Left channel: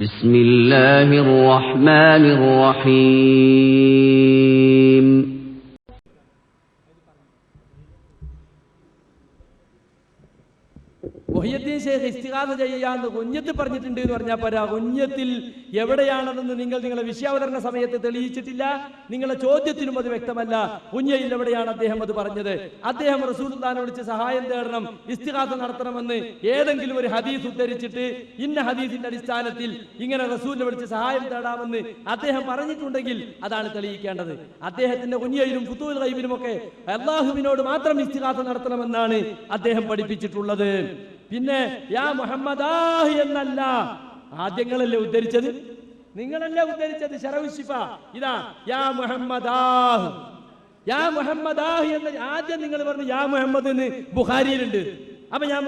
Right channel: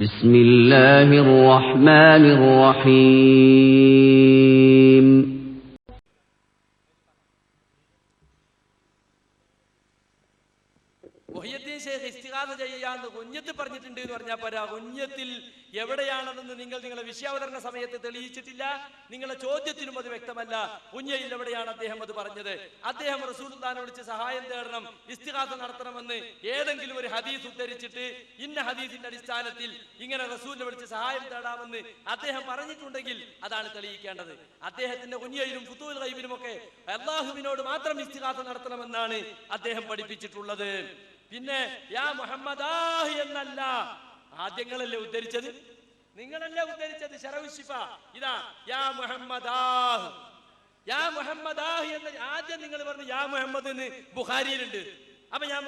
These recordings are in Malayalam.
ബിസ്മില്ലാഹിർ റഹ്മാനിർ റഹീം. മുഹിയുദ്ദീൻ ശൈഖ് ഇസ്തിഗാസ ചെയ്യാന്ന് കുഞ്ഞത്ത് പറഞ്ഞിട്ടുണ്ട് എന്ന് പറഞ്ഞാൽ പോരാ. കുഞ്ഞത്തിൽ എവിടെയാണെന്ന് നിങ്ങളുടെ വിഷയാവതരണ സമയത്ത് തെളിയിച്ചിട്ടില്ല. നിങ്ങളുടെ ചോദ്യത്തിനും അത് വ്യക്തമല്ല. കുഞ്ഞയിൽ എവിടെയാണ് അദ്ദേഹം അത് പറഞ്ഞത്? അദ്ദേഹം റസൂലുള്ളാഹിനെ വിളിച്ച് സഹായം തേടണം, ഇസ്തിഗാസ നടത്തണമെന്ന് ഏതെങ്കിലും ഒരു ഹദീസ് ഉദ്ധരിച്ചിട്ട് ഇന്ന ഹദീസിന്റെ അടിസ്ഥാനത്തിൽ ഇങ്ങനെ റസൂലിനെ വിളിച്ച് സഹായം തേടാമെന്ന് അദ്ദേഹം പറഞ്ഞിട്ടുണ്ടെങ്കിൽ അതാണ് തെളിയിക്കേണ്ടത്. അദ്ദേഹത്തിന്റെ കുഞ്ഞയിലും ഫുതൂൽ ഗൈബിലും ഒക്കെ അല്ലാഹുവിനോട് മാത്രം ഇസ്തിഗാസ നടത്തണമെന്നാണ് അദ്ദേഹം പഠിപ്പിച്ചിട്ടുള്ളത്. പിന്നെ യാ മുഹമ്മദാഹ് എന്നല്ല, ആദ്യങ്ങളല്ലേ ഉദ്ധരിച്ചത്, നിങ്ങളല്ലേ ഉദ്ധരിച്ചത് ശറഉശ്ശിഫ. ഇതാ യാ മുഹമ്മദാഹ്, യാ മുഹമ്മദാഹ് എന്ന് ആദ്യം നിങ്ങൾ പറഞ്ഞു. യാ മുഹമ്മദ് എന്ന് ബുഖാരിയിലുണ്ട്. അപ്പൊ ഞാൻ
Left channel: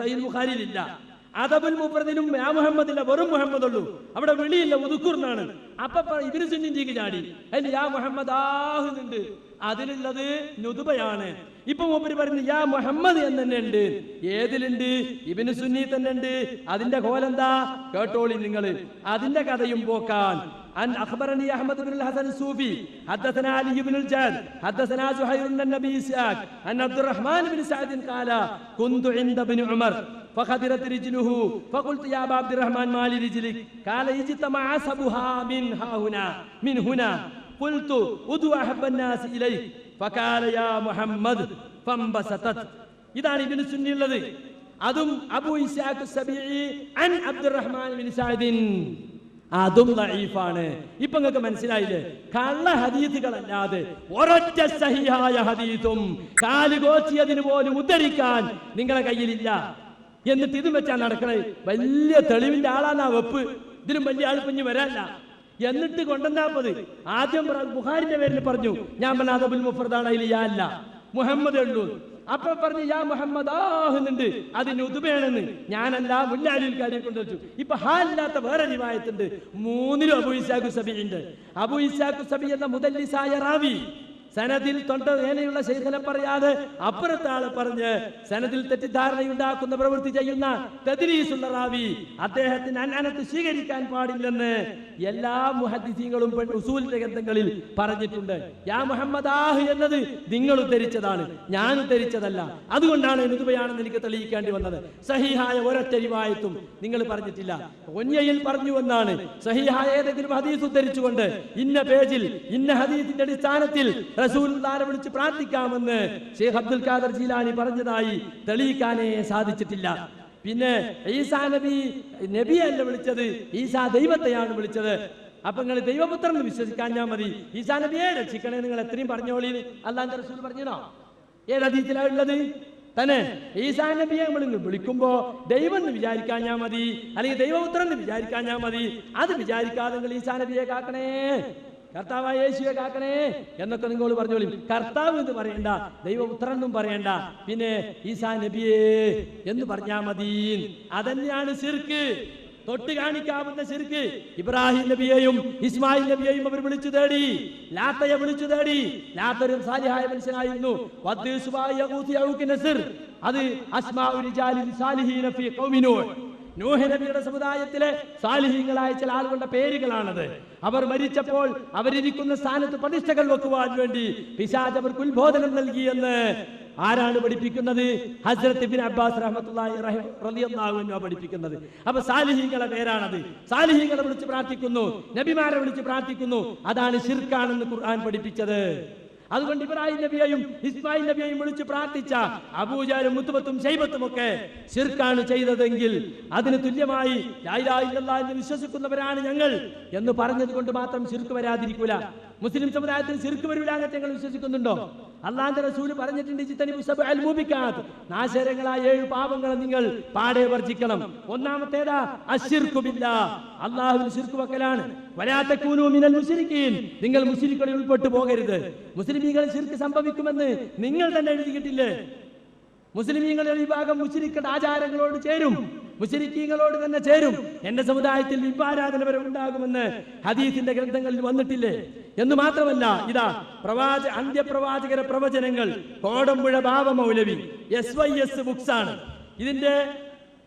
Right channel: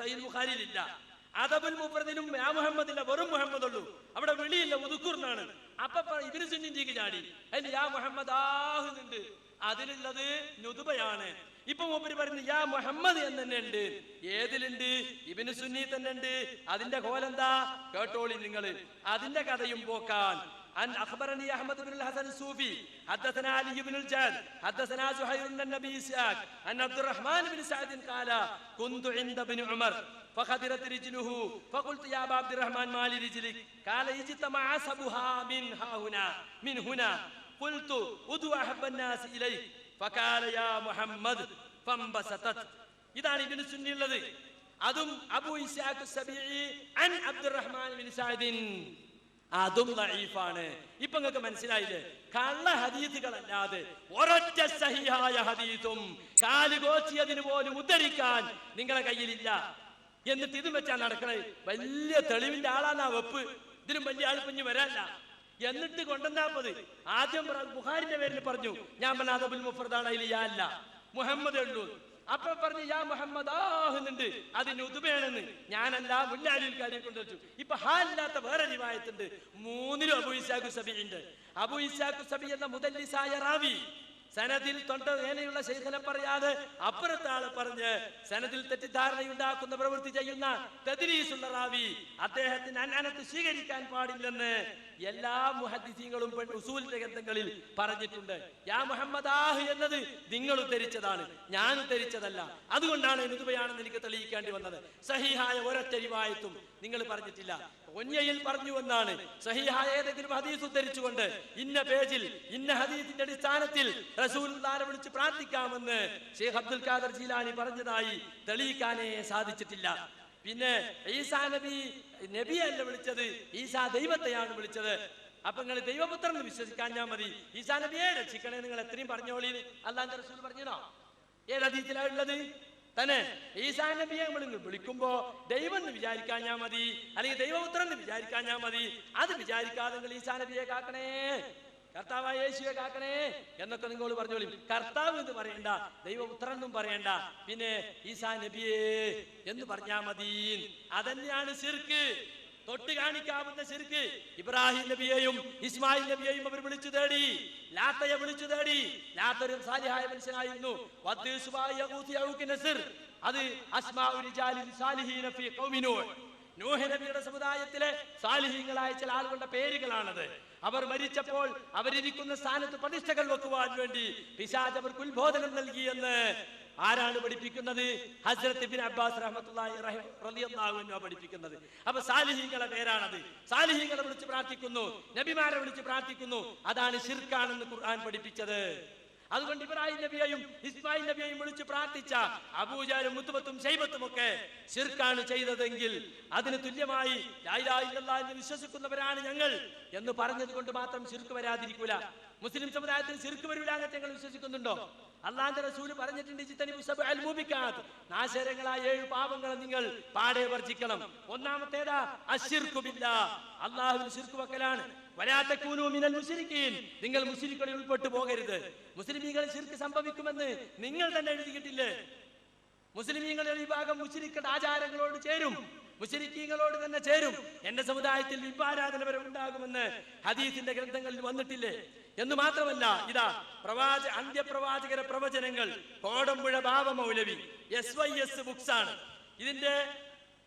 സഹീഹ് ബുഖാരിയിലില്ല. അദബുൽ മുഫ്രദിലും യാ മുഹമ്മദ് ഇല്ല, വെറും മുഹമ്മദ് ഉള്ളൂ. അവിടെ വിളിയില്ല, ഉദുക്കുർന്നാണ്. അപ്പൊ ഇബ്നു സുന്നീക്ക് ചാടി അതിൽ യാ മുഹമ്മദാഹ് ഉണ്ട്. അതിലുള്ളത് നുതുബയാണ്. ഇപ്പൊ മൂപ്പര് പറഞ്ഞു യാ മുഹമ്മദ് എന്ന് തന്നെ ഉണ്ട്. ഏതിലുണ്ട്? ഇബ്നു സുന്നി തന്നെ ഉണ്ട്. അതിന്റെ കോലെന്താ കേട്ടോളി നിങ്ങൾ. അതിന്റെ കഥയും പോക്കാൻ. عن أخبرني أحمد بن الحسن الصوفي حدثنا علي بن الجاد حدثنا زهير بن النبي إسحاق أن عبد الرحمن بن سعد قال كنت عند ابن عمر فخدرت رجله فقلت يا أبا عبد الرحمن ما لرجلك؟ قال اجتمع عصبها من هنا قلت ادعو أحب الناس إليك فقال يا محمد فانبسطت. ഇതാണ് ഇബ്നു സുന്നി ഉള്ളത്. അതും അബൂ ഇസ്ഹാഖ് അസ്സബീഇ അൻ അബ്ദുറഹ്മാൻ ബിൻ സഅദിൻ. അതും ദഈഫാണ്. ഇപ്പൊ നിങ്ങൾക്ക് മനസ്സിലായില്ലേ? കള്ള ഹദീസുകളല്ലാതെ ഒരൊറ്റ സഹിഹായ ഹദീസും കാലുകോച്ചിയതിന് പോലും ഉദ്ധരിക്കാൻ നിങ്ങളെ കയ്യിലില്ല. എന്നിട്ട് ഇതും വെച്ചാൽ നടക്കണേ. വലിയ തെളിവിന്റെ ആളാണ് ആ വെപ്പ്. ഇതിനും വലിയ ആൾ കുഞ്ഞ് വരാല്ല. എന്നിട്ട് കൊണ്ടുവന്നാപ്പത് ആദ്യം ബുഖാരിന്റെ പേരിൽ പറഞ്ഞു. ഞാൻ പറഞ്ഞ അദബുൽ മുഫ്രദാണ്, അതിൽ യാ അല്ല, മുഹമ്മദ് ഉള്ളൂ. അപ്പൊ പറഞ്ഞു യാ മുഹമ്മദ് ആഹുന്നുണ്ട്, അതിന് ഉദുബയാണെന്ന്. ഞാനല്ല, മുല്ലാലിൽ കാര്യം കൊണ്ടുവച്ചു. ഇപ്പൊ ഹാലില്ലാത്ത വേറെ റിവായത്തുണ്ട്. മൂന്നിലും അബൂ ഇസ്ഹാഖ് സബീഇ ഉണ്ട്. അബൂ ഇസ്ഹാഖ് സബീഇ എന്ന മുദല്ലിസായ റാവി സനദിൽ തൊണ്ട വേനയുള്ള ശൈഖനെ പറയാതെ അപ്പുറത്തെ ആള് പറഞ്ഞ് സനദിൽ തെറ്റിദ്ധാരണയുണ്ടാക്കുന്ന പ്രവൃത്തി ചെയ്യുന്ന തദ്ലീസുള്ള റാവി, അദ്ദേഹത്തിന് അനനത്ത് സ്വീകരിക്കാൻ പാടില്ലെന്ന് എല്ലാ മുഹദ്ദിസീങ്ങളും ഉസൂലിന്റെ ഗ്രന്ഥങ്ങളിൽ പറഞ്ഞിട്ടുണ്ട്. യാ മുഹമ്മദാഹ് എന്നത് നിങ്ങൾ ഉദ്ധരിച്ചതാണ്, ഞാൻ ഉദ്ധരിച്ചതല്ല. അതുകൊണ്ടാണ് നുതുബയാണെന്ന് എനിക്ക് തെളിയിക്കേണ്ടി വന്നത്. സഹീഹായ ഒരൊറ്റ റിവായത്തും നിങ്ങൾ പറഞ്ഞിട്ടില്ല. ഒന്യയിൽ പറഞ്ഞു എന്നാണ്. സഹീഹായ ഏതെങ്കിലും ഹദീസ് ഉദ്ധരിച്ചുകൊണ്ട് ഇന്ന പേജിൽ ഇന്ന ഹദീസിന്റെ അടിസ്ഥാനത്തിൽ റസൂലുള്ളാഹിനെ വിളിച്ച് പ്രാർത്ഥിക്കാമെന്ന് ശൈഖ് അബ്ദുൽ ഖാദർ ജീലാനി പറഞ്ഞതായി തെളിയിക്കാനേ സാധിച്ചിട്ടില്ല. പിന്നെ ഈസാ നബിയല്ല വിളിച്ചത്, ഈസാ ദൈവത്തെയാണ് വിളിച്ചത്. അപ്പൊ നിങ്ങൾ ദൈവപുത്രൻ എന്ന് വിശ്വസിക്കാൻ ഞാൻ മതി, ഈസാ നബിയെ രക്ഷിക്കണേ നിങ്ങൾ എത്രയും പറഞ്ഞോളി അല്ലാഹുവിന്റെ റസൂൽ പറഞ്ഞോ? ഏത് ഹദീസിലാണ് ഉള്ളത്? തന്നെ ഈസാ നബിയെ നമ്മൾ വിളിക്കുമ്പോ ദൈവം എന്ന് വിചാരിക്കാൻ ഞാൻ മതി, അല്ലെങ്കിൽ ദൈവപുത്രൻ എന്ന് വിചാരിക്കാൻ ഞാൻ മതി. അത് വിചാരിക്കാതെ നിങ്ങൾ ഈസാ നബിയെ കാക്കണേ, കർത്താവായ യേശുവെ കാക്കണേ എന്നൊക്കെ നിങ്ങൾ പറഞ്ഞോളി. കർത്താവ് എന്ന് പറയണ്ട, ദൈവപുത്രൻ എന്നും പറയണ്ട, പിന്നെ ഈസാ നബിയേ എന്ന് പറഞ്ഞാ മതി. അതന്നെയാണ് ശിർക്ക്, തൊട്ട് കാണിക്കാവുന്ന ശിർക്ക്. ഇബ്രാഹിം നബിയെയും ഇസ്മായിൽ നബിയെയും അവർ വിളിച്ചു തേടി, ലാത്തയെ വിളിച്ചു തേടി. ലാത്തൊരു സാലിഹായ മനുഷ്യനായിരുന്നു. അത് അസ്മാഉ റിജാലിൻ സാലിഹീന ഫീ ഖൗമി നൂഹ്, നൂഹ് നബിയുടെ സമുദായത്തിലെ സാലിഹീങ്ങളായ ചില ആളുകളുടെ പേരുകളാണത്. അവർ മരിച്ചപ്പോൾ അവരിരിക്കുന്ന സ്ഥാനത്ത് പ്രതിഷ്ഠകൾ വെക്കുവാൻ വേണ്ടി പിശാച് അവർക്ക് ഉത്ബോധനം നൽകിയെന്ന് ആരാണ് പഠിപ്പിക്കുന്നത്? ഹസ്രത്ത് ഇബ്നു അബ്ബാസ് റളിയല്ലാഹു അൻഹു പഠിപ്പിക്കുന്നത്. അപ്പൊ സാലിഹീങ്ങളുടെ പേരാണത്. സാലിഹീങ്ങളെ വിളിച്ച് പ്രാർത്ഥിക്കുന്നു, നബിമാരെ വിളിച്ച് പ്രാർത്ഥിക്കുന്നു. അതാണ് ശിർക്കാണെന്ന് ഖുർആൻ പഠിപ്പിച്ചത്. അതുകൊണ്ട് ഇബ്രാഹിം നബിയെയും ഇസ്മായിൽ നബിയെയും വിളിച്ച് പ്രാർത്ഥിച്ച അബൂജഹലും മുത്തുബത്തും ശൈബത്തും ഒക്കെ ശിർക്കാണ് ചെയ്തതെങ്കിൽ അതിന് തുല്യമായി ലാ ഇലാഹ ഇല്ലല്ലാഹ് എന്ന് വിശ്വസിക്കുന്നവരാണ് ഞങ്ങൾ എന്ന് പറഞ്ഞത് കൊണ്ട് മാത്രം ശിർക്ക് വരാതിരിക്കൂല. മുസ്ലിം സമുദായത്തിൽ ശിർക്ക് വരില്ല എന്ന് ഞങ്ങൾ വിശ്വസിക്കുന്നുണ്ടോ? അല്ലാഹുവിന്റെ റസൂൽ പറഞ്ഞിട്ടുണ്ട്, ഇജ്തനിബു സബ്അൽ മുബിക്കാത്ത്, നാശകരങ്ങളായ 7 പാപങ്ങൾ നിങ്ങൾ പാടെ വർജിക്കണം. ഒന്നാമത്തേതാ അശ്ശിർക്കു ബില്ലാഹ്, അല്ലാഹുവിൽ ശിർക്ക് വെക്കലാണ്. വലാ തകൂനൂ മിനൽ മുശ്രിക്കീൻ, നിങ്ങൾ മുശ്രിക്കുകളിൽ ഉൾപ്പെട്ടു പോകരുത്. മുസ്ലിമീങ്ങളിൽ ശിർക്ക് സംഭവിക്കുമെന്ന് നിങ്ങൾ തന്നെ എഴുതിയിട്ടില്ലേ? മുസ്ലിമീങ്ങളുടെ വിഭാഗം മുശ്രിക്കുകളുടെ ആചാരങ്ങളോട് ചേരും, മുശ്രിക്കീങ്ങളോട് തന്നെ ചേരും. എന്റെ സമുദായത്തിൽ വിഭാരാധന വരെ ഉണ്ടാകുമെന്ന് ഹദീസിന്റെ ഗ്രന്ഥങ്ങളിൽ വന്നിട്ടില്ലേ? എന്ന് മാത്രമല്ല, ഇതാ അന്ത്യപ്രവാചകര പ്രവചനങ്ങൾ കോടമ്പുഴ ബാബ മൗലവി SYS ബുക്സ് ആണ്. ഇതിന്റെ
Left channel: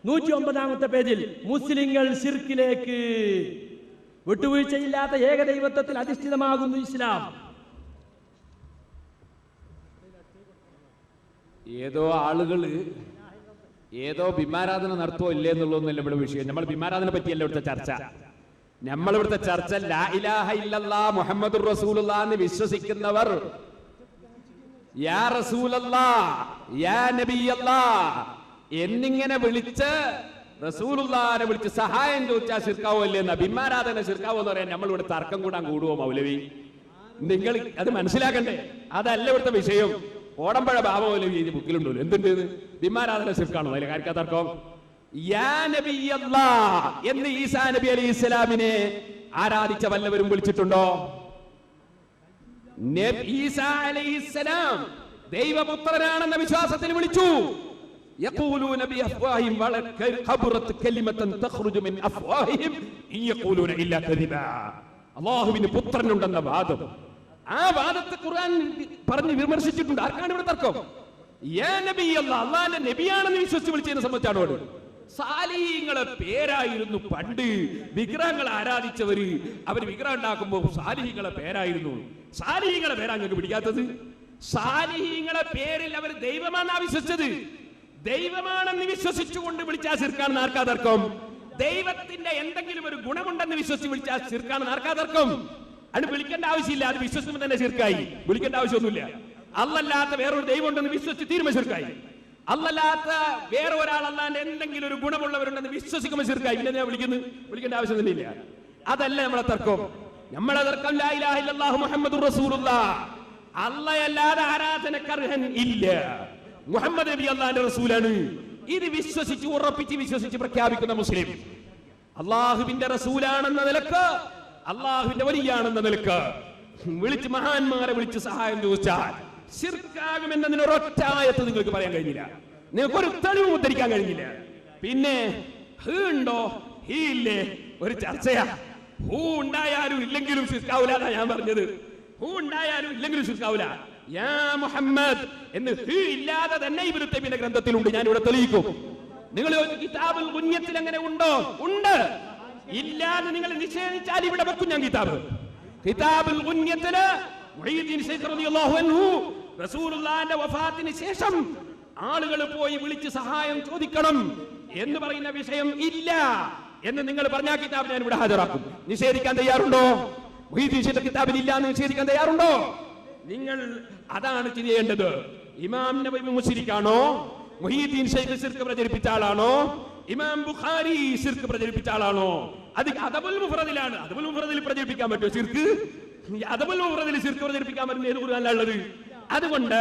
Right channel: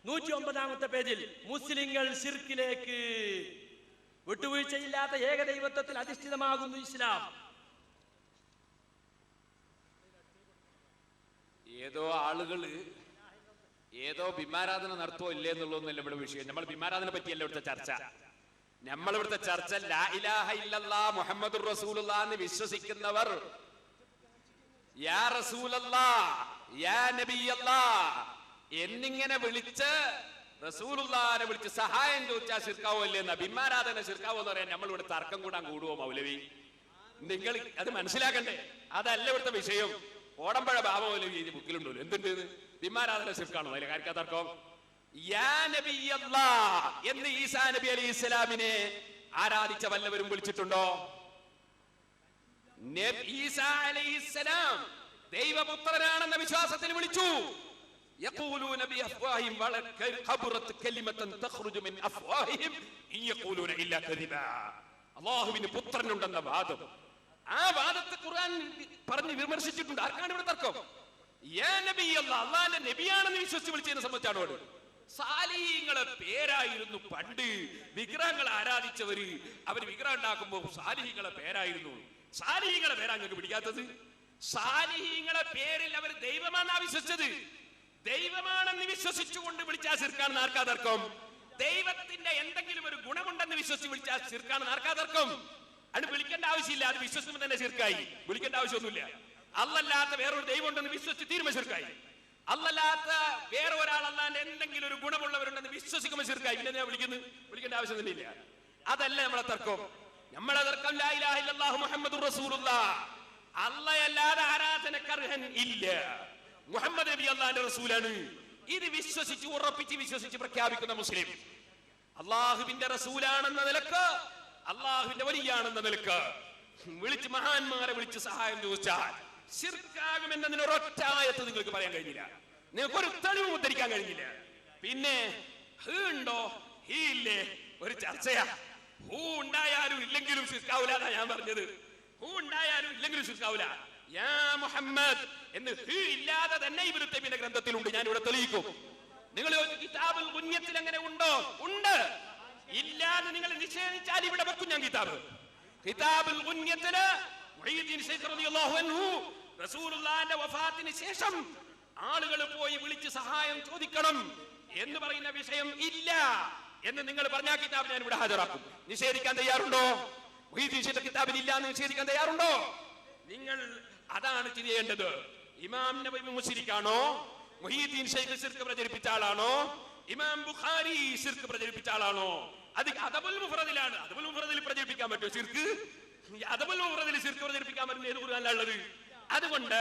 109-ാമത്തെ പേജിൽ മുസ്ലിങ്ങൾ ശിർക്കിലേക്ക്, വിട്ടുവീഴ്ചയില്ലാത്ത ഏകദൈവത്വത്തിൽ അധിഷ്ഠിതമാകുന്നു ഇസ്ലാം. ഏതോ ആളുകള് ഏതോ ബിംബാരാധന നടത്തുവോ ഇല്ലേ എന്നുള്ളതൊന്നുമല്ല ഇവിടെ വിഷയം. നമ്മൾ ബിംബാരാധന പറ്റിയല്ല ഇവിടുത്തെ ചർച്ച. നമ്മളിവിടുത്തെ ചർച്ച ലാ ഇലാഹ ഇല്ലല്ലാഹ് മുഹമ്മദുർ റസൂലുള്ളാഹ് എന്ന് വിശ്വസിക്കുന്നവർ യാ റസൂലല്ലാഹ് യാ നബിയല്ലാഹ് എന്നിങ്ങനെ വിളിച്ച് റസൂലുള്ളാഹിനെ വിളിച്ച് സഹായം ചോദിച്ചാൽ ശിർക്കാവോ ഇല്ലെന്ന ബിംബാരാധന ശിർക്കാവോ എന്ന് പറയാൻ നമ്മളിവിടെ തർക്കം കൂടാൻ കൂടുവോ മൗലവി? നിങ്ങൾ അത് മനസ്സിലാക്കണ്ടേ. അതല്ല ഇവിടുത്തെ വിഷയം. ഓടമ്പഴ ബാബ മൗലവി ഈ ബുക്കിലുണ്ടല്ലോ എന്തുണ്ട് ബിംബാരാധന ശിർക്കാണോ? അതിലെ കാര്യ തർക്കം. യാ നബിയല്ലാഹ് എന്ന് ഈസാ നബി അലൈഹി ഇസ്ലാമിനെ ആരാധിച്ച വല്ലവരും വിളിച്ചിട്ടുണ്ടോ? ഈസാ അലൈഹിസ്സലാം ദൈവപുത്രനാണെന്ന വിശ്വാസത്തിൽ വിളിച്ചു. യഖൂലൂന ബിഅഫ്വാഹിഹിം വലഖബറത് കലിമതൻ തഖ്റുജു മിൻ അഫ്വാഹിഹിം യഖൂലൂന ഇല്ലാ കദിബാ. അല്ലാഹുവിന് പുത്രനുണ്ടെന്ന വാദം, ആ വാദത്തെ ഖുർആൻ പറഞ്ഞു വിമർശിച്ചിട്ടുണ്ട്. ആർക്കാണ് ഇവിടെ തർക്കം? യാ നബിയല്ലാഹ് അല്ലാഹുവിന്റെ നബിയാണെന്ന് വിശ്വസിച്ച് വിളിച്ചതിനെ സംബന്ധിച്ചാണോ? സാലിഹീങ്ങളെ പേരായിരുന്നു പണ്ട് വിഗ്രഹങ്ങളെ ആരാധിച്ചവര്. അവർ വിഗ്രഹം ഉണ്ടാക്കുമ്പോൾ സാലിഹീങ്ങളെ പേരായിരുന്നു. സാലിഹീങ്ങളെ പേരാ നിങ്ങൾക്ക് പിടിക്കാത്തത്? സാലിഹീങ്ങളെ പേരിൽ അവർ ദൈവമാണെന്നാ വിശ്വസിച്ചത്. ദൈവമാണെന്ന് വിശ്വസിച്ചുകൊണ്ട് വിളിച്ചാൽ ശിർക്കാണെന്ന് ആർക്കാ തർക്കം? ദൈവത്തിന്റെ എന്തെങ്കിലും ഒരു ഗുണമുണ്ടെന്ന് വിശ്വസിച്ച് വിളിച്ചാൽ ശിർക്കാണെന്ന് ആർക്കാ തർക്കം? അത് വിളിക്കേണ്ട ആവശ്യമില്ല. അത് വിശ്വസിക്കുമ്പോൾ തന്നെ ശിർക്കായി. വിളിക്കേണ്ട ആവശ്യമൊന്നുമില്ല. അല്ലല്ലാത്ത വേറൊരു ദൈവം ഉണ്ടെന്ന് വിശ്വസിച്ച് തീരുമാനം ശിർക്കായി. അല്ലല്ലാത്ത വേറെ ഒരാൾ അല്ലാണ്ട് എന്തെങ്കിലും ഒരു ഗുണമുള്ളവരുണ്ടെന്ന് വിശ്വസിക്കുമ്പോൾ ശിർക്കായി. പിന്നെ ഞാൻ വിളിക്കേണ്ട ആവശ്യം തന്നെ ഇല്ല. അതല്ല നമ്മളെ തർക്കം. നമ്മളെ തർക്കം ലാ ഇലാഹ ഇല്ലല്ലാഹു മുഹമ്മദുർ റസൂലുള്ളാഹ്, അല്ലാഹയല്ലാതെ ആരാധനക്കർഹൻ ഇല്ല, മുഹമ്മദ് നബി അല്ലാഹുവിന്റെ റസൂലാണ്. ഇത് വിശ്വസിച്ച് ഉറപ്പിച്ച് വിശ്വസിച്ച് പ്രഖ്യാപിക്കുന്ന മുസ്ലിം അള്ളാഹുവിന്റെ റസൂലാണെന്ന നിലക്ക്, അള്ളാഹുവിന്റെ വലിയാണെന്ന നിലക്ക് വിളിച്ച് മഹാന്മാരെ വിളിച്ച് സഹായം ചോദിച്ചാൽ ശിർക്കാകുമെന്നതിന് ഒരൊറ്റ ആയത്ത് നിങ്ങൾക്ക് പറയാൻ കഴിഞ്ഞില്ല. നിങ്ങൾക്ക് ഒരു തെളിവ് ഉദ്ധരിക്കാൻ കഴിഞ്ഞില്ല. പിന്നെ ഹ് ഉണ്ടോ ഹീ ഇല്ലേ ഒരു ചർച്ചയാ. ഹൂ ഉണ്ടായാലും ഇല്ലെങ്കിലും ശിർക്കാവൂല എന്നാ ഞാൻ പറഞ്ഞത്. ഹൂ ഉണ്ടായാലും ഇല്ലെങ്കിലും ശിർക്കാവൂല. യാ മുഹമ്മദ് എന്ന് ഹ് ഇല്ലാതെ തന്നെ ഇബ്നു തൈമിയ്യ ഗ്രന്ഥത്തിലുണ്ട്. ഞാൻ ഇവിടെ തെളിയിക്കും. നിങ്ങൾ കിതാബുൽ ഗുന്യത്തിൽ അങ്ങനെ ഉണ്ടോ? ഉണ്ട്. ഇല്ലാതെ നിങ്ങൾ നിഷേധിച്ചാൽ ഇവിടെ വെക്കും ഞാൻ കിതാബ്. കിതാബുൽ ഗുന്യത്തില് മുഈദ്ദീൻ ശൈഖ് റളിയല്ലാഹു അൻഹു റസൂലുള്ളാഹിന്റെ വഫാത്തിന് ശേഷം ആളുകൾ പോയി വിളിച്ച് സഹായം ചോദിക്കണം എന്ന് പറയുന്ന വിഷയം ഇല്ല എന്ന് നിങ്ങൾ പറഞ്ഞ കിതാബ് ഞാൻ ഇവിടെ ഹാജരാക്കും. നിഷേധിക്കാൻ തയ്യാറുണ്ടോ? മുഈദ്ദീൻ ശൈഖ് കിതാബിൽ ഇല്ല എന്ന് നിഷേധിക്കാൻ തയ്യാറുണ്ടോ? നിങ്ങൾ അതാണ് ചെയ്യേണ്ടത്. ഇമാം നബവി മുശ്രിക്കാണോ? മുഈദ്ദീൻ ശൈഖ് ശിർക്ക് പ്രചരിപ്പിച്ച ആളാണോ? ഇമാം ബുഖാരി ശിർക്ക് പ്രചരിപ്പിച്ച ആളാണോ? അത് അദബുൽ മുഫ്രദിലാണ്. അദബുൽ മുഫ്രദിൽ പ്രചരിപ്പിക്കാൻ പറ്റുമോ ശിർക്ക്? അദബുൽ മുഫ്രദിൽ ശിർക്ക് പ്രചരിപ്പിക്കാൻ പറ്റുന്ന ഏത് ഖുർആനിലാ ഉള്ളത്? അതുകൊണ്ട്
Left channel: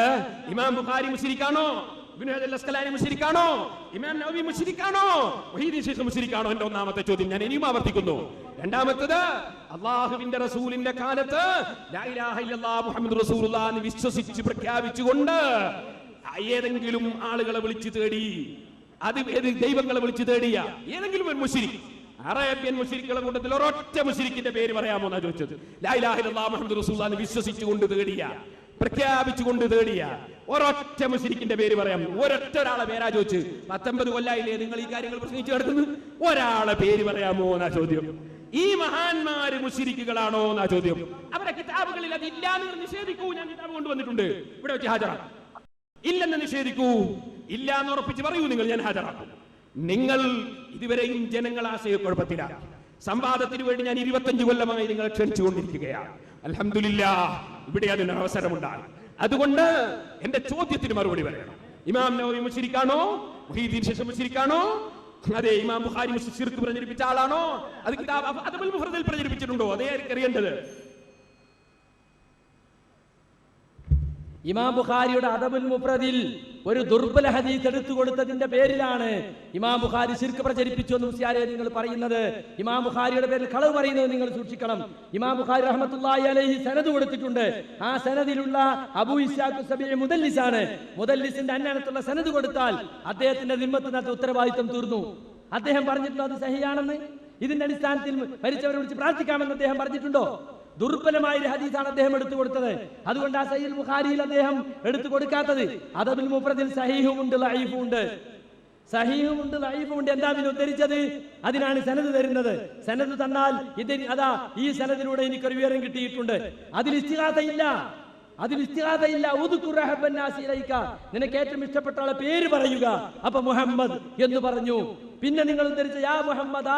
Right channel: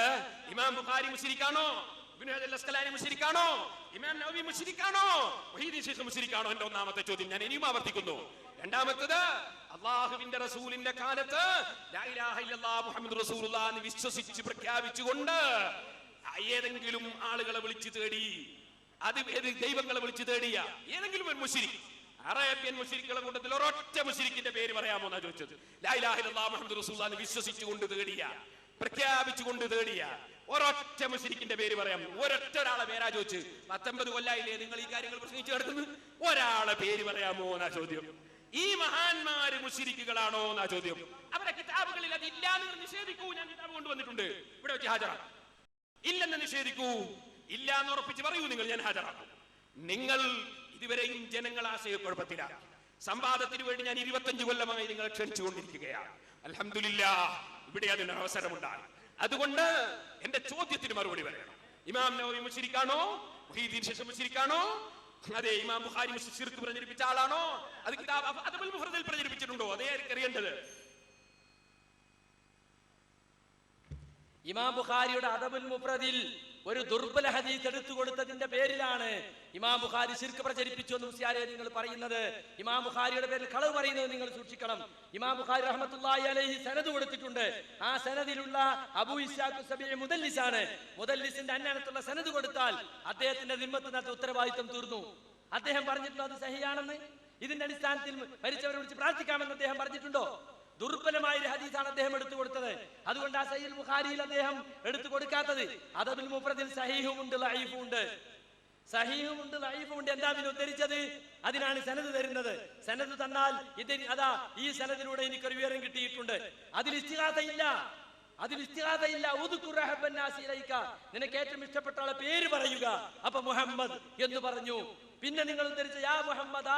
ഇമാം ബുഖാരി മുശ്രിക്കാണോ? ഇബ്നു ഹജർ അസ്ഖലാനി മുശ്രിക്കാണോ? ഇമാം നവവി മുശ്രിക്കാണോ? മുഈദ്ദീൻ ശൈഖ് മുശ്രിക്കാണോ? എന്റെ ഒന്നാമത്തെ ചോദ്യം ഞാൻ ഇനിയും ആവർത്തിക്കുന്നു. രണ്ടാമത്തേത്, അല്ലാഹുവിന്റെ റസൂലിന്റെ കാലത്ത് ലാ ഇലാഹ ഇല്ലല്ലാഹ് മുഹമ്മദുർ റസൂലുള്ളാഹ് എന്ന് വിശ്വസിച്ച് പ്രഖ്യാപിച്ചുകൊണ്ട് ഏതെങ്കിലും ആളുകളെ വിളിച്ചു തേടി, അത് ദൈവങ്ങളെ വിളിച്ചു തേടിയ ഏതെങ്കിലും ഒരു മുശ്രിക്ക്, അറേബ്യൻ മുശ്രിക്കുകളുടെ കൂട്ടത്തിൽ ഒരൊറ്റ മുശ്രിക്കിന്റെ പേര് പറയാമോ എന്നാ ചോദിച്ചത്. ലാ ഇലാഹ ഇല്ലല്ലാഹ് മുഹമ്മദുർ റസൂലുള്ളാഹ് എന്ന് വിശ്വസിച്ചുകൊണ്ട് തേടിയ, പ്രഖ്യാപിച്ചുകൊണ്ട് തേടിയ ഒരൊറ്റ മുശ്രിക്കിന്റെ പേര് പറയാം. ഒരൊറ്റ ഒരാളെ പേരാ ചോദിച്ച്. 19 കൊല്ലായില്ലേ നിങ്ങൾ ഈ കാര്യങ്ങൾ പ്രസംഗിച്ചു കിടക്കുന്നത്? ഒരാളെ പേര് പറയാമോ എന്നാ ചോദ്യം. ഈ മഹാന്മാര് മുശ്രിക്കുകളാണോ എന്നാ ചോദ്യം. അവരുടെ കിതാബുകളിൽ അത് ഇല്ലാന്ന് നിഷേധിക്കൂ. ഞാൻ കിതാബ് കൊണ്ടുവന്നിട്ടുണ്ട്, ഇവിടെ വെച്ച് ഹാജരാക്കും. ഇല്ലെന്ന് നിഷേധിക്കൂ. ഇല്ല എന്ന് ഉറപ്പിച്ച് പറയൂ നിങ്ങൾ, ഞാൻ ഹാജരാക്കും. നിങ്ങൾ ഇതുവരെയും ജനങ്ങൾ ആശയക്കുഴപ്പത്തിലാണ്. സംവാദത്തിന് വേണ്ടി ഞാൻ 25 കൊല്ലമായി നിങ്ങളെ ക്ഷണിച്ചുകൊണ്ടിരിക്കുകയാണ്. അൽഹംദുലില്ലാഹ് ഇവിടെ അതിന് അവസരമുണ്ടായി. അതുകൊണ്ട് എന്റെ ചോദ്യത്തിന് മറുപടി പറയണം. ഇമാം നവവി മുശ്രിക്കാണോ? മുഈദ്ദീൻ ശൈഖ് മുശ്രിക്കാണോ? അതെ. ഇമാം ബുഖാരി ശിർക്ക് പ്രചരിപ്പിച്ച ആളാണോ? അത് കിതാബ് അദബുൽ മുഫ്രദിൽ പ്രചരിപ്പിച്ചിട്ടുണ്ടോ? അതേ അറിയേണ്ടത്. ഇമാം ബുഖാരിയുടെ അദബുൽ മുഫ്രദിൽ ഒരു ദുർബല ഹദീസ് എടുത്തു കൊടുത്തതിന്റെ പേരിലാണ് ഇമാം ബുഖാരി ശിർക്ക് പ്രചരിപ്പിച്ചു എന്ന് മുസ്ലിയാരെ നിങ്ങൾ പറയുന്നത്. ഇമാം ബുഖാരിയുടെ പേരിൽ കളവ് പറയുന്നത് നിങ്ങൾ സൂക്ഷിക്കണം. ഇമാം ബുഖാരി റഹ്മത്തുള്ളാഹി അലൈഹി സനദ് കൊടുത്തിട്ടുണ്ട്. ആ സനദിലുള്ള അബൂ ഇസ്ഹാഖ് സബീഇ മുദല്ലിസാണ്. മുദല്ലിസിന്റെ അന്യായത്തുള്ള സനദ് കൊടുത്താൽ അദ്ദേഹത്തിന്റെ ദിമ്മത്തിനകത്ത് ഉത്തരവാദിത്വം തീർന്നു. അദ്ദേഹം പറഞ്ഞിട്ടുണ്ടോ അത് സഹിയാണെന്ന്? ഇതിന്റെ അടിസ്ഥാനത്തിൽ മരിച്ചവരെ വിളിച്ച് പ്രാർത്ഥിക്കാമെന്ന് അദ്ദേഹം പറഞ്ഞിട്ടുണ്ടോ? ദുർബലമായ ഒരു ഹദീസാണ് അദ്ദേഹം എടുത്തു കൊടുത്തത്. അതുകൊണ്ട് ആ സഹീഹുൽ ബുഖാരിയിൽ അദ്ദേഹം എടുത്തു കൊടുക്കാത്തത്. അദബുൽ മുഫ്രദിൽ സഹീഹും ഉണ്ട്, ലഈഫും ഉണ്ട്. സഹീഹുമുണ്ട് ലഈഫുമുണ്ട്. എന്താ പിന്നെ ഉദ്ധരിച്ചത്? അതിനാണ് സനദ് തരുന്നത്. സനദ് തന്നാൽ അതാ ഈ സനദിലൂടെ എനിക്കൊരു വിവരം കിട്ടിയിട്ടുണ്ട്. അതിൽ ഇസ്തിഗാസയില്ല. നിനക്ക് ഏറ്റവും ഇഷ്ടപ്പെട്ട ആളെ പേര് പറയുക. അപ്പൊ മുഹമ്മദ് എന്ന് പറഞ്ഞു. പിന്നെ നിങ്ങൾ ഉദ്ധരിച്ച യാ മുഹമ്മദ്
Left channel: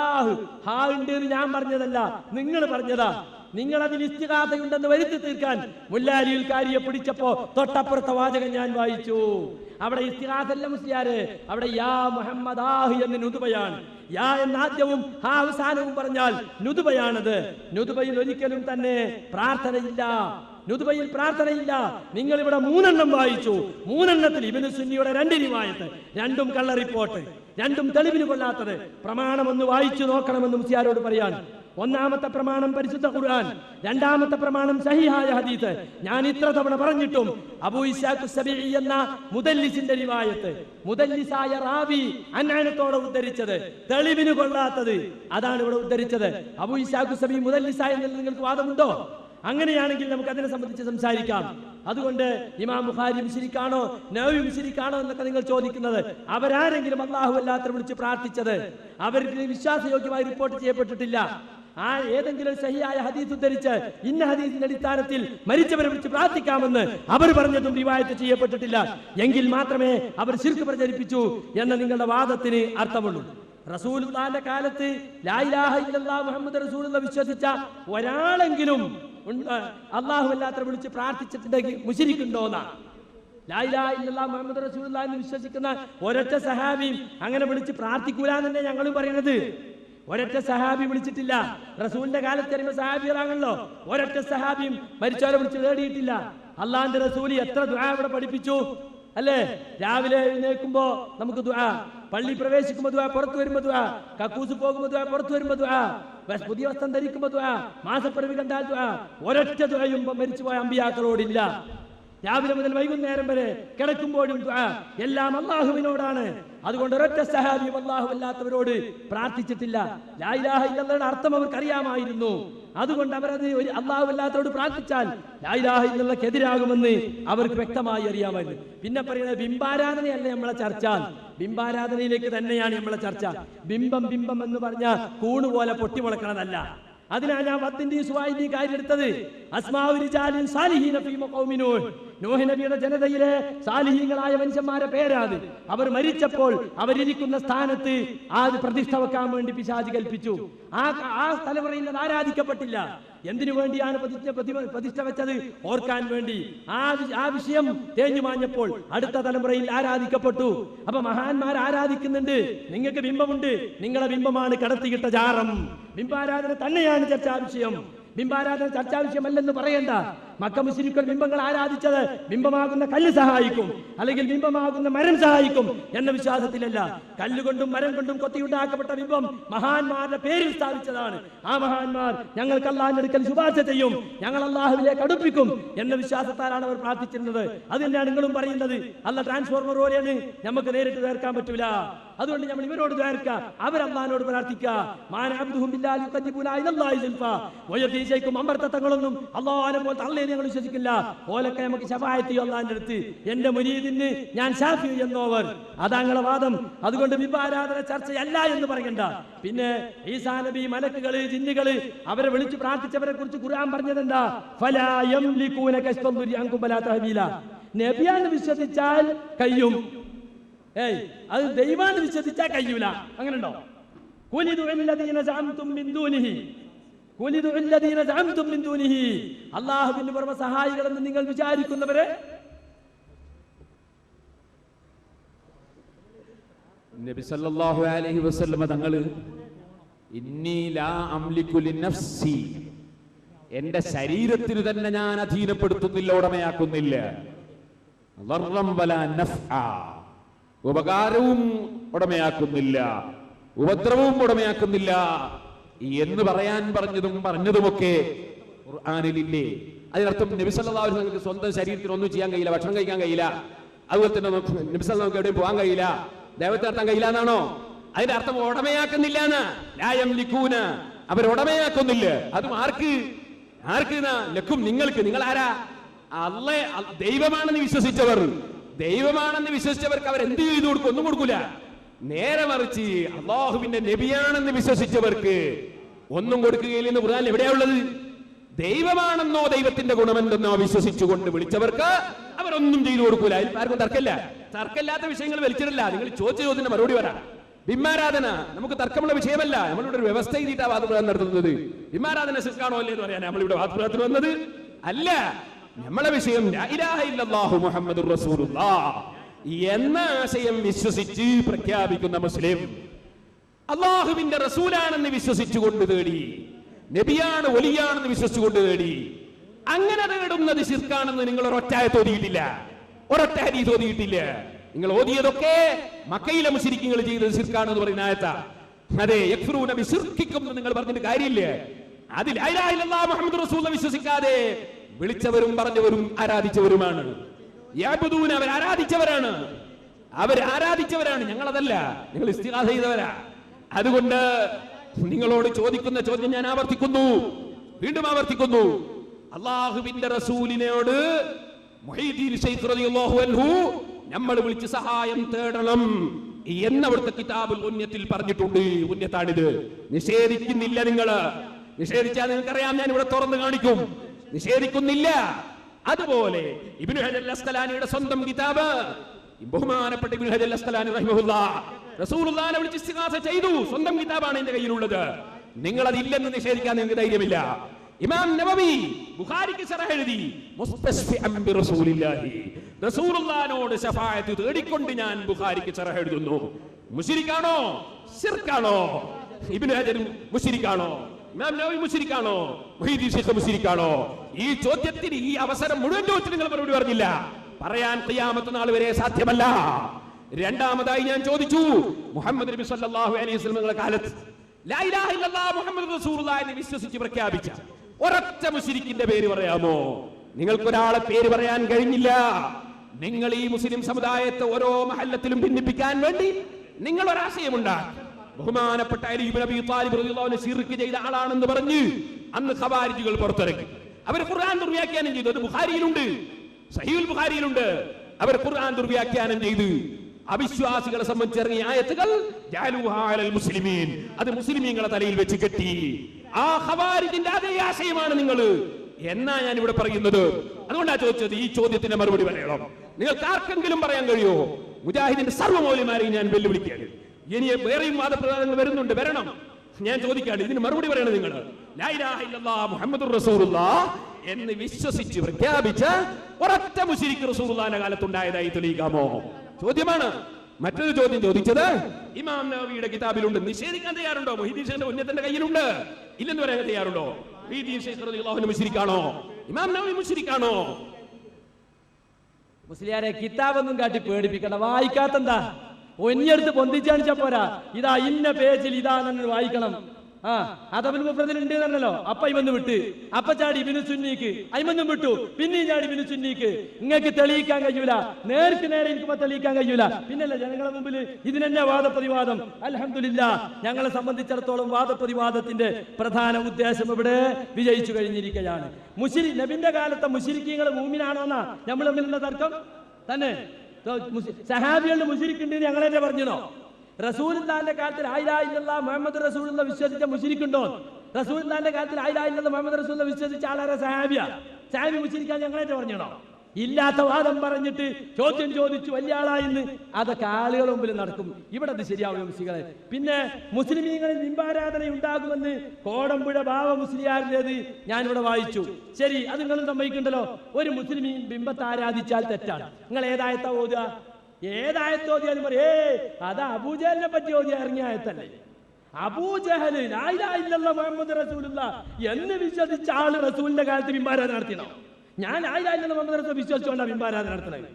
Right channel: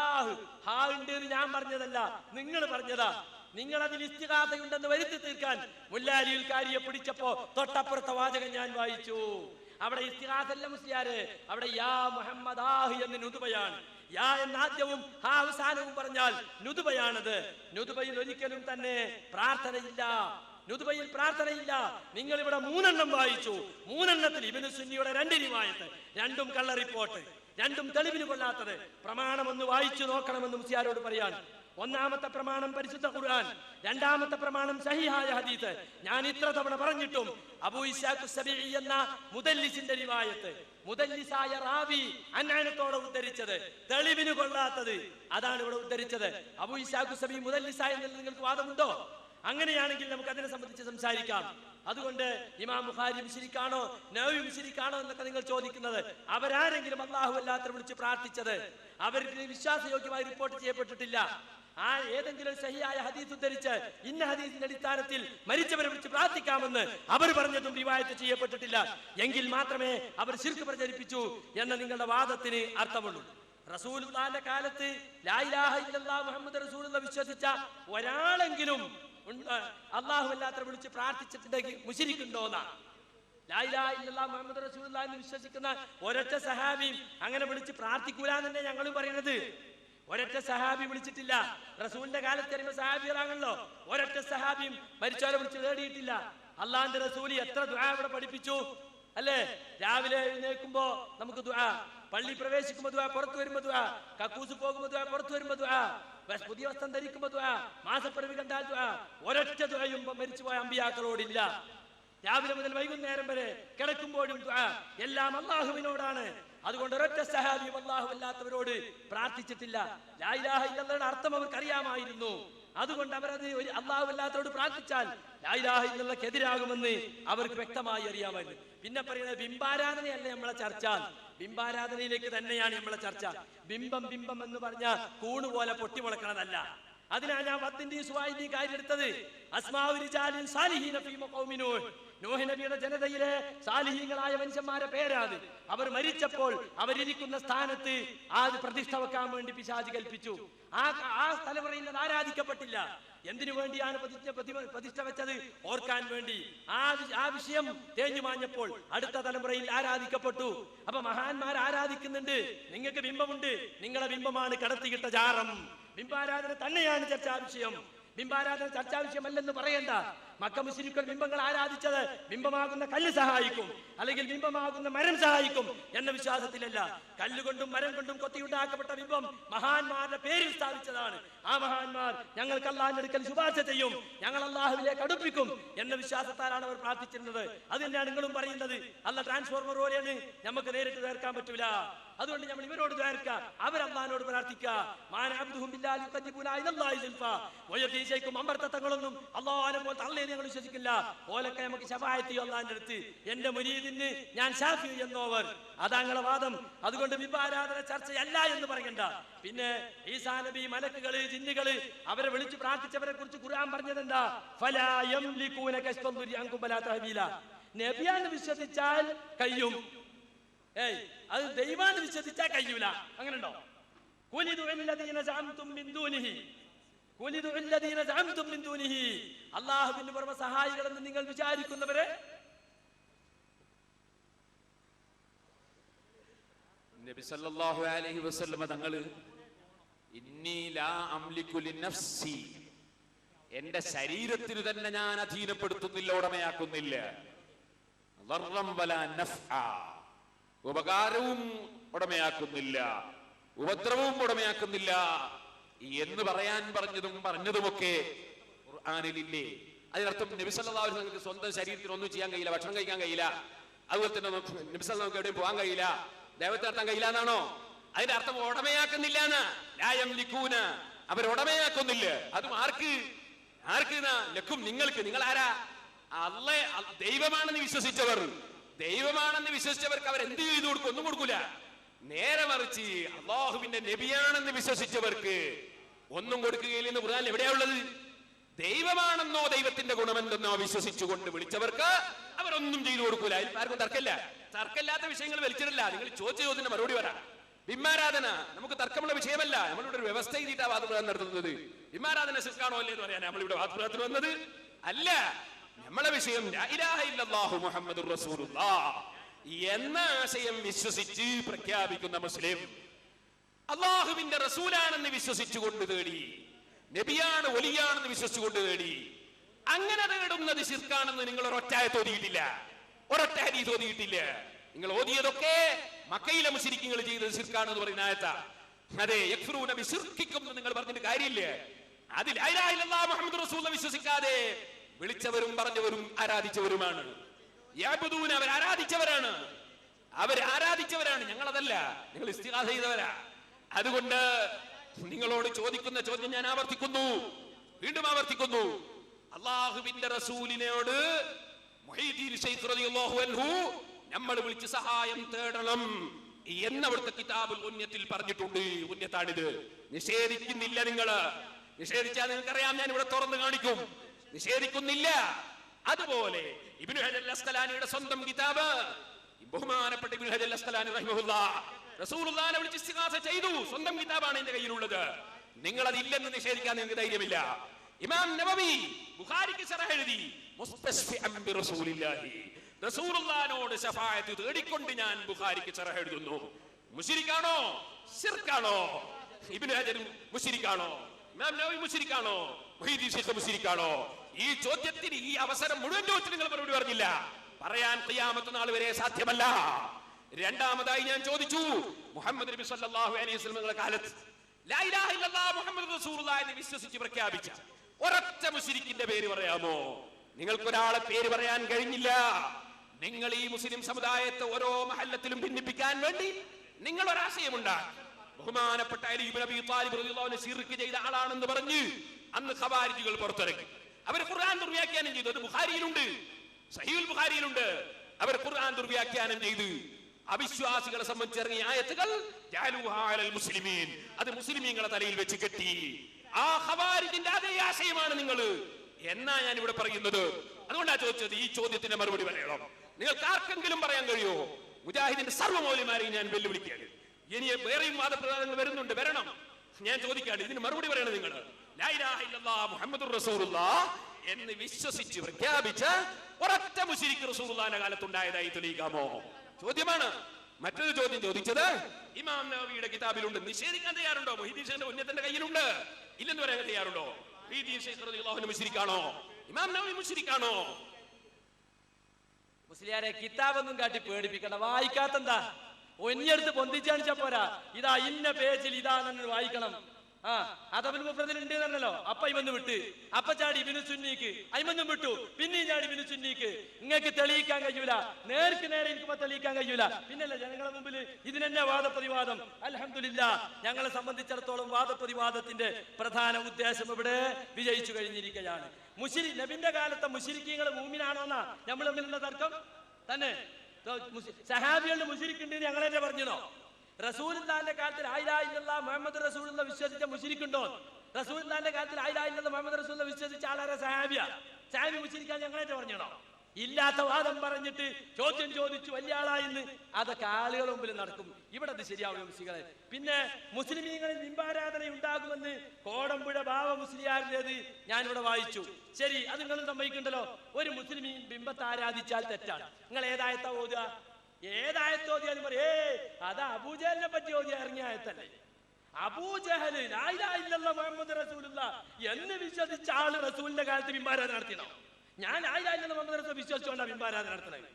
ഹാ ഉണ്ട് എന്ന് ഞാൻ പറഞ്ഞതല്ല, നിങ്ങൾ പറഞ്ഞതാ. നിങ്ങൾ അതിൽ ഇസ്തിഗാസയുണ്ടെന്ന് വരുത്തി തീർക്കാൻ മുല്ലാലിയിൽ കാരിയെ പിടിച്ചപ്പോ തൊട്ടപ്പുറത്തെ വാചകം ഞാൻ വായിച്ചു. അവിടെ ഇസ്തിഗാസല്ല മുസ്ലിയാരെ, അവിടെ യാ മുഹമ്മദ് എന്ന് നുതുബയാണ്. യാ എന്ന ആദ്യവും ഹാ അവസാനവും പറഞ്ഞാൽ നുതുബയാണത്. നുതുബയിൽ ഒരിക്കലും തന്നെ പ്രാർത്ഥനയില്ല. നുതുബയിൽ പ്രാർത്ഥനയില്ല. നിങ്ങൾ ഇവിടെ 3 എണ്ണം വായിച്ചു. 3 എണ്ണത്തിൽ ഇബ്നു സുന്നിയുടെ 2 റിവായത്ത്, 2ഉം കള്ള റിപ്പോർട്ട്, 2ഉം തെളിവിന് കൊള്ളാത്തത്. പ്രമാണം ഒന്ന് വായിച്ചു നോക്കണമെന്ന് മുസ്ലിയാരോട് പറയാൻ. ഒന്നാമത്തെ പ്രമാണം പരിശുദ്ധ ഖുർആൻ, രണ്ടാമത്തെ പ്രമാണം സഹിഹായ ഹദീസ്. ഞാൻ ഇത്ര തവണ പറഞ്ഞിട്ടും അബൂ ഇസ്ഹാഖ് സബീഇ എന്ന മുദല്ലിസിന്റെ റിവായത്ത്, മുദല്ലിസായ റാവി അൻഅനത്തോടെ ഉദ്ധരിച്ചത്, തെളിവിന് കൊള്ളാത്തത്, അതാണ് ഇവിടെ ഉദ്ധരിച്ചത്. അബൂ ഇസ്ഹാഖ് സബീഇ മുദല്ലിസായ എന്നതിൽ നിങ്ങൾക്ക് വാദമുണ്ടോ? അങ്ങനെയാണെങ്കിൽ നമുക്ക് അതിനെ സംബന്ധിച്ച് സംസാരിക്കാം. അതുകൊണ്ട് ഇമാം ബുഖാരി മുശ്രിക്കാണോ നവവി മുശ്രിക്കാണോ എന്നൊക്കെ നിങ്ങൾ ചോദിക്കുന്നത്, അവരാരെങ്കിലും അല്ലാഹു അല്ലാത്തവരെ വിളിച്ച് പ്രാർത്ഥിച്ചത് അവർക്ക് വിശ്വാസയോഗ്യമായി റിപ്പോർട്ട് ചെയ്യപ്പെട്ടിട്ടില്ല. ആ ഏതെങ്കിലും സഹിയായ ഹദീസ് ഉദ്ധരിച്ച് ഇന്ന ഹദീസിന്റെ അടിസ്ഥാനത്തിൽ മരിച്ചവരെ വിളിച്ച് പ്രാർത്ഥിക്കാമെന്ന് അവർ പറഞ്ഞതും റിവായത്ത് ചെയ്യപ്പെട്ടിട്ടില്ല. എങ്കിൽ മാത്രമേ അവർ ശിർക്ക് പ്രചരിപ്പിച്ചു എന്ന നിങ്ങളുടെ വാദത്തിന് അർത്ഥമുള്ളൂ. റസൂലുള്ളാഹിന്റെ കാലത്ത് ലാ ഇലാഹ ഇല്ലല്ലാഹ് മുഹമ്മദ് റസൂലുള്ളാഹ് വിശ്വസിച്ച ഒരാളെങ്കിലും അല്ലാഹു അല്ലാത്തവരെ വിളിച്ച് പ്രാർത്ഥിച്ചിട്ടുണ്ടെങ്കിൽ മുശ്രിക്കുണ്ടോന്നാ? ലാ ഇലാഹ ഇല്ലല്ലാഹ് മുഹമ്മദ് റസൂലുള്ളാഹി എന്ന് വിശ്വസിക്കുന്ന ഒരൊറ്റ സഹാബിയും അങ്ങനെ വിളിച്ച് പ്രാർത്ഥിക്കൂലെന്ന് തന്നെ ഞങ്ങളും പറയുന്നത്. ഒരൊറ്റ സഹാബി വിളിച്ചിട്ടില്ല. റസൂലിന്റെ കാലത്ത് വരുമ്പോൾ സഹാബികളാണല്ലോ. ഒരൊറ്റ സഹാബിയും മരിച്ചവരെ വിളിച്ച് നേടിയിട്ടില്ല. അള്ളാഹിന്റെ റസൂൽ എത്ര ദുആ ഇവിടെ പഠിപ്പിച്ചു അല്ലേ? രാവിലെ എഴുന്നേൽക്കുമ്പോ നമുക്ക് ദുആ, പള്ളി പ്രവേശിക്കുമ്പോ ദുആ, പുറത്തു വരുമ്പോ ദുആ, കക്കൂസ് പോകുമ്പോ ദുആ, പുറത്തു വരുമ്പോ ദുആ, പുതിയ വസ്ത്രം ധരിക്കുമ്പോ ദുആ, മാസപ്പിറവി കണ്ടാൽ ദുആ. ഒരൊറ്റ ദുആയും മരിച്ചുപോയ അമ്പിയാക്കളോടില്ല. രാവിലെ മുതൽ വൈകുന്നേരം വരെ കിടക്കുമ്പോഴും ദുആ, എല്ലാം അല്ലാഹുവിനോടാണ്. അതുകൊണ്ട് ഒരൊറ്റ സഹാബിയും അല്ലാഹു അല്ലാത്തവരോട് പ്രാർത്ഥിച്ചിട്ടില്ല. ലാ ഇലാഹ ഇല്ലല്ലാഹയുടെ അർത്ഥം അവർക്ക് അറിയാമായിരുന്നു. അതുകൊണ്ട് അവരത് അല്ലാഹു അല്ലാത്തവരോട് പ്രാർത്ഥിച്ചാൽ ലാ ഇലാഹ ഇല്ലല്ലാഹ്ക്ക് എതിരാകുമെന്ന് അവർക്ക് വ്യക്തമായി അറിയാമായിരുന്നു. പിന്നെ പറയുന്നത് ബിംബാരാധനയല്ല നമ്മളെ ചർച്ച. ബിംബാരാധനയിലേക്ക് തന്നെയാണ് നമ്മളെ ചർച്ച. ബിംബം എന്ന് പറഞ്ഞ കൂണുപോലെ പൊട്ടിമുളക്കണതല്ല. അതിനാണ് ഞാൻ വദ്ദിന്റെയും സുവായിന്റെയും കാര്യം എടുത്തത്. അസ്മാഉ റിജാലിൻ സാലിഹീന ഫീ ഖൗമി നൂഹ്, നൂഹ് നബിയുടെ ജനതയിലെ സാലിഹീങ്ങളായ മനുഷ്യന്മാരെ പേരാത്. അവർ മരിച്ചപ്പോൾ അവരിരിക്കുന്ന സ്ഥാനത്ത് ആ പ്രതിഷ്ഠ വെക്കാൻ വേണ്ടി പിശാച് കൽപ്പിച്ചു. ആ തലമുറയിൽ അത് ആരാധിക്കപ്പെട്ടില്ല. എന്തിനു വേണ്ടിയാണ് പ്രതിഷ്ഠ വെച്ചത്? ഓർക്കാൻ വേണ്ടി. ആ വിഷയം തേഞ്ഞു മാഞ്ഞപ്പോൾ അടുത്ത തലമുറയിൽ ആരാധിക്കപ്പെട്ടു. അപ്പൊ മഹാന്മാർ ആരാധിക്കുന്നുണ്ട്. നിങ്ങൾക്ക് ബിംബമുണ്ട്, നിങ്ങളെ ബിംബമാണ് കടത്തിയിട്ട ജാറം. ബിംബാരാധന തന്നെയാണ് ചർച്ചാ വിഷയം. ബിംബാരാധന ചർച്ചാ വിഷയമല്ലെന്ന് പറയണ്ട. മക്ക മുശ്രിക്കുകൾ ബിംബങ്ങൾ ആരാധിച്ചത് ബിംബമാകുന്ന കല്ല് സഹായിക്കും, അല്ലെങ്കിൽ ബിംബമാകുന്ന മരം സഹായിക്കും എന്ന വിശ്വാസത്തിലല്ല. കല്ലുകൊണ്ടും മരം കൊണ്ടും കൊത്തിയുണ്ടാക്കപ്പെട്ട ബിംബം മഹാന്മാരുടെ പേരിൽ സ്ഥാപിച്ചതാണ്. ആ മഹാന്മാർ ഞങ്ങൾക്ക് അല്ലാഹുവിന്റെ അടുക്കൽ ശുപാർശ ചെയ്യും, ഞങ്ങൾ അല്ലാഹുവിലേക്ക് അടുപ്പിക്കും എന്ന വിശ്വാസത്താലാണ് അവർ പ്രാർത്ഥിച്ചിരുന്നത്. അത് തന്നെയാണ് നിങ്ങളും പറയുന്നത്. അല്ല ട്രാൻസ്ഫോർമർ പോലെയാണ്, നമുക്ക് നേരിട്ട് ചേർക്കാൻ പറ്റൂല. അതുകൊണ്ട് നമ്മൾ ഇവരോട് ചേർക്കുക, അവരല്ലാഹുവിനോട് പ്രാർത്ഥിക്കുക. അമ്പർത്തങ്ങളൊന്നും അല്ലാഹുവിനെ പോലെ തള്ളേ ഞങ്ങൾ വിശ്വസിക്കില്ല. ഓലൊക്കെ നമുക്ക് ശഫാഅത്ത് ചെയ്യും അല്ലാഹുവിന്റെ അടുത്ത്. എന്റെ മുരീദിന് ഞാൻ ശാഫി എന്നോവർ, അതാങ്ങളെ വാദം. അതുകൊണ്ട് ബിംബാരാധന ചർച്ചയല്ല എന്ന് പറയണ്ട. പിന്നെ ഈസാ നബി, മലക്കുകള്, ജിന്നുകള് അവരെ വിളിച്ച് പ്രാർത്ഥിച്ചവരെ കുറിച്ച് ഖുർആൻ പറഞ്ഞതെന്താ? ഫലാ യംലികൂന കശ്ഫൻ ദുരി അൻകും വലാ തഹവീല. നബിയാന്ന് വിശ്വസിച്ചാൽ കഴിയും, അത് ദൈവാന്ന് വിശ്വസിച്ചാൽ കഴിയൂല. അങ്ങനെ ഉണ്ടോ? അല്ലാഹുവിന്റെ പുറമെ സഹായികളെന്ന് നിങ്ങൾ വിചാരിക്കുന്നവരെ നബി സല്ലല്ലാഹു അലൈഹി വസല്ലം തങ്ങൾ ഇന്നി ലാ അംലികു ലിനഫ്സി, എന്റെ ശരീരത്തിന് തന്നെ ഞാൻ അധീനപ്പെടുത്തുന്നില്ല, ഉടമയാക്കുന്നില്ല. ളർറം വലാ നഫ്ആ, ഉപകാരവും ഉടമയാക്കുന്നില്ല, ഉപദ്രവവും ഉടമയാക്കുന്നില്ല എന്ന് പറയാൻ പറഞ്ഞതുമൊക്കെ ഖുർആനിലില്ലേ? അതിനർത്ഥം നബി സല്ലല്ലാഹു അലൈഹി വസല്ലം സ്വന്തം ശരീരത്തിന് ഒന്നും ചെയ്യാൻ കഴിയില്ല, ഭക്ഷണം കഴിക്കാൻ കഴിയില്ല, അതുപോലെ തന്നെ നബി സല്ലല്ലാഹു എവിടെയും പോകാൻ കഴിയില്ല, ദൈവത്തെ നടത്താൻ കഴിയില്ല എന്നാണോ? അതിന്റെ അർത്ഥം ഉടമയാക്കുന്നില്ല എന്ന്. ലാ യംലികൂന, അവർ ഉടമയാക്കുന്നില്ല. അതും ആർക്ക്? ലക്കും, നിങ്ങൾക്ക്. നിങ്ങൾ ആരാ? ദൈവമാണെന്ന് വിശ്വസിച്ചവർക്ക് അവർ എന്ത് ചെയ്തു കൊടുക്കും? ഒന്നും കൊടുക്കൂല. നേരെ മറിച്ച് അള്ളാഹുവിന്റെ നബിയാണെന്ന് വിശ്വസിച്ചവർക്ക് ഒന്നും കൊടുക്കുകയില്ലെന്ന് ഖുർആനിൽ എവിടെയാ ഉള്ളത്? ദൈവമാണെന്നോ ദൈവത്തിന്റെ ഗുണമെന്തെന്നോ വിശ്വസിച്ചുകൊണ്ട് വിളിച്ചവർക്ക് അവരൊന്നും ചെയ്തു കൊടുക്കൂല. അതിൽ ആർക്കും തർക്കമില്ല. തർക്കമില്ലാത്ത വിഷയങ്ങൾ വലിച്ചിടില്ല. നിങ്ങൾ ചോദിച്ച ചോദ്യത്തിന് മറുപടി വരാം. ബിംബാരാധന നമുക്ക് തർക്കമുള്ള വിഷയമല്ല. നമ്മളിവിടെ ഒരു വ്യവസ്ഥ ചെയ്തിട്ടാ വാദപ്രകാരം നടത്തുന്നത്. ബിംബാരാധന ശിർക്കാണോ അല്ലേ എന്ന് പറയാൻ നമ്മളിവിടെ വാദപ്രകാരത്തിന് വന്നത് അല്ല. നമ്മളെ വിഷയം ലാ ഇലാഹ ഇല്ലല്ലാഹു മുഹമ്മദുർ റസൂലുള്ളാഹ് എന്ന ആശയം വിശ്വസിച്ച് പ്രഖ്യാപിക്കുന്ന മുസ്ലിം, അള്ളാഹുവിന്റെ റസൂലാണെന്ന് വിശ്വസിച്ചുകൊണ്ട് തേടി, നബിയാണ് വലിയാണെന്ന് വിശ്വസിച്ചുകൊണ്ട് തേടി, അങ്ങനെ തേടുന്നത് ശിർക്കാണെന്ന് നിങ്ങൾ ഒരൊറ്റായത്ത് ഓതിയിട്ടില്ല, ഒരൊറ്റ ഹദീസ് ഓതിയിട്ടില്ല. നിങ്ങൾ ഓതിയതൊക്കെ മക്കയിലെ മുശ്രിക്കുകൾ ചെയ്തത് ശിർക്കാണെന്ന് പറയുന്ന ആയത്താ. അതെ, യക്ഫുറൂന ബിശിർക്കിക്കും എന്ന് നിങ്ങൾ പറഞ്ഞിട്ട് കാര്യമില്ല. അതിൽ ലാ ഇലാഹ ഇല്ലല്ലാഹ് മുഹമ്മദുർ റസൂലുള്ളാഹ് വിശ്വസിക്കാതെ വിളിച്ചവരും പറഞ്ഞവരും ആരാധിച്ചവരുമാണ്. യഅ്ബുദൂന, അവർ ആരാധിച്ചവരാണ്, അവർ ആരാധിച്ചവരാണ്. ഞങ്ങളതല്ല, നിങ്ങൾ ഇസ്തിഗാസ ചെയ്തവരാ. അതുകൊണ്ട് നിങ്ങളോട് ചോദിക്കുന്ന ചോദ്യം ഞാൻ ആവർത്തിക്കുന്നു, വീണ്ടും ആവർത്തിക്കുന്നു. അള്ളാഹുവിന്റെ റസൂലിനോട് മുഹീദ്ദീൻ ശൈഖ് റളിയല്ലാഹു അൻഹു നമ്മൾ വിളിച്ച് സഹായം തേടണം എന്ന് അവിടുത്തെ കിതാബുൽ ഉന്നത്തിൽ പറഞ്ഞിട്ടുണ്ട്. ഉന്നത്താണിത്, നിഷേധിക്കുന്നില്ല. നിങ്ങൾ നിഷേധിച്ചാൽ നിങ്ങൾക്കറിയാം, ഞാൻ ഇവിടെ തുറന്നു കാണിക്കും. നിഷേധിക്കുന്നില്ല. അതുപോലെ ഇബ്നു ഹജർ അൽ അസ്ഖലാനിയുടെ സ്വന്തം കിതാബ്, ബഹുമാനപ്പെട്ട ഇബ്നു ഹജർ അൽ അസ്ഖലാനി റഹിമഹുല്ലാഹ് റസൂലുള്ളാഹിനെ വിളിച്ച് ഇസ്തിഗാസ ചെയ്തു. സ്വന്തം കിതാബാണ് എന്റെ കയ്യിലുള്ളത്. നിങ്ങൾ അതില്ലെന്ന് നിഷേധിക്കാൻ നിങ്ങൾക്ക് ധൈര്യമില്ല. ഇമാം നബവി ബുഖാരിക്ക് ശറഹ് എഴുതി, മുസ്തശ്ഫിഅൻ ബി റസൂലില്ലാഹി, റസൂലുള്ളാഹിനോട് ശഫാഅത്ത് തേടിക്കൊണ്ട് ഞാൻ ബുഖാരിക്ക് ശറഹ് എഴുതുന്നു. മുശ്രിക്കാണോ? ശിർക്കാണോ? ഇബ്നു ഹജർ മുശ്രിക്കാണോ? ഇമാം നബവി മുശ്രിക്കാണോ? മുഹീദ്ദീൻ ശൈഖ് മുശ്രിക്കാണോ? ഈ ചോദ്യത്തിന്, ഈ അവസരം മുഴുവൻ ചോദിച്ചിട്ട് നിങ്ങൾ മറുപടി പറഞ്ഞില്ല. പറയാൻ ഖിയാമത്ത് നാൾ വരെ സാധ്യമല്ല. രണ്ടാമതായി ഞാൻ ചോദിച്ചു, മുഹമ്മദ് നബി സല്ലല്ലാഹു അലൈഹി വസല്ലമയുടെ കാലത്ത് ലാ ഇലാഹ ഇല്ലല്ലാഹ് മുഹമ്മദുർ റസൂലുള്ളാഹി എന്ന് വിശ്വസിച്ച് പ്രഖ്യാപിച്ച ഒരൊറ്റ മുശ്രിക്കിന്റെ പേര് പറയാമോ? നിങ്ങൾക്കൊരാളെ പേര് പറയാൻ കഴിഞ്ഞില്ല. നിങ്ങൾ ഈ മുസ്ലിം സമുദായത്തെ ഓരോ മഹല്ലത്തിലും ഭിന്നിപ്പിക്കാൻ വേണ്ടി നിങ്ങൾ ഒരാശയമുണ്ടാക്കി. ബഹുമാനപ്പെട്ട അലി ഇബ്നു അബീ ത്വാലിബ് റളിയല്ലാഹു അൻഹു ശിർക്ക് ചെയ്ത ആളാണെന്ന് പറഞ്ഞ് അന്ന് ഖവാരിജികൾ പുറത്തിറങ്ങി. അവർ ഖുർആൻ ദുർവ്യാഖ്യാനം ചെയ്തു. അത് ബുഖാരിയിലുണ്ട്, സഹീഹുൽ ബുഖാരിയിലുണ്ട്. അവർ ഖുർആൻ ദുർവ്യാഖ്യാനം ചെയ്തു. അവിശ്വാസികളെ സംബന്ധിച്ചിറങ്ങിയ ആയത്തുകൾ ജഅലൂഹാ അലൽ മുസ്ലിമീൻ, അത് മുസ്ലിമീങ്ങളെ തലയിൽ വെച്ച് കെട്ടി. ആ ഖവാരിജിന്റെ അതേ ആശയമാണ് നിങ്ങൾ എന്നാ ഞാൻ ഇവിടെ പറയുന്നത്. അതുകൊണ്ടാണ് ചോദിച്ചത്, ഈ ചോദ്യത്തിന് മറുപടി പറയണം. നിങ്ങൾക്ക് ആർക്കെങ്കിലും പറയാൻ കഴിയോ? മുജാഹിദിന്റെ സർവ്വ മൗലവിമാരെയും ഞാൻ വെല്ലുവിളിക്കുകയാണ്. ഇനി വേറെയും വാദപ്രവാദങ്ങൾ വരുന്നുണ്ട്, വരണം. ഞാൻ ചോദിക്കാണ്, ഇതിന് മറുപടി പറയണം. നിങ്ങൾ ലാ ഇലാഹ ഇല്ലല്ലാഹ് മുഹമ്മദുർ റസൂലുള്ളാഹ് എന്ന് വിശ്വസിച്ച് പ്രഖ്യാപിച്ച ഒരൊറ്റ മുശ്രിക്ക് റസൂലുള്ളാഹിന്റെ കാലത്തുണ്ടായതായി തെളിയിക്കാമോ? ചോദ്യമാണ്. മറ്റൊരു ചോദ്യം ചോദിച്ചത് ഇമാം നവവിയുടെ കിതാബിലുണ്ട്. നിഷേധിക്കാൻ തയ്യാറുണ്ടോ? മുഹീദ്ദീൻ ശൈഖിന്റെ ഉന്നതന്റെ കയ്യിലുണ്ട്. ഇല്ലെന്ന് പറയാൻ തയ്യാറുണ്ടോ? മുഹീദ്ദീൻ ശൈഖ് റളിയല്ലാഹു അൻഹു മുശ്രിക്കാണോ? ഇമാം നവവി മുശ്രിക്കാണോ? മുസ്ലിയാരെ, കിതാബൊന്നും കാട്ടി പേടിപ്പിക്കണ്ട. വായിക്കാത്തെന്താ? ഒന്നെടുത്ത് പൊന്തിച്ചാണിച്ചാ പോരാ. ഇതാ ഇന്ന പേജിൽ ഇതാ നമ്മൾ വായിക്കണം. അതബുൽ മുഫ്രദിൽ ഉണ്ട് എന്നല്ലോ. അപ്പ ഇവന്ന് വിട്ട്, അപ്പ ചാടി ഇബ്നു സുന്നീക്ക്, അയിമന്നും വിട്ടു, പിന്നെയും ചാടി ഇബ്നു സുന്നീക്ക്. നിങ്ങൾക്ക് തെളിയിക്കാൻ കഴിയൂല, നേർക്ക് നേരെ എനിക്ക് തെളിയിക്കാൻ കഴിയൂല. പിന്നല്ല ജനങ്ങളെ മുമ്പിൽ ഇതിനെന്നെ വാദപ്രതിവാദം. അൽഹംദുലില്ലാഹ്, ഞങ്ങളെ സംബന്ധിച്ചിടത്തോളം വാദപ്രതിവാദത്തിന്റെ പ്രധാന ഉദ്ദേശം ഇവിടെ വിജയിച്ചു കഴിഞ്ഞിരിക്കുകയാണ്. നബിന്റെ കാലത്തെ മുശ്രിക്കീങ്ങൾ മൂമിനാണോന്നാ നമ്മൾ തമ്മിലുള്ള തർക്കം തന്നെ. സഹാബികളുടെ മുശ്രിക്കുണ്ട് ഞങ്ങളെന്നെ പറഞ്ഞോ? റസൂലുള്ളാഹിന്റെ കാലത്തിൽ ലാ ഇലാഹ ഇല്ലല്ലാഹ് മുഹമ്മദ് റസൂലുള്ളാഹി വിശ്വസിച്ച മുശ്രിക്കുണ്ടോ? റസൂലുള്ളാഹിന്റെ കാലത്തിൽ ലാ ഇലാഹ ഇല്ലല്ലാഹ് മുഹമ്മദ് റസൂലുള്ളാഹി വിശ്വസിച്ച ആളാരെ? സഹാബിയ. സഹാബി മുശ്രിക്കാൻ ഞങ്ങളെന്നെ പറഞ്ഞോ? ഇല്ലാത്ത വാദം പറഞ്ഞിട്ട് ചോദ്യം ചോദിച്ചു വലിയ ആളായിന്ന് അതൊക്കെ ആളുകളുടെ മുമ്പിൽ നടക്കും. ഇവിടെ അത് ശരിയാവും മുസ്ലിങ്ങളെ. പിന്നെ മുസ്ലിമീങ്ങളിൽ ബിംബാരാധന ഉണ്ടാകുമെന്ന് കോടമ്പുഴ ബാവ മുസ്ലിയാരുടേത് ഞാനിവിടെ വായിച്ചു. ശരി, അത് നിങ്ങളും സമ്മതിക്കണ്ടല്ലോ. ഒരു മുസ്ലിമീൻ ബിംബത്തെ ആരാധിച്ചാൽ തെറ്റാണ്. നിങ്ങൾ ഏതായത്താ ഓതുക? ഏതായത്തോതിയാലും പറയും അത് അബൂജഹലിനെ പറ്റി ഓതിയ ഇറങ്ങിയ ആയത്തല്ലേ. അബൂജഹല് ലാ ഇലാഹ ഇല്ലല്ലാഹ് മുഹമ്മദ് റസൂലുള്ളാഹ് എന്ന് വിശ്വസിച്ച ആള് റസൂലിന്റെ കാലത്ത് ബിംബാരാധന നടത്തിയോ? ഞാൻ ലാ ഇലാഹ ഇല്ലല്ലാഹ് മുഹമ്മദ് റസൂൽ വിശ്വസിച്ചുകൊണ്ടാണ് ബിംബാരാധന നടത്തുന്നത്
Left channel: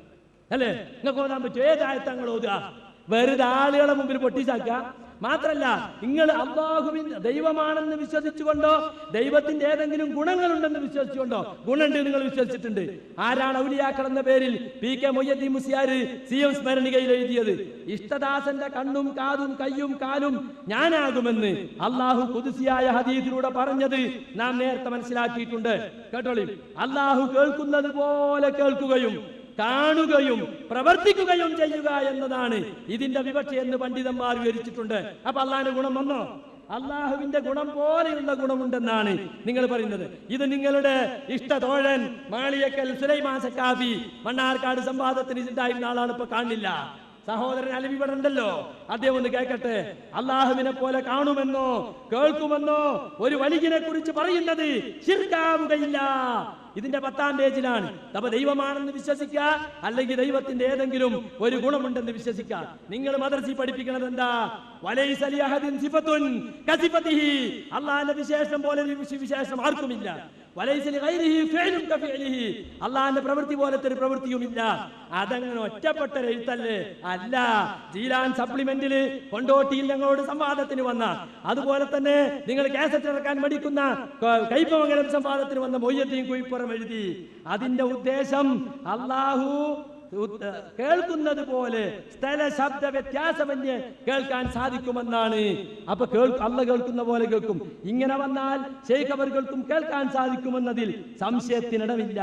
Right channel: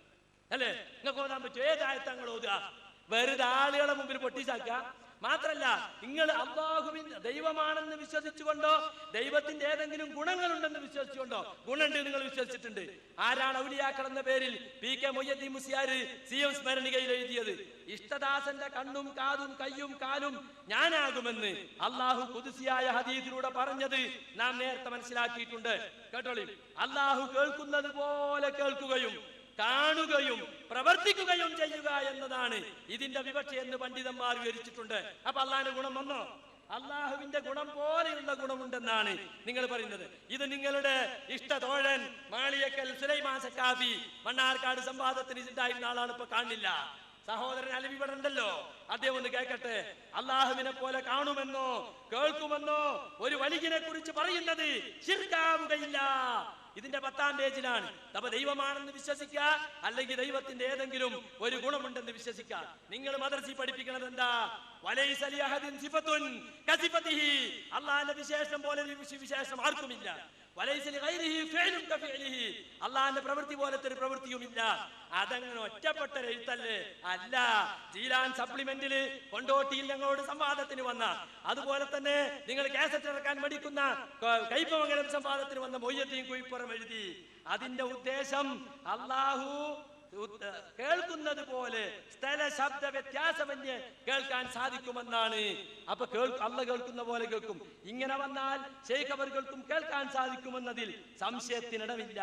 അല്ലേ? നിങ്ങൾക്ക് ഓതാൻ പറ്റും? ഏതായത്തങ്ങൾ ഓതുക? വെറുതെ ആളുകളെ മുമ്പിൽ പൊട്ടിച്ചാക്കുക മാത്രല്ല, നിങ്ങൾ അല്ലാഹുവിന്റെ ദൈവമാണെന്ന് വിശ്വസിച്ചുകൊണ്ടോ ദൈവത്തിന്റെ ഏതെങ്കിലും ഗുണങ്ങളുണ്ടെന്ന് വിശ്വസിച്ചുകൊണ്ടോ, ഗുണമുണ്ട് നിങ്ങൾ വിശ്വസിച്ചിട്ടുണ്ട്. ആരാണ് ഔലിയാക്കൾ എന്ന പേരിൽ PK മൊയ്യദ്ദീൻ മുസ്ലിയാർ CM സ്മരണികയിൽ എഴുതിയത്? ഇഷ്ടദാസന്റെ കണ്ണും കാതും കയ്യും കാലും ഞാനാകുമെന്ന് അള്ളാഹു ഖുദ്സിയായ ഹദീസിലൂടെ പറഞ്ഞത് നാം നേരത്തെ മനസ്സിലാക്കിയിട്ടുണ്ട്. കേട്ടോളി, അള്ളാഹു കേൾക്കുന്നത് പോലെ കേൾക്കുകയും കാണുകയും പ്രവർത്തിക്കുകയും ചെയ്യുക എന്നതാണ് ഇതിന്റെ വിവക്ഷ എന്ന് പണ്ഡിതന്മാർ വിവരിച്ചിട്ടുണ്ട്. അപ്പൊ അള്ളാഹിന്റെ ഗുണം വന്നോ? അള്ളാഹുവിന്റെ ഗുണം പോലെയുള്ള ഗുണമുണ്ടെന്നാണ് നിങ്ങൾ പറയുന്നത്. ഇത് നിങ്ങളുടെ ഇഷ്ടതോഴൻ മാളിയക്കൽ സുലൈമാൻ സക്കാഫി മണ്ണാർക്കാട് സംവാദത്തിന് ഉണ്ടായിരുന്ന ആളാണ്, ഇപ്പൊ കാണില്ല. സഹോദരൻ അലവി ഇവിടെ ഉണ്ടല്ലോ, അദ്ദേഹം ഒന്ന് കേൾക്കട്ടെ. അള്ളാഹുവിനെ പോലെ കാണുമെന്നോ കേൾക്കുമെന്നോ ഒരു വലിയനെ കുറിച്ച് പറയുന്നത് ശിർക്കാവുകയില്ല. ഇതിന്റെ 10-ാം പേജിലാണ്. അപ്പൊ ദൈവമാണെന്ന് വിശ്വസിക്കുക, അല്ലെങ്കിൽ ദൈവത്തിന്റെ ഏതെങ്കിലും ഒരു ഗുണമുണ്ടെന്ന് വിശ്വസിക്കുക. നിങ്ങൾ മദ്രസയിൽ പഠിപ്പിക്കുന്നത് എന്താ? അള്ളാഹിന്റെ വിശേഷം പോലെ വിശേഷം ആർക്കുമില്ല. അള്ളാഹിന്റെ പ്രവൃത്തി പോലത്തെ ഒരു പ്രവൃത്തിയുമില്ല. അതങ്ങനെ ഒറ്റപ്പെട്ട എഴുത്തല്ലേ? അല്ല. ജീലാൻ സപ്ലിമെന്റില് കൊണ്ടോട്ടിയിൽ ഞങ്ങളോട് സംവാദത്തിന് വന്ന, അതുപോലെ തന്നെ നിങ്ങൾ കാസറ്റ് ഇറക്കാൻ മടിക്കുന്ന കൈപ്പമംഗലം സംവാദത്തിന് വന്ന മൊയ്യദ്ദീൻ കുഴിപ്പുറം എഴുതി. അതിന്റെ ഉദ്ദേശം അള്ളാഹു കേൾക്കുന്നത് പോലെ സ്ഥല ശബ്ദ വ്യത്യാസമന്യേ കേൾക്കാൻ സാധിക്കുമെന്നാണ്. അപ്പൊ അള്ള കേൾക്കുന്ന പോലെ കേൾക്കും. ഇങ്ങനെ വന്നാൽ ശൈഖ് അവർക്കും കേൾക്കാൻ സാധിക്കുമെന്നതിൽ സംശയത്തിനിടമില്ല.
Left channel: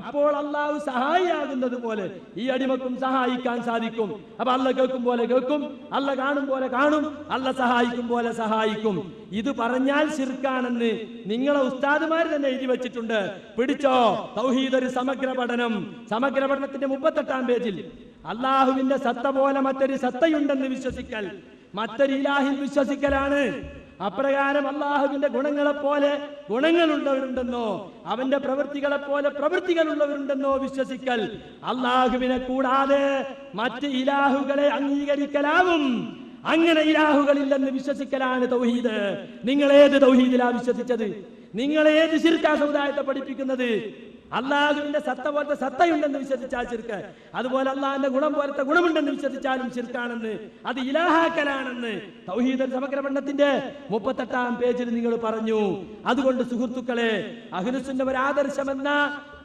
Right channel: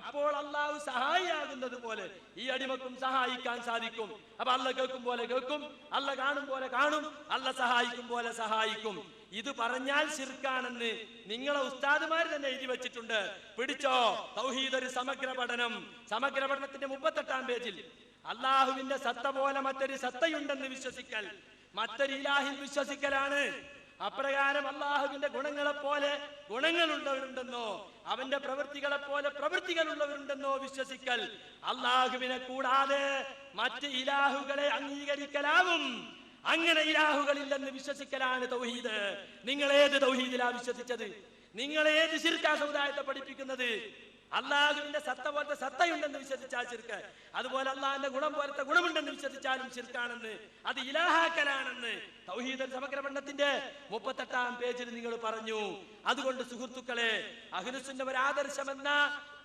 അപ്പോൾ അള്ളാഹു സഹായിയാകുന്നത് പോലെ ഈ അടിമക്കും സഹായിക്കാൻ സാധിക്കും. അപ്പൊ അള്ള കേൾക്കും പോലെ കേൾക്കും, അള്ള കാണും പോലെ കാണും, അള്ള സഹായിക്കും പോലെ സഹായിക്കും. ഇത് പറഞ്ഞാൽ ശിർക്കാണെന്ന് നിങ്ങളെ ഉസ്താദുമാർ തന്നെ എഴുതി വെച്ചിട്ടുണ്ട്. പിടിച്ചോ, തൗഹീദ് ഒരു സമഗ്ര പഠനം. സമഗ്ര പഠനത്തിന്റെ 38-ാം പേജിൽ അള്ളാഹുവിന്റെ സത്ത പോലെ മറ്റൊരു സത്തയുണ്ടെന്ന് വിശ്വസിക്കൽ മറ്റൊരു ഇലാഹിൽ വിശ്വസിക്കലാണ്. അപ്രകാരം അള്ളാഹുവിന്റെ ഗുണങ്ങളെ പോലെ ഗുണങ്ങളുള്ളവരുണ്ടെന്നോ അവന്റെ പ്രവൃത്തികളെ പോലെ പ്രവൃത്തികളുള്ളവരുണ്ടെന്നോ വിശ്വസിക്കൽ അള്ളാഹുവിനെ കൂടാതെ മറ്റ് ഇലാഹുകളെ അംഗീകരിക്കലാവും. അങ്ങനെ ഇലാഹുകളില്ലെന്ന് വിശ്വസിക്കലാണ് തൗഹീദ്. നിങ്ങൾ ഏത് തൗഹീദിലാ വിശ്വസിച്ചത്? നിങ്ങൾ ഏത് ശിർക്കാ സമുദായത്തെ പഠിപ്പിക്കുന്നത്? അള്ളാഹുവിന്റെ സത്ത പോലത്തെ സത്തയുണ്ടെന്ന് വിശ്വസിച്ചാൽ ശിർക്ക്, അതുപോലെ അള്ളാഹിന്റെ ഗുണം പോലത്തെ ഗുണമുണ്ടെന്ന് വിശ്വസിച്ചാലും ശിർക്കാണെന്ന്, അത് ഇലാഹാക്കലാണെന്ന് തൗഹീദ് സമഗ്ര പഠനത്തിന്റെ 38-ാം പേജിൽ നിങ്ങൾ പറഞ്ഞു. അതുകൊണ്ട് സുഹൃത്തുക്കളെ, അഹ്ലുസുന്ന ഒരു ആദർശമെന്ന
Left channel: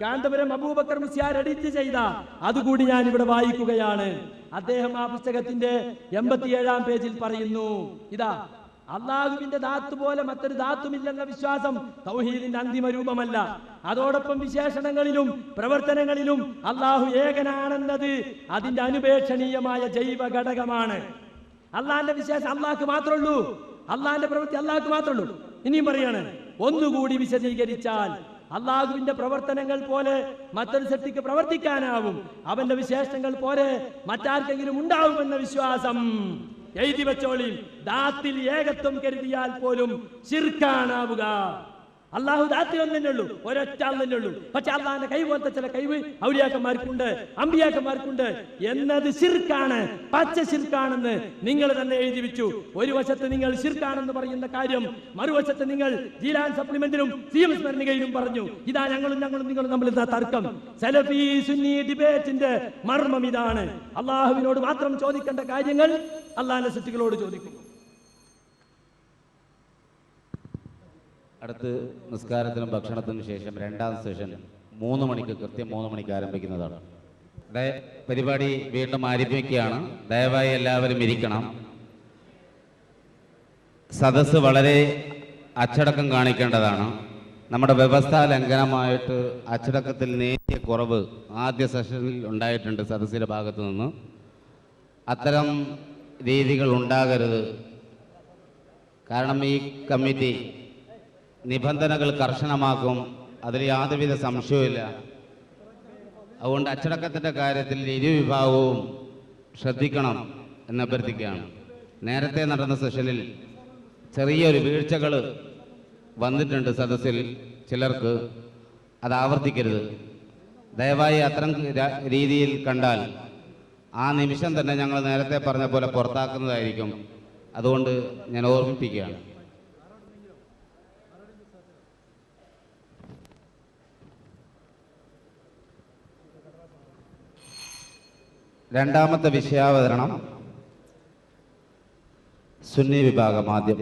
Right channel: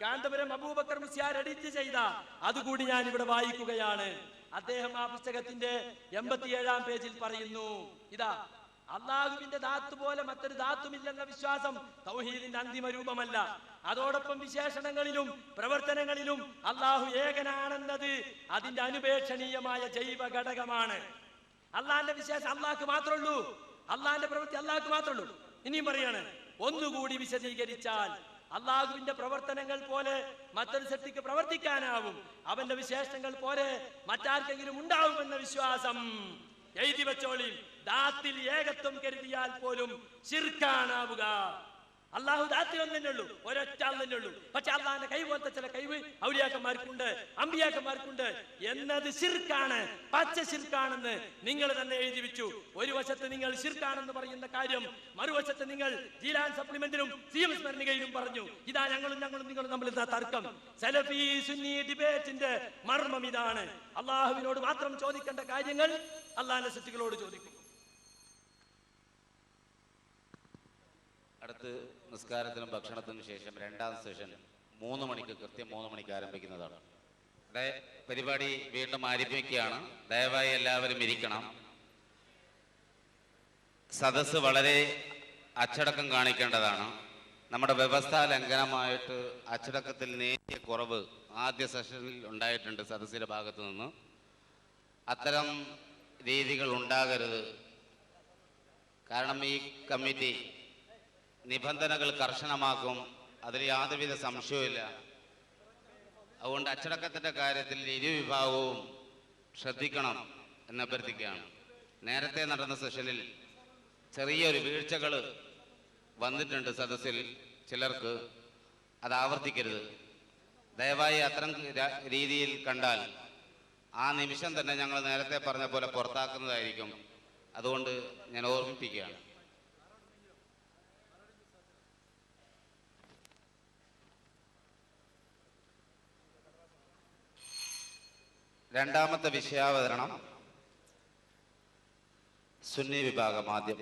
കാന്തപുരം അബൂബക്കർ മുസ്ലിയാർ എഡിറ്റ് ചെയ്ത അതുകൂടി ഞാൻ ഇവിടെ വായിക്കുകയാണ്. അദ്ദേഹം ആ പുസ്തകത്തിന്റെ 87-ാം പേജിൽ പറയുന്നു, ഇതാ: അള്ളാഹുവിന്റെ ദാത്ത് പോലെ മറ്റൊരു ദാത്തുമില്ലെന്ന വിശ്വാസം തൗഹീദിന്റെ അന്തിമ രൂപമല്ല. അതോടൊപ്പം വിശേഷണങ്ങളിലും പ്രവർത്തനങ്ങളിലും അള്ളാഹു ഏകനാണെന്നത് അതിന്റെ അനുപേക്ഷണീയമായ ജൈവ ഘടകമാണ്. അള്ളാഹിന്റെ വിശേഷം അള്ളാഹ്ക്ക് മാത്രമേ ഉള്ളൂ, അള്ളാഹിന്റെ പ്രവൃത്തി അള്ളാഹ്ക്ക് മാത്രമേ ഉള്ളൂ. ഇനിയും പറയാണ്, ഒന്നുകൂടി വിശദീകരിച്ചാൽ അള്ളാഹുവിന്റെ പ്രവർത്തനങ്ങൾ പോലെ മറ്റൊരു ശക്തിക്ക് പ്രവർത്തിക്കാനാവും, അവന്റെ വിശേഷങ്ങൾ പോലെ മറ്റാർക്കെങ്കിലും ഉണ്ടാവുമെന്ന വിശ്വാസം എഴുതി വെച്ചോളി. ദാത്തിൽ ഏകത്വം കരുതിയാൽ പോലും ശിർക്കാനാവുക. അള്ളാഹു ദാത്തിൽ ഒന്നെ ഉള്ളൂ, ഒരൊറ്റ തന്നെ ഉള്ളൂ. പക്ഷെ അള്ളാഹിന്റെ കൈ പോലത്തെ ചില കഴിവ് ഔലിയാക്കന്മാർക്കുണ്ട്, അമ്പിയാക്കന്മാർക്കുണ്ട് എന്നത് ശിർക്കാണ്, പച്ച ശിർക്കാണെന്ന് നിങ്ങൾ തന്നെ എഴുതി വെച്ചു. ഒരു വശത്ത് നിങ്ങൾ ശിർക്കാണെന്ന് പറയുന്ന കാര്യം മറുവശത്ത് നിങ്ങൾ ജീലാൻ സപ്ലിമെന്റിലും CM സ്മരണികയിലും പറഞ്ഞു. ഇതാ ഞങ്ങളും നിങ്ങളും തമ്മിൽ തർക്കം. സലഫി സുന്നി ഡിബേറ്റിന്റെ മർമ്മം ഇതാണ്. അള്ളാഹുവിനോട് മാത്രം ചോദിക്കേണ്ട കാര്യങ്ങൾ അള്ളാഹിന്റെ സൃഷ്ടികളോട് ചോദിക്കുന്നു. അടുത്ത് നിസ്കാരത്തിനും ഭക്ഷണത്തിനും ശേഷം 2-ാം സെഷൻ 3 മണിക്ക്, കൃത്യം 3 മണിക്ക് ആരംഭിക്കുന്നതാണ്. പരിപാടി വീണ്ടും ആരംഭിക്കുകയാണ്. ദയവായി എല്ലാവരും ഇരിക്കണം. സദസ്സ് വളരെ അച്ചടക്കം കാണിക്കേണ്ടതാണ്. നമ്മുടെ വ്യവസ്ഥാ ലംഘനമായിട്ട് അച്ചടക്കത്തിൽ നേരിയ കുറവ് ആദ്യ സെഷനിൽ ഉണ്ടായിട്ടുണ്ട് സദസ്സിൻ്റെ ഭാഗത്തു നിന്ന്. അത്തരം രീതികൾ ഉണ്ടാകരുത്. കാരണം ഈ കമ്മിറ്റി നിബന്ധനകൾ കർശനമാക്കും, അതിൽ യാതൊരുവിധ സംശയവുമില്ല. അതുകൊണ്ട് അച്ചടക്കത്തിൻ്റെ കാര്യത്തിൽ ഇരുവിഭാഗവും ശ്രദ്ധിക്കണം എന്ന് അഭ്യർത്ഥിക്കുകയാണ്. നേരത്തെ നടന്ന സെഷനിൽ ചെറിയൊരു വീഴ്ചകൾ വന്നിട്ടുണ്ട് സദസ്സിൽ ചിലർക്ക്, അത് ആവർത്തിക്കരുത്. ദയവായി അത്തരം രീതിയിൽ കണ്ടാൽ ആ നിമിഷം തന്നെ ഞങ്ങൾ നേരത്തെ പറഞ്ഞ പോലെ പുറത്താക്കുന്നതായിരിക്കും. അതുകൊണ്ട് ഞാൻ ഓർമ്മിപ്പിക്കുകയാണ്. രണ്ടാമത്തെ വിഷയാവതരണം സുന്നി വിഭാഗം ആദ്യം.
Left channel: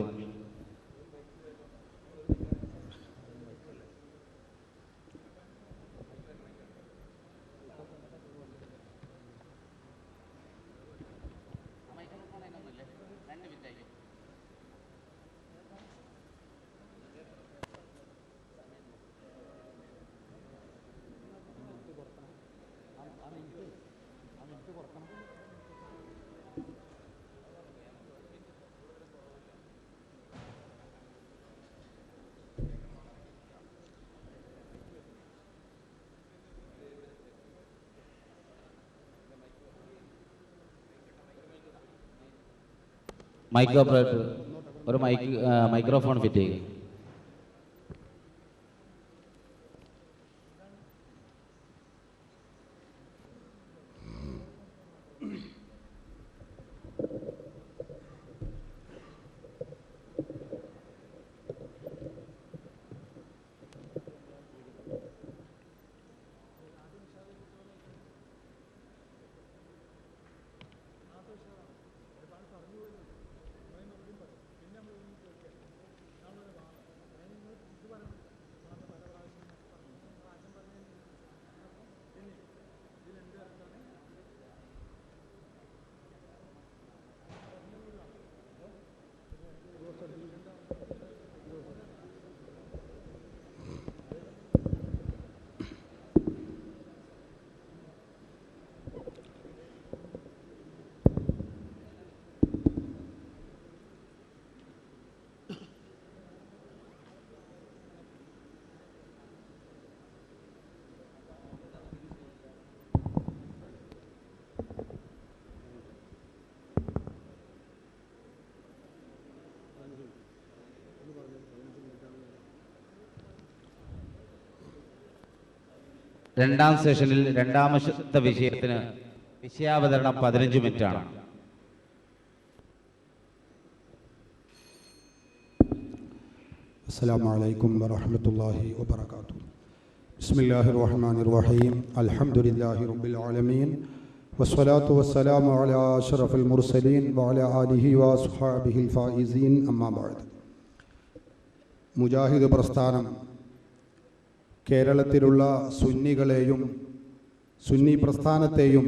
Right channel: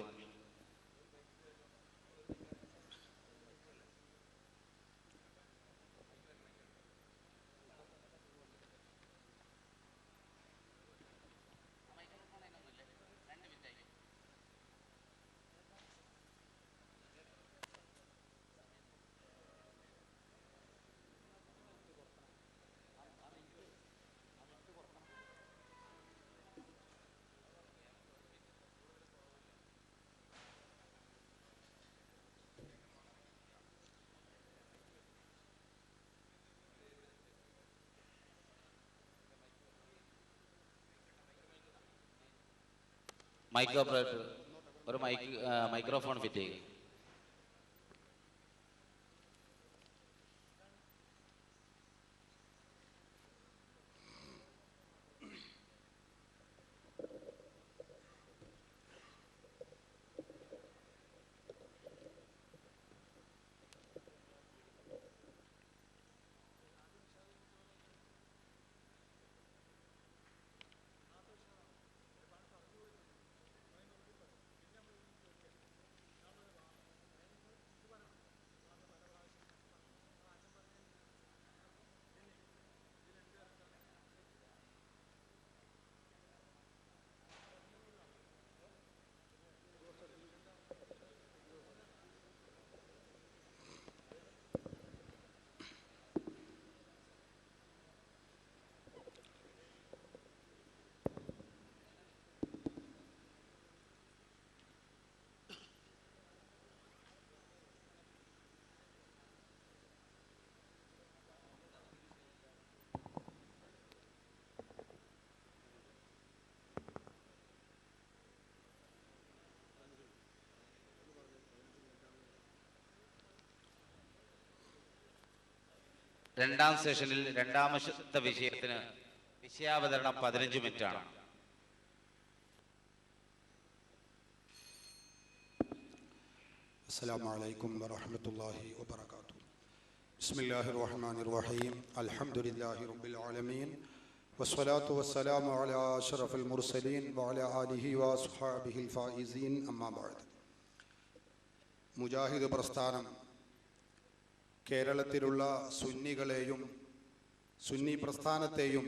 മൈക്ക് ഓപ്പറേറ്റർ ഒരു മൈക്രോഫോൺ ഫിറ്റ് ചെയ്യുക. രണ്ടാം സെഷനിൽ രണ്ടാമത്തെ വിഷയത്തിന് വിഷയാവതരണം 15 മിനിറ്റാണ്. അസ്സലാമു അലൈക്കും വറഹ്മത്തുള്ളാഹി വബറകാതുഹു. ബിസ്മില്ലാഹിർ റഹ്മാനിർ റഹീം. അൽഹംദുലില്ലാഹി റബ്ബിൽ ആലമീൻ വസ്സലാത്തു വസ്സലാമു അലാ അഷ്റഫിൽ മുർസലീൻ വഅലാ ആലിഹി വഅസ്ഹാബിഹിൽ ഫായിസീൻ. അമ്മാ ബഅദ്. മുജാഹിദ് പ്രസ്ഥാനം കേരളത്തിലുള്ള സുന്നികളെയും സുന്നി പ്രസ്ഥാനത്തെയും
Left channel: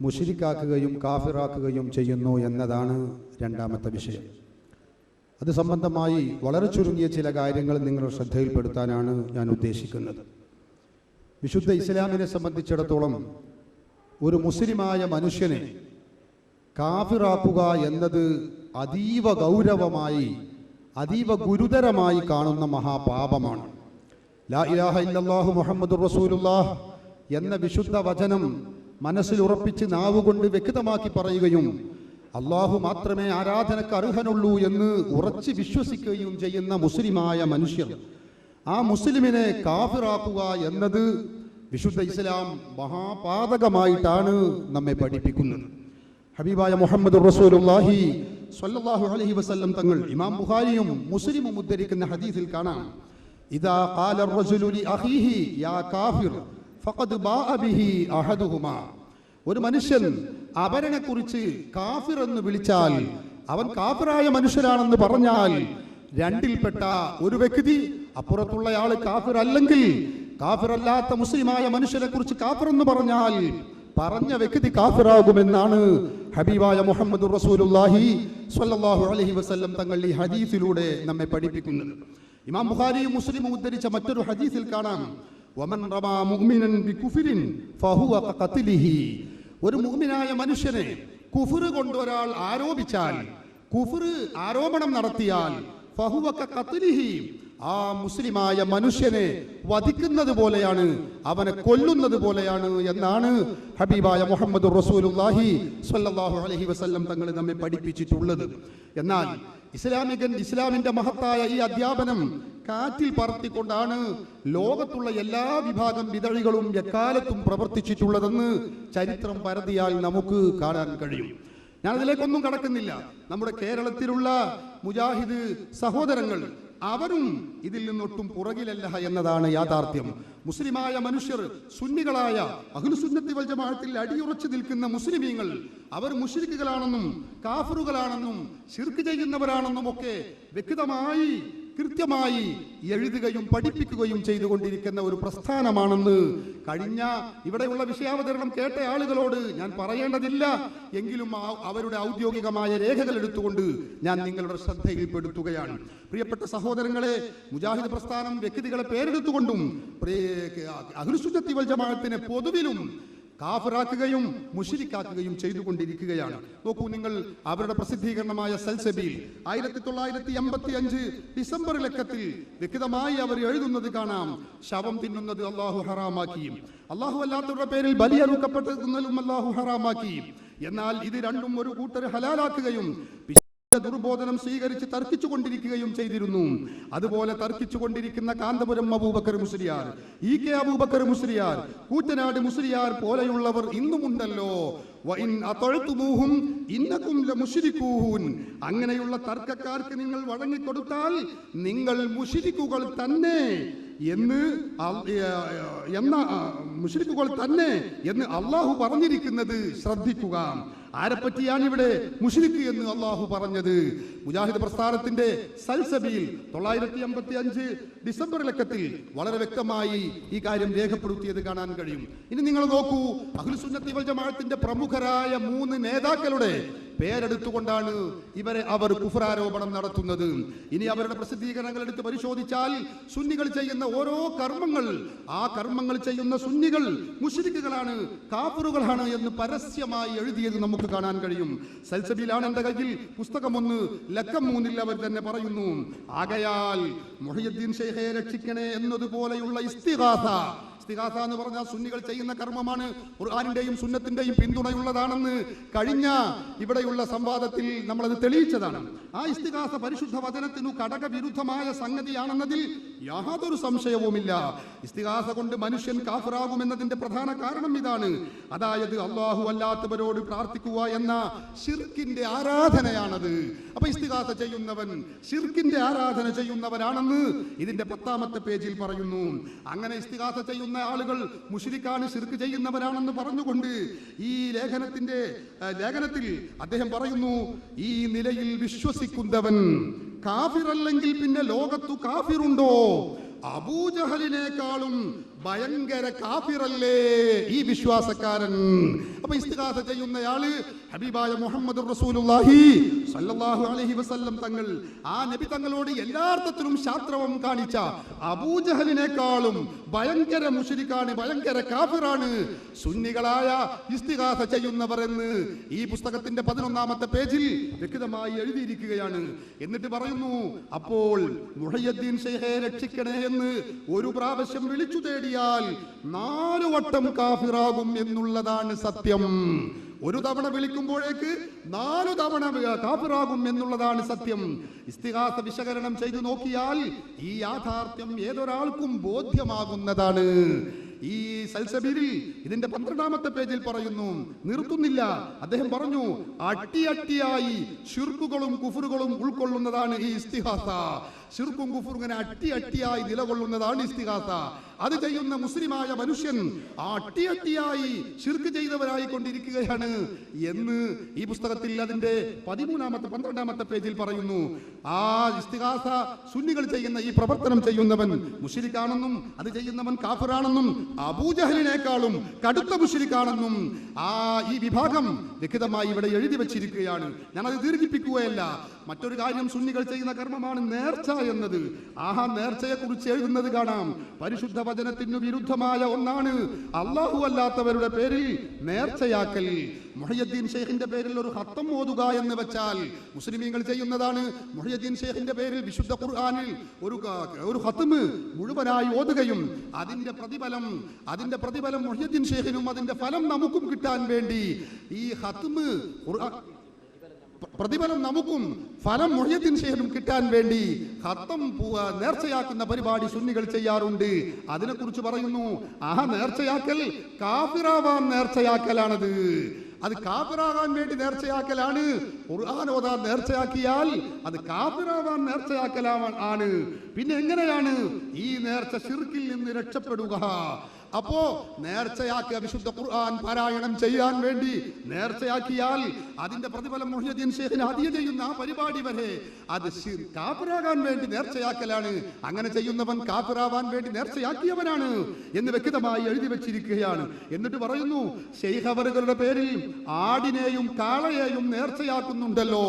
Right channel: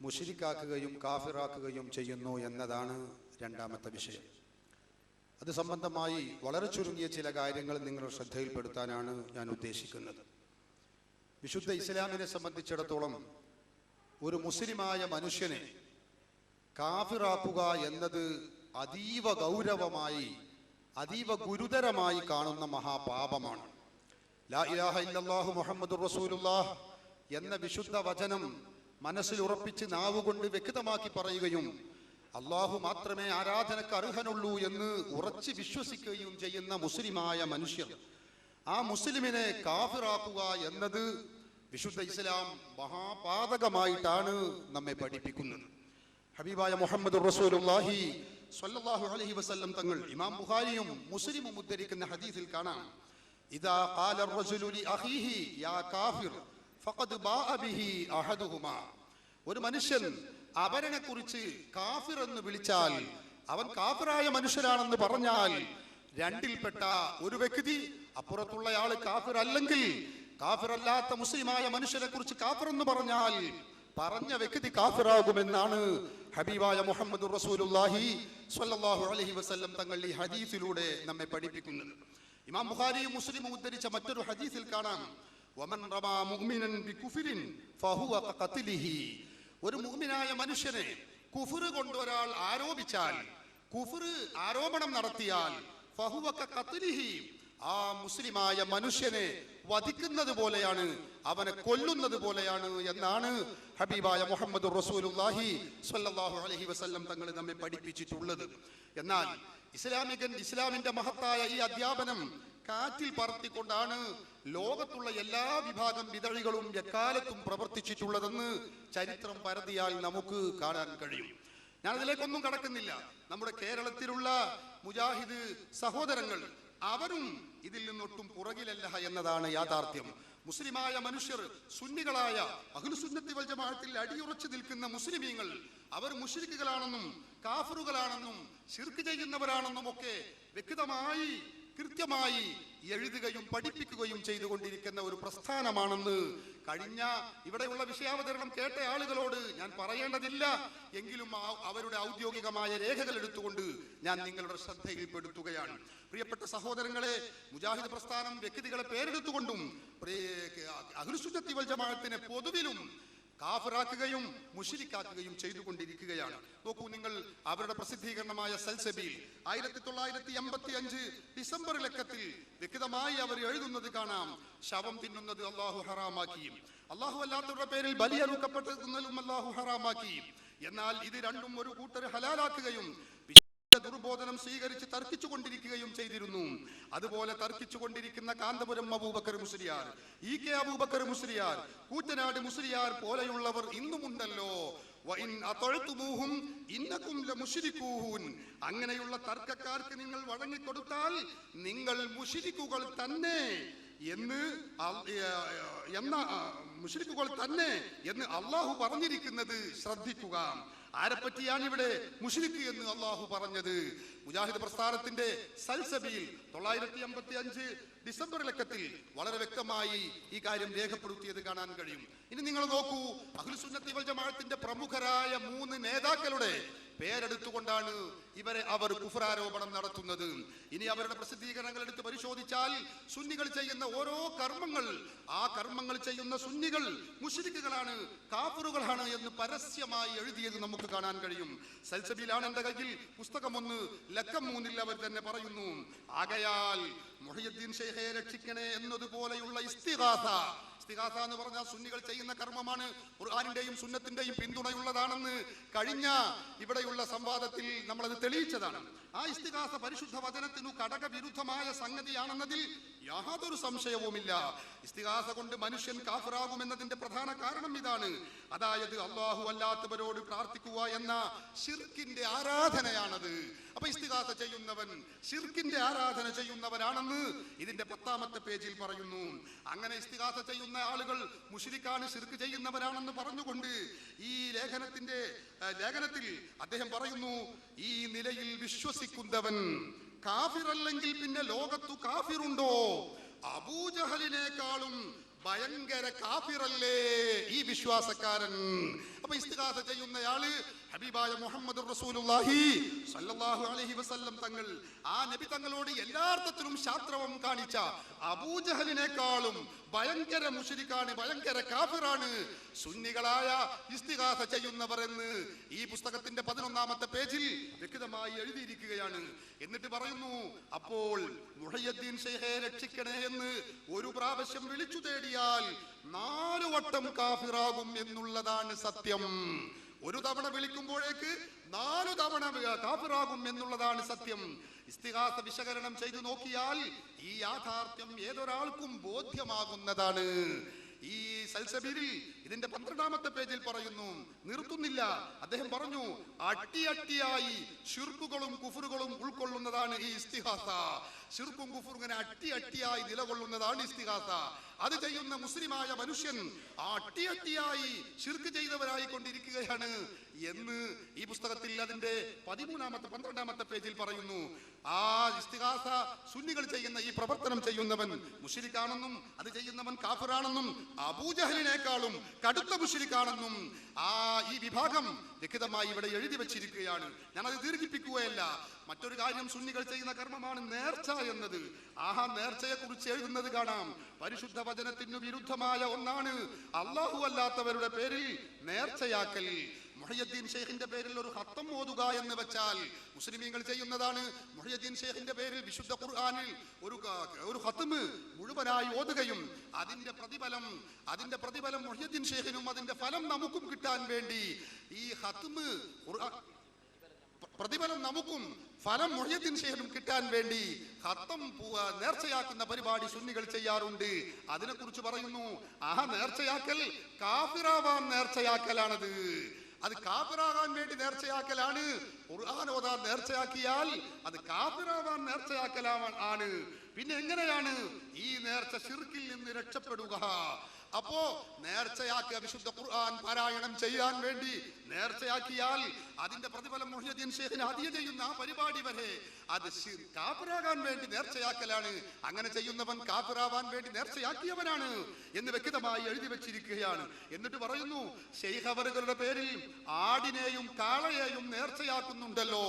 മുശ്രിക്കാക്കുകയും കാഫിറാക്കുകയും ചെയ്യുന്നു എന്നതാണ് രണ്ടാമത്തെ വിഷയം. അത് സംബന്ധമായി വളരെ ചുരുങ്ങിയ ചില കാര്യങ്ങൾ നിങ്ങളുടെ ശ്രദ്ധയിൽപ്പെടുത്താനാണ് ഞാൻ ഉദ്ദേശിക്കുന്നത്. വിശുദ്ധ ഇസ്ലാമിനെ സംബന്ധിച്ചിടത്തോളം ഒരു മുസ്ലിമായ മനുഷ്യനെ കാഫിറാക്കുക എന്നത് അതീവ ഗൗരവമായി അതീവ ഗുരുതരമായി കാണുന്ന മഹാപാപമാണ്. ലാ ഇലാഹ ഇല്ലല്ലാഹു മുഹമ്മദുർ റസൂലുള്ളാഹ് എന്ന വിശുദ്ധ വചനം മനസ്സിൽ ഉറപ്പിച്ച് നാവുകൊണ്ട് വ്യക്തമാക്കി പറയുകയും അള്ളാഹു മാത്രമേ ആരാധനക്ക് അർഹനുള്ളൂ എന്ന് ഉറച്ച് വിശ്വസിക്കുകയും ചെയ്യുന്ന മുസ്ലിമായ മനുഷ്യർ, ആ മുസ്ലിമിനെ കാഫിറാക്കുക എന്നത് വിശുദ്ധ ഇസ്ലാം മഹാപാതകമായിട്ടാണ് നമ്മെ പഠിപ്പിക്കുന്നത്. ഹബീബായ മുഹമ്മദുർ റസൂലുള്ളാഹി സ്വല്ലല്ലാഹു അലൈഹി വസല്ലം തങ്ങൾ ഇമാം ബുഖാരിയും മുസ്ലിമും ഉദ്ധരിക്കുന്ന ഹദീസിൽ കാണാം, ഇദാ ഖാല അർ-റജുലു ലി അഖീഹി യാ കാഫിർ ഫഖദ് ബാഅ ബിഹി അഹദുഹുമാ. ഒരു മനുഷ്യൻ അവനെ കുറിച്ച് കാഫിർ എന്ന് വിളിച്ചാൽ, അവൻ കാഫിറായ മനുഷ്യരാണെന്ന് പറഞ്ഞാൽ, രണ്ടിൽപ്പെട്ട ഒരു വ്യക്തി, അപ്പുറത്തുള്ളയാള് കാഫിർ അല്ലെങ്കിൽ കാഫിറല്ലാത്ത മുസ്ലിമായ മനുഷ്യനെ കുറിച്ച് കാഫിർ എന്ന് പറഞ്ഞാൽ പറഞ്ഞ വ്യക്തി കാഫിറാകുമെന്നാണ് ഹബീബായ മുഹമ്മദുർ റസൂലുള്ളാഹി സ്വല്ലല്ലാഹു അലൈഹി വസല്ലം തങ്ങൾ ഈ ഹദീസിലൂടെ നമ്മെ പഠിപ്പിക്കുന്നത്. ഇമാം ബുഖാരിയും മുസ്ലിമും ഉദ്ധരിച്ച മറ്റൊരു ഹദീസിൽ കാണാം, വമൻ റമാ മുഅ്മിനൻ ബികുഫ്രിൻ ഫഹുവ ഖത്ലിഹി. ഒരു മുഅ്മിനായ മനുഷ്യനെ കുഫ്ർ കൊണ്ട് ഒരാൾ ആരോപിച്ചാൽ, കുഫ്ർ ആരോപണം നടത്തിയാൽ, ഫഹുവ ഖത്ലിഹി, ആ മുസ്ലിമായ മനുഷ്യനെ വധിക്കുന്നത് പോലെയാണ്, അവനെ കൊല്ലുന്നത് പോലെയാണ് എന്നാണ് ഹബീബായ മുഹമ്മദുർ റസൂലുള്ളാഹി സ്വല്ലല്ലാഹു അലൈഹി വസല്ലം തങ്ങൾ നമ്മെ പഠിപ്പിച്ചിട്ടുള്ളത്. എന്നാൽ ഇസ്ലാമിന്റെ മഹത്തായ ഈ അധ്യാപനം കാറ്റിൽ പറത്തിക്കൊണ്ടാണ് ലോകത്തുള്ള എല്ലാ വിഭാഗം വിദഴികളും എക്കാലത്തും പ്രവർത്തിച്ചിട്ടുള്ളതെന്ന് ചരിത്രം പരതിയാൽ നമുക്ക് കാണാൻ കഴിയും. ഞാൻ അതിലേക്കൊന്നും കടക്കുന്നില്ല. നമ്മുടെ കേരളത്തിലുള്ള മുജാഹിദ് സഹോദരങ്ങൾ അവരും ഇതിൽ നിന്നൊട്ടും പുറകിലല്ല എന്നതാണ് യാഥാർത്ഥ്യം. മുസ്ലിമായ മനുഷ്യർ, സുന്നികളായ അഹ്ലുസുന്നത്തി വൽ ജമാഅത്തിൽ അടിയുറച്ചു നിൽക്കുന്ന മുസ്ലിമീങ്ങൾ, അവർ മുശ്രിക്കുകളാണെന്നും കാഫിറുകളാണെന്നും ശിർക്ക് ചെയ്യുന്നവരാണെന്നും ഒക്കെ വ്യക്തമായി കൃത്യമായി എഴുതുകയും പഠിപ്പിക്കുകയും ചെയ്തുകൊണ്ടിരിക്കുന്ന ഒരു പ്രസ്ഥാനമാണെന്ന് കഴിഞ്ഞ ഇവിടെയുള്ള വിഷയാവതരണം കേട്ട ആളുകളോട് ഞാൻ പറയേണ്ടതില്ല. എങ്കിലും അവരുടെ ഔദ്യോഗികമായ രേഖകൾ എടുത്തുകൊണ്ട് ഞാൻ നിങ്ങളുടെ ശ്രദ്ധയിൽപ്പെടുത്തുകയാണ്. പ്രിയപ്പെട്ട സഹോദരങ്ങളെ, മുജാഹിദ് പ്രസ്ഥാനം വ്യക്തികളെ പേരെടുത്തുകൊണ്ടും അഹ്ലുസുന്നത്തി വൽ ജമാഅത്തിനെ പൊതുവിലും കാഫിറാക്കുകയും മുശ്രിക്കാക്കുകയും ചെയ്തുകൊണ്ടിരിക്കുകയാണ്. നോക്കൂ നിങ്ങൾ, അവരുടെ പ്രസിദ്ധീകരണമായ സൽസബീൽ 1985 ഡിസംബർ ലക്കത്തിൽ വ്യക്തമായി അവർ എഴുതുന്നത് കാണാം, ശവം തിന്നുന്നത് അള്ളാഹു ഹറാമാക്കി, അള്ളാഹു അല്ലാത്തവരുടെ പേരിൽ ബലിയറുക്കപ്പെട്ടതും അള്ളാഹു ഹറാമാക്കി, എന്നാൽ ഇത് രണ്ടും ഒരു കൂട്ടർ ഹലാലാക്കുകയും ദുർബോധനം സ്വീകരിച്ച് തർക്കിച്ചു കൊണ്ടിരിക്കുകയും ചെയ്തിരുന്നു. അതുപോലെ തർക്കിച്ചു കൊണ്ടിരിക്കുന്ന കാന്തപുരം അബൂബക്കർ മുസ്ലിയാർ, EK അബൂബക്കർ മുസ്ലിയാർ, കൂറ്റനാട് മുസ്ലിയാർ പോലെയുള്ളവർ ഇന്നുമുണ്ടല്ലോ. അങ്ങനെയുള്ള തർക്കക്കാർക്ക് നിങ്ങൾ വഴങ്ങിക്കൊടുത്താൽ നിങ്ങൾ മുശ്രിക്കുകൾ തന്നെ എന്ന് അള്ളാഹു പറഞ്ഞിരിക്കുന്നത് ശ്രദ്ധിക്കുക. ആരെപ്പറ്റിയാണ് ഇവിടെ മുശ്രിക്ക് എന്ന് അള്ളാഹു പറഞ്ഞത്? മുജാഹിദ് പ്രസ്ഥാനത്തിന്റെ സൽസബിയിൽ 955 ഡിസംബർ ലക്കത്തിൽ വളരെ വ്യക്തമായി ഈ കാര്യം രേഖപ്പെടുത്തിയത് കാണാൻ കഴിയും. ഇനി നിങ്ങൾ നോക്കൂ, അഹ്ലു സുന്നത്തി വൽ ജമാഅത്തിന്റെ പ്രമുഖരായ 3 നേതാക്കളുടെ പേരെടുത്തുകൊണ്ടാണ് അവർ കുഫ്റാരോപണം നടത്തുന്നത്. ഇനി അവരുടെ പ്രസിദ്ധീകരണങ്ങൾ എടുത്ത് പരിശോധിച്ചാൽ സുന്നികൾ ചെയ്യുന്ന ഓരോ കർമ്മങ്ങൾ, ആ കർമ്മങ്ങൾ ചെയ്യുന്ന സുന്നികൾ മുശ്രിക്കുകളാണ്, കാഫിറുകളാണ് എന്ന് പരസ്യമായി എഴുതിയത് നമുക്ക് കാണാൻ കഴിയും. സൽസബിയിലാണ് എന്റെ കയ്യിൽ പുസ്തകം 1 ലക്കം 3 അവർ തന്നെ പറയുന്നു. ആകയാൽ മുഹയ്യിദ്ദീൻ ശൈഖെ രക്ഷിക്കണേ എന്നതുപോലെയുള്ള ഇസ്തിഗാസ എന്ന് പറഞ്ഞാൽ സുന്നികൾ ചെയ്യുന്ന കർമ്മമാണ്, ഖുർആനിന്റെയും സുന്നത്തിന്റെയും പിന്തുണയുള്ളതാണെന്ന് കഴിഞ്ഞ ഇവിടെയുള്ള സംവാദത്തിൽ നമ്മളത് തെളിയിച്ചതാണ്. ആ ഇസ്തിഗാസ പരിശുദ്ധ വചനത്തിനു ഘടകവിരുദ്ധമായ സംഗതിയാണെന്നതിൽ യാതൊരു സംശയവുമില്ല. ഇസ്തിഗാസ കൊണ്ട് മനുഷ്യൻ കാഫിറാകുമെന്നതിന്റെ പ്രധാന കാരണം ഇതാണ്. അതായത് അല്ലാഹു അല്ലാത്തവരോട് പ്രാർത്ഥിക്കുക എന്ന ശിർക്കിന്റെ ആരാധനയാണത്. അപ്പൊ ഇസ്തിഗാസ ചെയ്യുന്നവൻ ശിർക്കിന്റെ ആരാധന ചെയ്യുന്നവനാണെന്ന് ഇതിന്റെ 10ാമത്തെ പേജിൽ പറയുന്നു. അങ്ങനെ ഇസ്തിഗാസ ചെയ്യുന്ന ആളുകൾ മുശ്രിക്കാണ്, ശിർക്ക് ചെയ്യുന്നവരാണെന്ന് പറഞ്ഞുകൊണ്ട് ഈ ലേഖനത്തിൽ അദ്ദേഹം പറയുന്നു, ഈ നിലയിൽ വിശ്വസിക്കുന്നവൻ കാഫിറല്ലെങ്കിൽ പിന്നെ ലോകത്തു കാഫിറുണ്ടോ? അബൂജഹലിനേക്കാളും ഭയങ്കര കാഫിറല്ലേ ഈ വിശ്വാസക്കാരൻ. അപ്പൊ ഇസ്തിഗാസ ചെയ്യുന്നയാള് ഹബീബായ മുഹമ്മദ് റസൂലുള്ളാഹി സ്വല്ലല്ലാഹു അലൈഹി വസല്ലം തങ്ങൾ, ആ നബി തങ്ങളോട് എല്ലാർത്ഥത്തിലും ശാസ്ത്രവം കാണിച്ച അബൂജഹലിനേക്കാളും ഭയങ്കര മുശ്രിക്കാണ്, ഭയങ്കര കാഫിറാണ് സുന്നികളായ ഇസ്തിഗാസ ചെയ്യുന്നവർ എന്ന് ഈ പുസ്തകത്തിന്റെ 11ാമത്തെ പേജിൽ വ്യക്തമായി എഴുതിയിരിക്കുകയാണ്. എന്നിട്ട് പറയുന്നു, അപ്പോൾ മുഹയ്യിദ്ദീൻ ശൈഖെ രക്ഷിക്കണേ എന്ന് ഒരു പ്രാവശ്യം വിളിച്ചു തേടിയാൽ 4 വട്ടം കാഫിറാകും എന്നുള്ളതാണ് സത്യം. ഒരു തവണ വിളിക്കുമ്പോഴേക്ക് 4 തവണ കാഫിറാകും എന്നുള്ളതാണ് സത്യം. ഇസ്തിഗാസ വിശകലനം ചെയ്തു നോക്കിയാൽ ഈ യാഥാർത്ഥ്യം ഏതൊരാൾക്കും ബോധ്യമാകുന്നതാണ്. ഈ സൽസബീലിൽ ഇതിന്റെ 12ാമത്തെ പേജിൽ പറയുന്നു, നിർത്തുന്നില്ല. അദ്ദേഹം പറഞ്ഞു, അട്ടിയായി ശിർക്കുകളും കുഫറുകളും ഉൾക്കൊള്ളുന്നതാണ് ഈ ഇസ്തിഗാസ. ശിർക്കും കുഫറും ഇങ്ങനെ അട്ടിയായി നിലകൊള്ളുന്നതാണ് ഇസ്തിഗാസ. അത് ചെയ്യുന്ന മുസ്ലിമായ മനുഷ്യൻ അട്ടിയായി ശിർക്ക് ചെയ്തവരായി കൊണ്ടിരിക്കുകയാണ് എന്ന് ഈ പുസ്തകത്തിൽ അതിന്റെ 13ാമത്തെ 12ാമത്തെ പേജിൽ പറയുന്നു. ആ ഇസ്തിഗാസ സുന്നികൾ ചെയ്യുന്ന ഈ പ്രവർത്തനം ചെയ്യുന്നവൻ മുശ്രിക്കാണെന്നും അത് ചെയ്യുന്നവൻ കാഫിറാണെന്നും അബൂജഹലിനേക്കാളും കടുത്ത മുശ്രിക്കാണെന്നും ഈ വിഭാഗം വ്യക്തമായി ഇവിടെ എഴുതി വെച്ചിരിക്കുകയാണ്. ഞാനത് ദീർഘിപ്പിക്കുകയല്ല. മറ്റൊരു കാര്യം, സുന്നികൾ ചെയ്യുന്ന കർമ്മമാണ് നേർച്ച എന്നത്. നേർച്ചയെ കുറിച്ച് എഴുതുന്നത് കാണാം, പരിശുദ്ധ വചനത്തിനു വിരുദ്ധമായ ഒന്നാണ് അല്ലാഹു അല്ലാത്തവരുടെ പേരിൽ നേർച്ചയാക്കൽ. മുഹയ്യിദ്ദീൻ ശൈഖിന്റെ പേരിൽ ഒരു ഖത്തം ഓതുക എന്ന് വെച്ചാൽ മുസ്ലിമീങ്ങൾ ചെയ്യുന്നതാണ്. മുഹയ്യിദ്ദീൻ ശൈഖിന്റെ പേരിൽ വിശുദ്ധ ഖുർആനിൽ ഒരു ഖത്മ് മുഴുവനായി ഓതുകയും അതിന്റെ പ്രതിഫലം മുഹയ്യിദ്ദീൻ ശൈഖിനും അതിന്റെ ഫലം നമുക്കും കിട്ടാൻ വേണ്ടി ഈ ഖത്മ് പ്രതിഫലം നമുക്കും ഫലം മുഹയ്യിദ്ദീൻ ശൈഖിനും കിട്ടാൻ വേണ്ടി ഖത്തം നേർച്ചയാക്കുന്ന പരിപാടി സുന്നികൾ ചെയ്യാറുണ്ട്. അതിനെക്കുറിച്ച് പറയുന്നു, നേർച്ചയാക്കൽ കാഫിറാവാൻ നേർച്ചയാക്കലാണത്. അത് കാഫിറാകാൻ വേണ്ടി നേർച്ചയാക്കലാണ്. ഖുർആൻ ഓതാൻ നേർച്ചയാക്കിയാൽ അത് കാഫിറാവാൻ നേർച്ചയാക്കലാണ്. പിന്നെ എങ്ങനെയാണ് ഈ നേർച്ച ശിർക്കിൽ നിന്ന് രക്ഷപ്പെടുക? അപ്പോ നേർച്ചയാക്കിയ വിശുദ്ധ ഖുർആൻ പാരായണം ചെയ്യാൻ വേണ്ടി നേർച്ചയാക്കിയാൽ അതിന്റെ പ്രതിഫലം മുഹയ്യിദ്ദീൻ ശൈഖിന് ഹദിയ ചെയ്യുന്ന ആ പരിപാടി വരെ അത് കാഫിറാകാൻ വേണ്ടി നേർച്ചയാക്കലാണ്. അങ്ങനെ ചെയ്യുന്നവൻ കാഫിറാവാൻ വേണ്ടി നേർച്ചയാക്കിയവനാണ് എന്ന് വ്യക്തമായി എഴുതി വെച്ചിരിക്കുകയാണ്. എന്നിട്ട് പറയുന്നു, ശൈഖ് അവറുകളുടെ പേരിൽ ആടിനെയും കാളയെയും നേർച്ചയാക്കുന്നുണ്ടല്ലോ.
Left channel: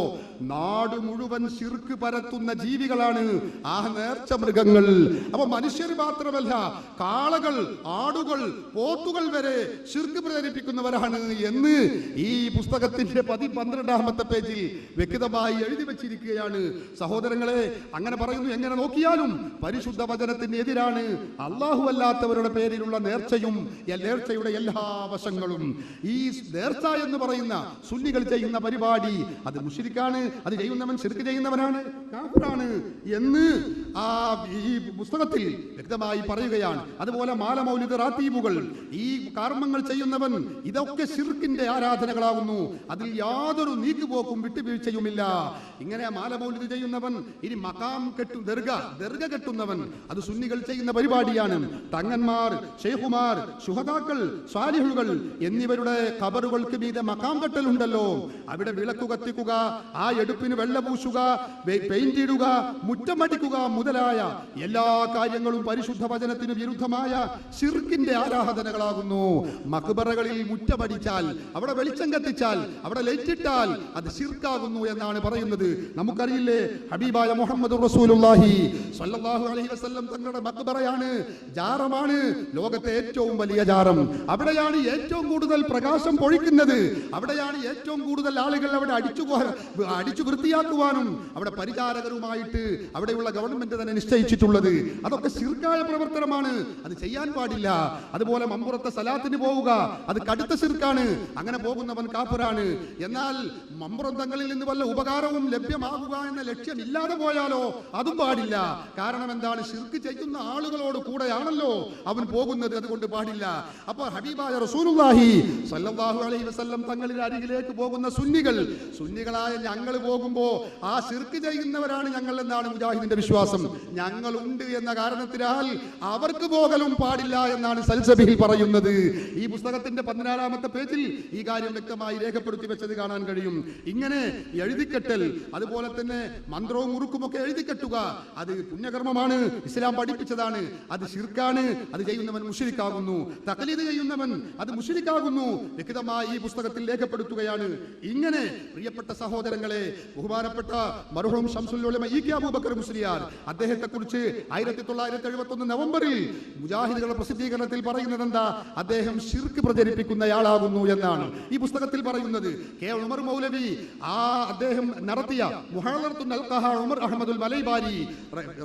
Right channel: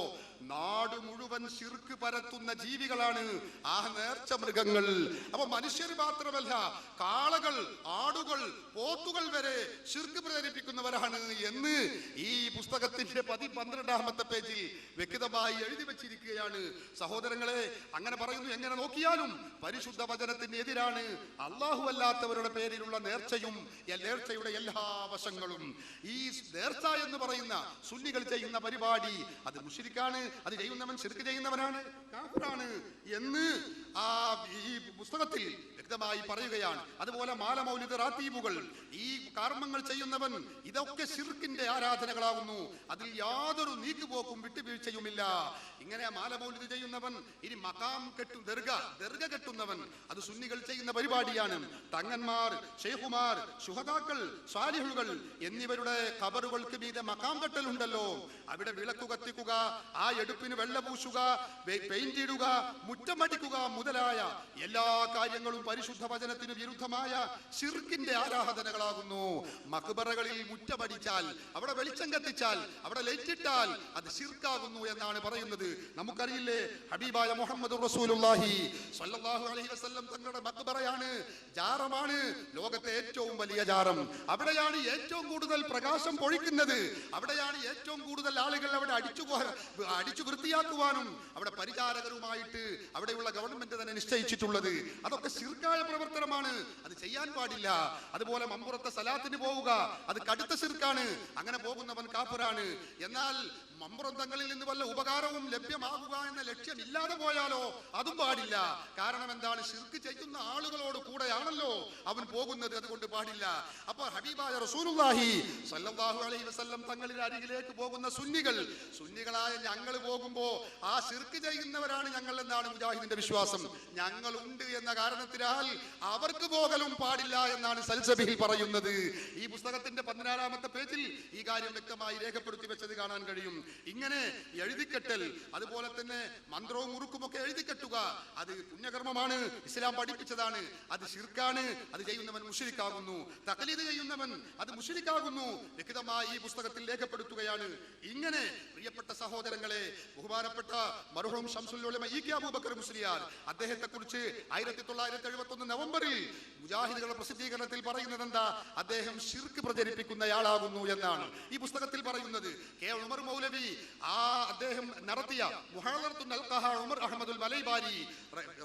നാട് മുഴുവൻ ശിർക്ക് പരത്തുന്ന ജീവികളാണ് ആ നേർച്ച മൃഗങ്ങൾ. അപ്പൊ മനുഷ്യർ മാത്രമല്ല, കാളകൾ, ആടുകൾ, പോത്തുകൾ വരെ ശിർക്ക് പ്രചരിപ്പിക്കുന്നവരാണ് എന്ന് ഈ പുസ്തകത്തിന്റെ 12ാമത്തെ പേജിൽ വ്യക്തമായി എഴുതി വെച്ചിരിക്കുകയാണ്. സഹോദരങ്ങളെ, അങ്ങനെ പറയുന്നു. എങ്ങനെ നോക്കിയാലും പരിശുദ്ധ വചനത്തിന് എതിരാണ് അല്ലാഹു അല്ലാത്തവരുടെ പേരിലുള്ള നേർച്ചയും നേർച്ചയുടെ എല്ലാ വശങ്ങളും. ഈ നേർച്ച എന്ന് പറയുന്ന സുന്നികൾ ചെയ്യുന്ന പരിപാടി അത് മുശ്രിക്കാണ്, അത് ചെയ്യുന്നവൻ ശിർക്ക് ചെയ്യുന്നവനാണ്, കാഫിറാണ് എന്ന് ഈ പുസ്തകത്തിൽ വ്യക്തമായി പറയുകയാണ്. അതുപോലെ മാല, മൗലിദ്, റാത്തീബുകൾ, ഈ കർമ്മങ്ങൾ ചെയ്യുന്നവൻ ഇതൊക്കെ ശിർക്കിന്റെ ആരാധനകളാകുന്നു. അതിൽ യാതൊരു നീക്കുപോക്കും വിട്ടുവീഴ്ചയുമില്ല. ഇങ്ങനെ മാല, മൗലിദ് ചെയ്യുന്നവൻ, ഇനി മഖാം ദർഗ കെട്ടുന്നവൻ, അത് സുന്നികൾ ചെയ്യുന്ന പരിപാടിയാണ്. തങ്ങന്മാർ, ഷെയ്ഖുമാർ, ശുഹദാക്കൾ, സ്വാലിഹുകൾ എന്നിവരുടെ ഖബറുകൾക്ക് മീതെ മഖാം കെട്ടലുണ്ടല്ലോ. അവിടെ വിളക്കു കത്തിക്കുക, ആ എടുപ്പിന് വെള്ള പൂശുക, പെയിന്റ് ഇടുക, മുറ്റമടിക്കുക മുതലായ എല്ലാ കാര്യങ്ങളും പരിശുദ്ധ വചനത്തിന് വിരുദ്ധമായ ശിർക്കിന്റെ ആരാധനകളാകുന്നു. മഖ്ബറകളിൽ മുറ്റമടിച്ചാൽ, അവിടെ വെളിച്ചം കത്തിച്ചാൽ, അവിടെ ലൈറ്റിട്ടാൽ അത് ശിർക്കാകുന്നു എന്നാണ് പറയുന്നത്. നമുക്കറിയില്ലേ, ഹബീബായ മുഹമ്മദ് റസൂലുള്ളാഹി സ്വല്ലല്ലാഹു അലൈഹി വസല്ലം തങ്ങളുടെ മഖ്ബറയാണ്, ജാറമാണ് ലോകത്തെ ഏറ്റവും വലിയ ജാറം. അവിടെയാണ് ഏറ്റവും കൂടുതൽ പ്രകാശം പൊഴിക്കുന്നത്. അവിടെയാണ് ഏറ്റവും കൂടുതൽ ആളുകൾ അവിടെ അടിച്ചു വൃത്തിയാക്കുവാനും അവിടെ പരിചാരകരുമായിട്ട് അവിടെയുള്ള ഗവൺമെന്റ് തന്നെ നിശ്ചയിച്ചിട്ടുള്ളത്. അതൊക്കെ ശിർക്കായ പ്രവർത്തനമാണ്, അത് ചെയ്യാൻ പാടില്ല. അതുപോലെ മമ്പുറത്തെ സലാത്തിന് പോവുക, അത് കടുത്ത ശിർക്കാണ്. അങ്ങനെ പോകുന്നവൻ കാഫിറാണ്. എന്നാൽ മമ്പുറം തങ്ങളിൽ നിന്ന് വല്ല ഉപകാരവും ലഭ്യമാകുക എന്ന ലക്ഷ്യം ഇല്ലാതെ പോയാലോ അതും പാടില്ല. കാരണം എന്താണ്? ശിർക്ക് ചെയ്യുന്ന ആളുകളോട് കൂടെയാണല്ലോ അവൻ പോകുന്നത്, അതുകൊണ്ട് പാടില്ല. അപ്പൊ ഹബീബായ റസൂലുള്ളാഹി സ്വല്ലല്ലാഹു അലൈഹി വസല്ലം തങ്ങളുടെ അരികിലേക്ക് പോകുന്ന സുന്നികളായ ഞങ്ങൾ പോകുമ്പോ ആ ശിർക്ക് ചെയ്യുന്നവരാണ് ഞങ്ങൾ എന്നാണ് മുജാഹിദിന്റെ വിശ്വാസം. ഞങ്ങൾ ഉണ്ട് എന്ന കാരണത്തിനാൽ അവർക്ക് പോകലും പാടില്ല എന്നാണ് സൽസബിൽ പറയുന്നത്. ഈ പുസ്തകത്തിന്റെ 14ാമത്തെ പേജിൽ ഈ കാര്യം വ്യക്തമായി രേഖപ്പെടുത്തി വെച്ചത് കാണാൻ കഴിയും. ഇങ്ങനെ എഴുതിക്കെട്ടൽ, അതുപോലെ തന്നെ മന്ത്രവും മുറുക്കുമൊക്കെ എഴുതിക്കെട്ടുക, അത് പുണ്യകർമ്മമാണ്, ഇസ്ലാം പഠിപ്പിച്ചതാണ്. അത് ശിർക്കാണ്, അത് ചെയ്യുന്നവൻ മുശ്രിക്കാകുന്നു. തഖ്ലീദ് ചെയ്യുന്നവൻ അത് മുശ്രിക്കാകുന്നു. വ്യക്തമായി ഈ പുസ്തകത്തിൽ രേഖപ്പെടുത്തുകയാണ്. ഇങ്ങനെ പ്രിയപ്പെട്ട സഹോദരങ്ങളെ, ബഹുമാനപ്പെട്ട മർഹൂം ശംസുൽ ഉലമ ഇ.കെ. അബൂബക്കർ മുസ്ലിയാർ, അദ്ദേഹത്തെ കുറിച്ച് 1971 നവംബറിൽ മുജാഹിദുകളുടെ പ്രസിദ്ധീകരണത്തിൽ പറയുന്നത് എന്താ? അദ്ദേഹം ശിർക്ക് പ്രചരിപ്പിക്കുന്നയാളാകുന്നു എന്നാണ് ഈ പുസ്തകത്തിൽ പറയുന്നത്. കെ ഉമർ മൗലവി അദ്ദേഹം നടത്തിയ മുഹളറത്തുൽ അൽഖഹ ഉമർ അഹമ്മദുൽ മലൈബാരി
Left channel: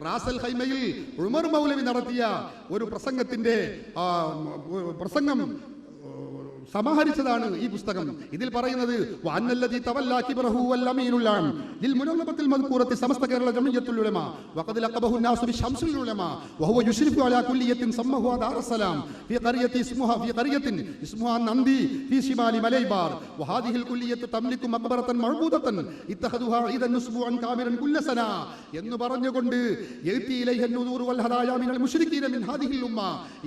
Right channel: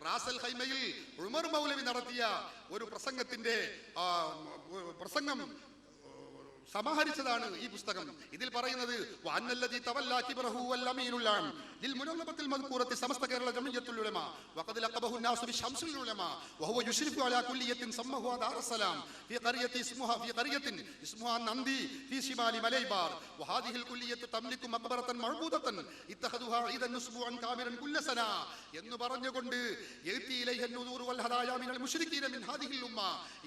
റാസൽ ഖൈമയിൽ ഉമർ മൗലവി നടത്തിയ ഒരു പ്രസംഗം സമാഹരിച്ചതാണ് ഈ പുസ്തകം. ഇതിൽ പറയുന്നത് വഅന്നല്ലദി തവല്ല കിബ്റഹു വൽ അമീനുൽ ആം ലിൽ മുനവ്വറത്തിൽ മദ്കൂറത്തി സമസ്ത കേരള ജമിയത്തുൽ ഉലമ വഖദ് ലഖബഹു الناس ബിശംസുൽ ഉലമ വഹുവ യുശ്രിഫു അലാ കുല്ലിയത്തിൻ സമ്മഹു ദാറുസ്സലാം ഫി ഖറിയത്തി ഇസ്മുഹാ നന്ദി ഫി ശിമാലി മലൈബാർ വഹാദിഹി الകുല്ലിയത്തു തംലികു മഖ്ബറതൻ മഅബൂദതൻ ഇത്തഖദുഹാ ഈദൻ നുസ്ബുഅൻ കാമിറൻ കുല്ല സന എന്ന് പറഞ്ഞുകൊണ്ട് യതി ഇലൈഹി അൻ-നുദൂർ വൽ ഹദായ മിനൽ മുശ്രികീന മിൻ ഹാദിഹിൽ ഉമ്മ,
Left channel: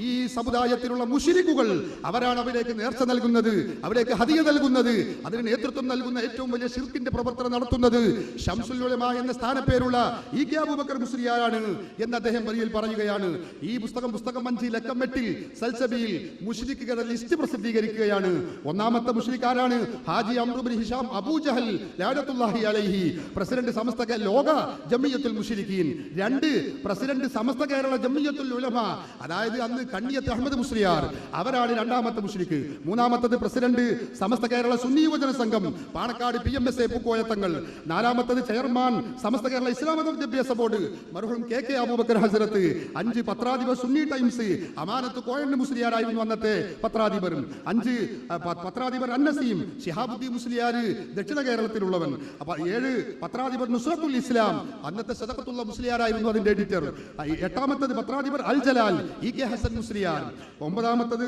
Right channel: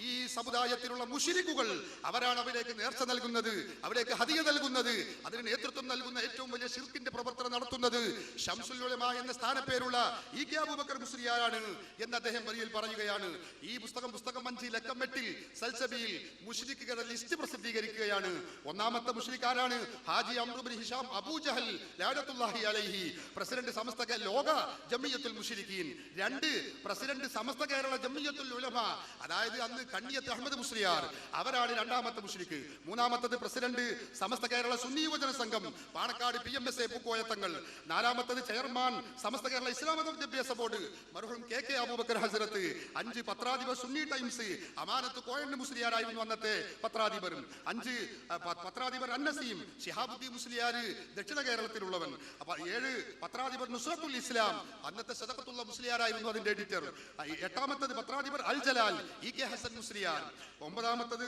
ഈ സമുദായത്തിലുള്ള മുശ്രിക്കുകൾ അവരാണ് അവരേക്ക് നേർച്ച നൽകുന്നത്, അവരേക്ക് ഹദിയ നൽകുന്നത്, അതിന് നേതൃത്വം നൽകുന്ന ഏറ്റവും വലിയ ശിർക്കിന്റെ പ്രവർത്തനം നടത്തുന്നത് ശംസുൽ ഉലമ എന്ന സ്ഥാനപ്പേരുള്ള ഇ.കെ. അബൂബക്കർ മുസ്ലിയാരാണ് എന്ന് അദ്ദേഹം വരിയിൽ പറയുകയാണ്. ഈ പുസ്തകം 5 ലക്കം 8 സൽസബിയിൽ മുശ്രിക്കുകളുടെ ലിസ്റ്റ് പ്രസിദ്ധീകരിക്കുകയാണ്. ഒന്നാമത്തെ മുശ്രിക്കാരാണ് ഹാജി അംറു ബിൻ ഹിഷാം അബൂ ജഹൽ ലഅനത്തുല്ലാഹി അലൈഹി, പ്രസിഡന്റ് സമസ്ത ലോക ജമിയത്തുൽ മുശ്രിക്കീൻ. 2 പ്രസിഡന്റ് സമസ്ത കേരള ജമിയത്തുൽ ഉലമ, അതായത് അന്ന് കണ്ണിയത്ത് അഹമ്മദ് മുസ്ലിയാർ, അവരാണ് രണ്ടാമത്തെ മുശ്രിക്ക്. മൂന്നാമത്തത് പ്രസിഡന്റ് സമസ്ത കേരള സുന്നി യുവജന സംഘം പാണക്കാട് PMSA പൂക്കോയത്തങ്ങൾ. 4ാമത്തത് ചെയർമാൻ സമസ്ത കേരള ഇസ്ലാം വിദ്യാഭ്യാസ ബോർഡ് മർഹൂം കെ അബൂബക്കർ ഹസ്രത്ത്. 5 പത്രാധിപർ സുന്നി ടൈംസ് അമാനത്ത് കോയണ്ണ മുസ്ലിയാരായിരുന്നു അന്നത്തെ പത്രാധിപർ. 5 പത്രാധിപർ അന്നസീം ശിഹാബുദ്ദീൻ മുസ്ലിയാർ ദക്ഷിണ കേരളത്തിലുള്ളവൻ. 7 പത്രാധിപർ നുസ്രത്തുൽ ഇസ്ലാം അന്നത്തെ സദഖത്തുള്ള മുസ്ലിയാരായിരുന്നു അതിന്റെ എഡിറ്റർ. 8ാമത്തത് പത്രാധിപർ അൽ ജലാൽ ഇ.കെ. ഹസൻ മുസ്ലിയാർ. 9ാമത്തത്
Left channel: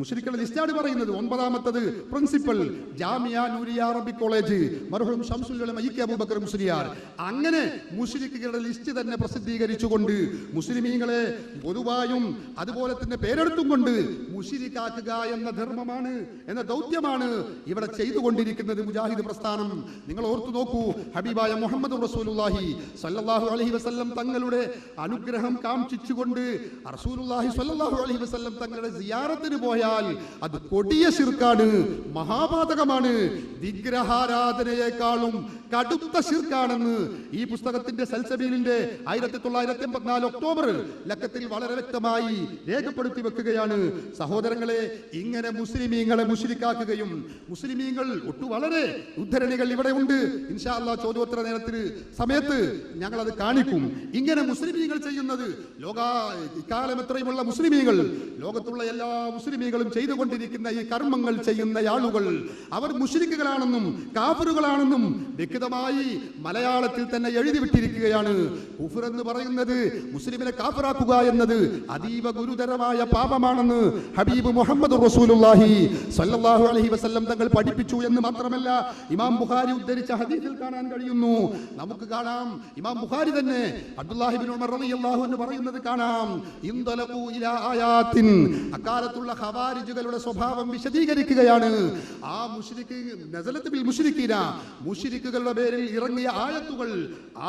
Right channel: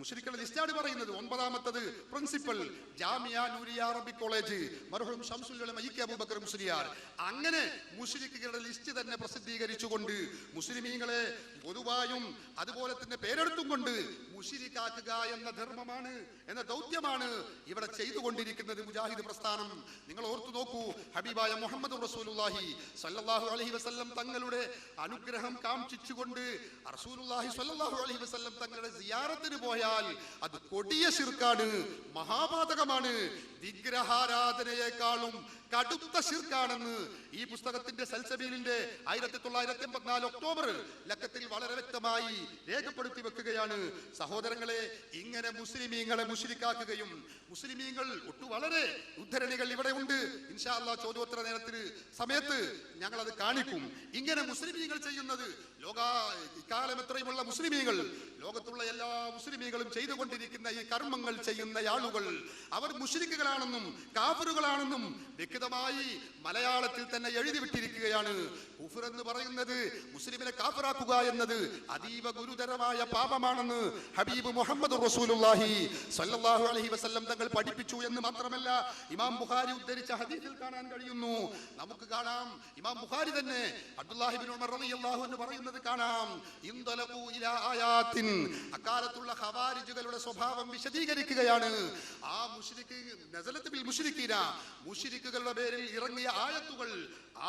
മുശ്രിക്കുകളുടെ ലിസ്റ്റാണ് പറയുന്നത്. 9ാമത്തത് principal Jamia Nooriya Arabic college മർഹൂം ശംസുൽ ഉലമ ഇ.കെ. അബൂബക്കർ മുസ്ലിയാർ. അങ്ങനെ മുശ്രിക്കുകളുടെ ലിസ്റ്റ് തന്നെ പ്രസിദ്ധീകരിച്ചുകൊണ്ട് മുസ്ലിമീങ്ങളെ പൊതുവായും അതുപോലെ തന്നെ പേരെടുത്തും കൊണ്ട് മുശ്രിക്കാക്കുക എന്ന ധർമ്മമാണ്, എന്ന ദൗത്യമാണ് ഇവിടെ ചെയ്തുകൊണ്ടിരിക്കുന്നത് മുജാഹിദ് പ്രസ്ഥാനം. നിങ്ങൾ ഓർത്തു നോക്കൂ, ഹബീബായ മുഹമ്മദ് റസൂലുള്ളാഹി സ്വല്ലല്ലാഹു അലൈഹി വസല്ലം തങ്ങളുടെ അനുഗ്രഹം കാംക്ഷിച്ചുകൊണ്ട് റസൂലുള്ളാഹി സ്വല്ലല്ലാഹു അലൈഹി വസല്ലം തങ്ങളുടെ സിയാറത്തിന് പോയാൽ അത് കൊടിയ ശിർക്കാണ്, മഹാപാതകമാണ്, വിഗ്രഹാരാധനയെക്കാളും കടുത്ത ശിർക്കാണെന്ന് ഈ പുസ്തകത്തിന്റെ സൽസബീലിന്റെ 1984 ഒക്ടോബർ ലക്കത്തിൽ വളരെ വ്യക്തമായി രേഖപ്പെടുത്തി വെക്കുകയാണ്. സഹോദരങ്ങളെ, ഇങ്ങനെ മുസ്ലിമീങ്ങളെ മുശ്രിക്കാക്കുകയും മുസ്ലിമീങ്ങൾ വളരെ ഉദ്ധരണികൾ ഇവിടെ ഉണ്ട്. ഇൻഷാ അല്ലാഹ് ചോദ്യോത്തര നേരത്തിന് സമയത്ത് ഞങ്ങൾ അത് കാണിക്കും. ഇങ്ങനെ മുസ്ലിമീങ്ങൾ ചെയ്യുന്നത് ഇക്കാലം എത്രയുമുള്ള മുസ്ലിമീങ്ങൾ, ലോകത്തുള്ള എല്ലാ മുസ്ലിമീങ്ങളും ചെയ്തുകൊണ്ടിരിക്കുന്ന ഈ കർമ്മങ്ങൾ ചെയ്യുന്ന ആളുകൾ അവർ മുശ്രിക്കുകളാണെന്നും കാഫിറുകളാണെന്നും വ്യക്തമായി മലയാളത്തിൽ തന്നെ എഴുതി വിട്ടിരിക്കുകയാണ്. കുഫർ എന്ന് പറയുന്നത് മുസ്ലിമിനെ കാഫിറാക്കുക എന്നത് അതീവ ഗുരുതരമായ പാപമാണെന്ന് ഹബീബ് മുഹമ്മദ് റസൂലുള്ളാഹി സ്വല്ലല്ലാഹു അലൈഹി വസല്ലം തങ്ങൾ പഠിപ്പിച്ചു എന്ന് മാത്രമല്ല ഇമാം ബുഖാരി ഉദ്ധരിച്ച ഹദീസിൽ കാണാൻ കഴിയുന്നു. നമുക്ക് കാണാം, ഇമാം ബുഖാരി തന്നെ അബ്ദുല്ലാഹി ഇബ്നു ഉമർ റളിയല്ലാഹു അൻഹു പറയുന്നത് കാണാം. ഇൻതലഖു ഇലാ ആയാത്തിൻ, അക്കാലത്തുള്ള ഖവാരിജുകളുടെ സ്വഭാവം വിശദീകരിക്കുകയാണ്. ആ മുശ്രിക്ക് നസലത്ത് ബിൽ മുശ്രിക്കീന, മുശ്രിക്കുകളുടെ പേരിൽ ഇറങ്ങിയ ആയത്തുകൾ,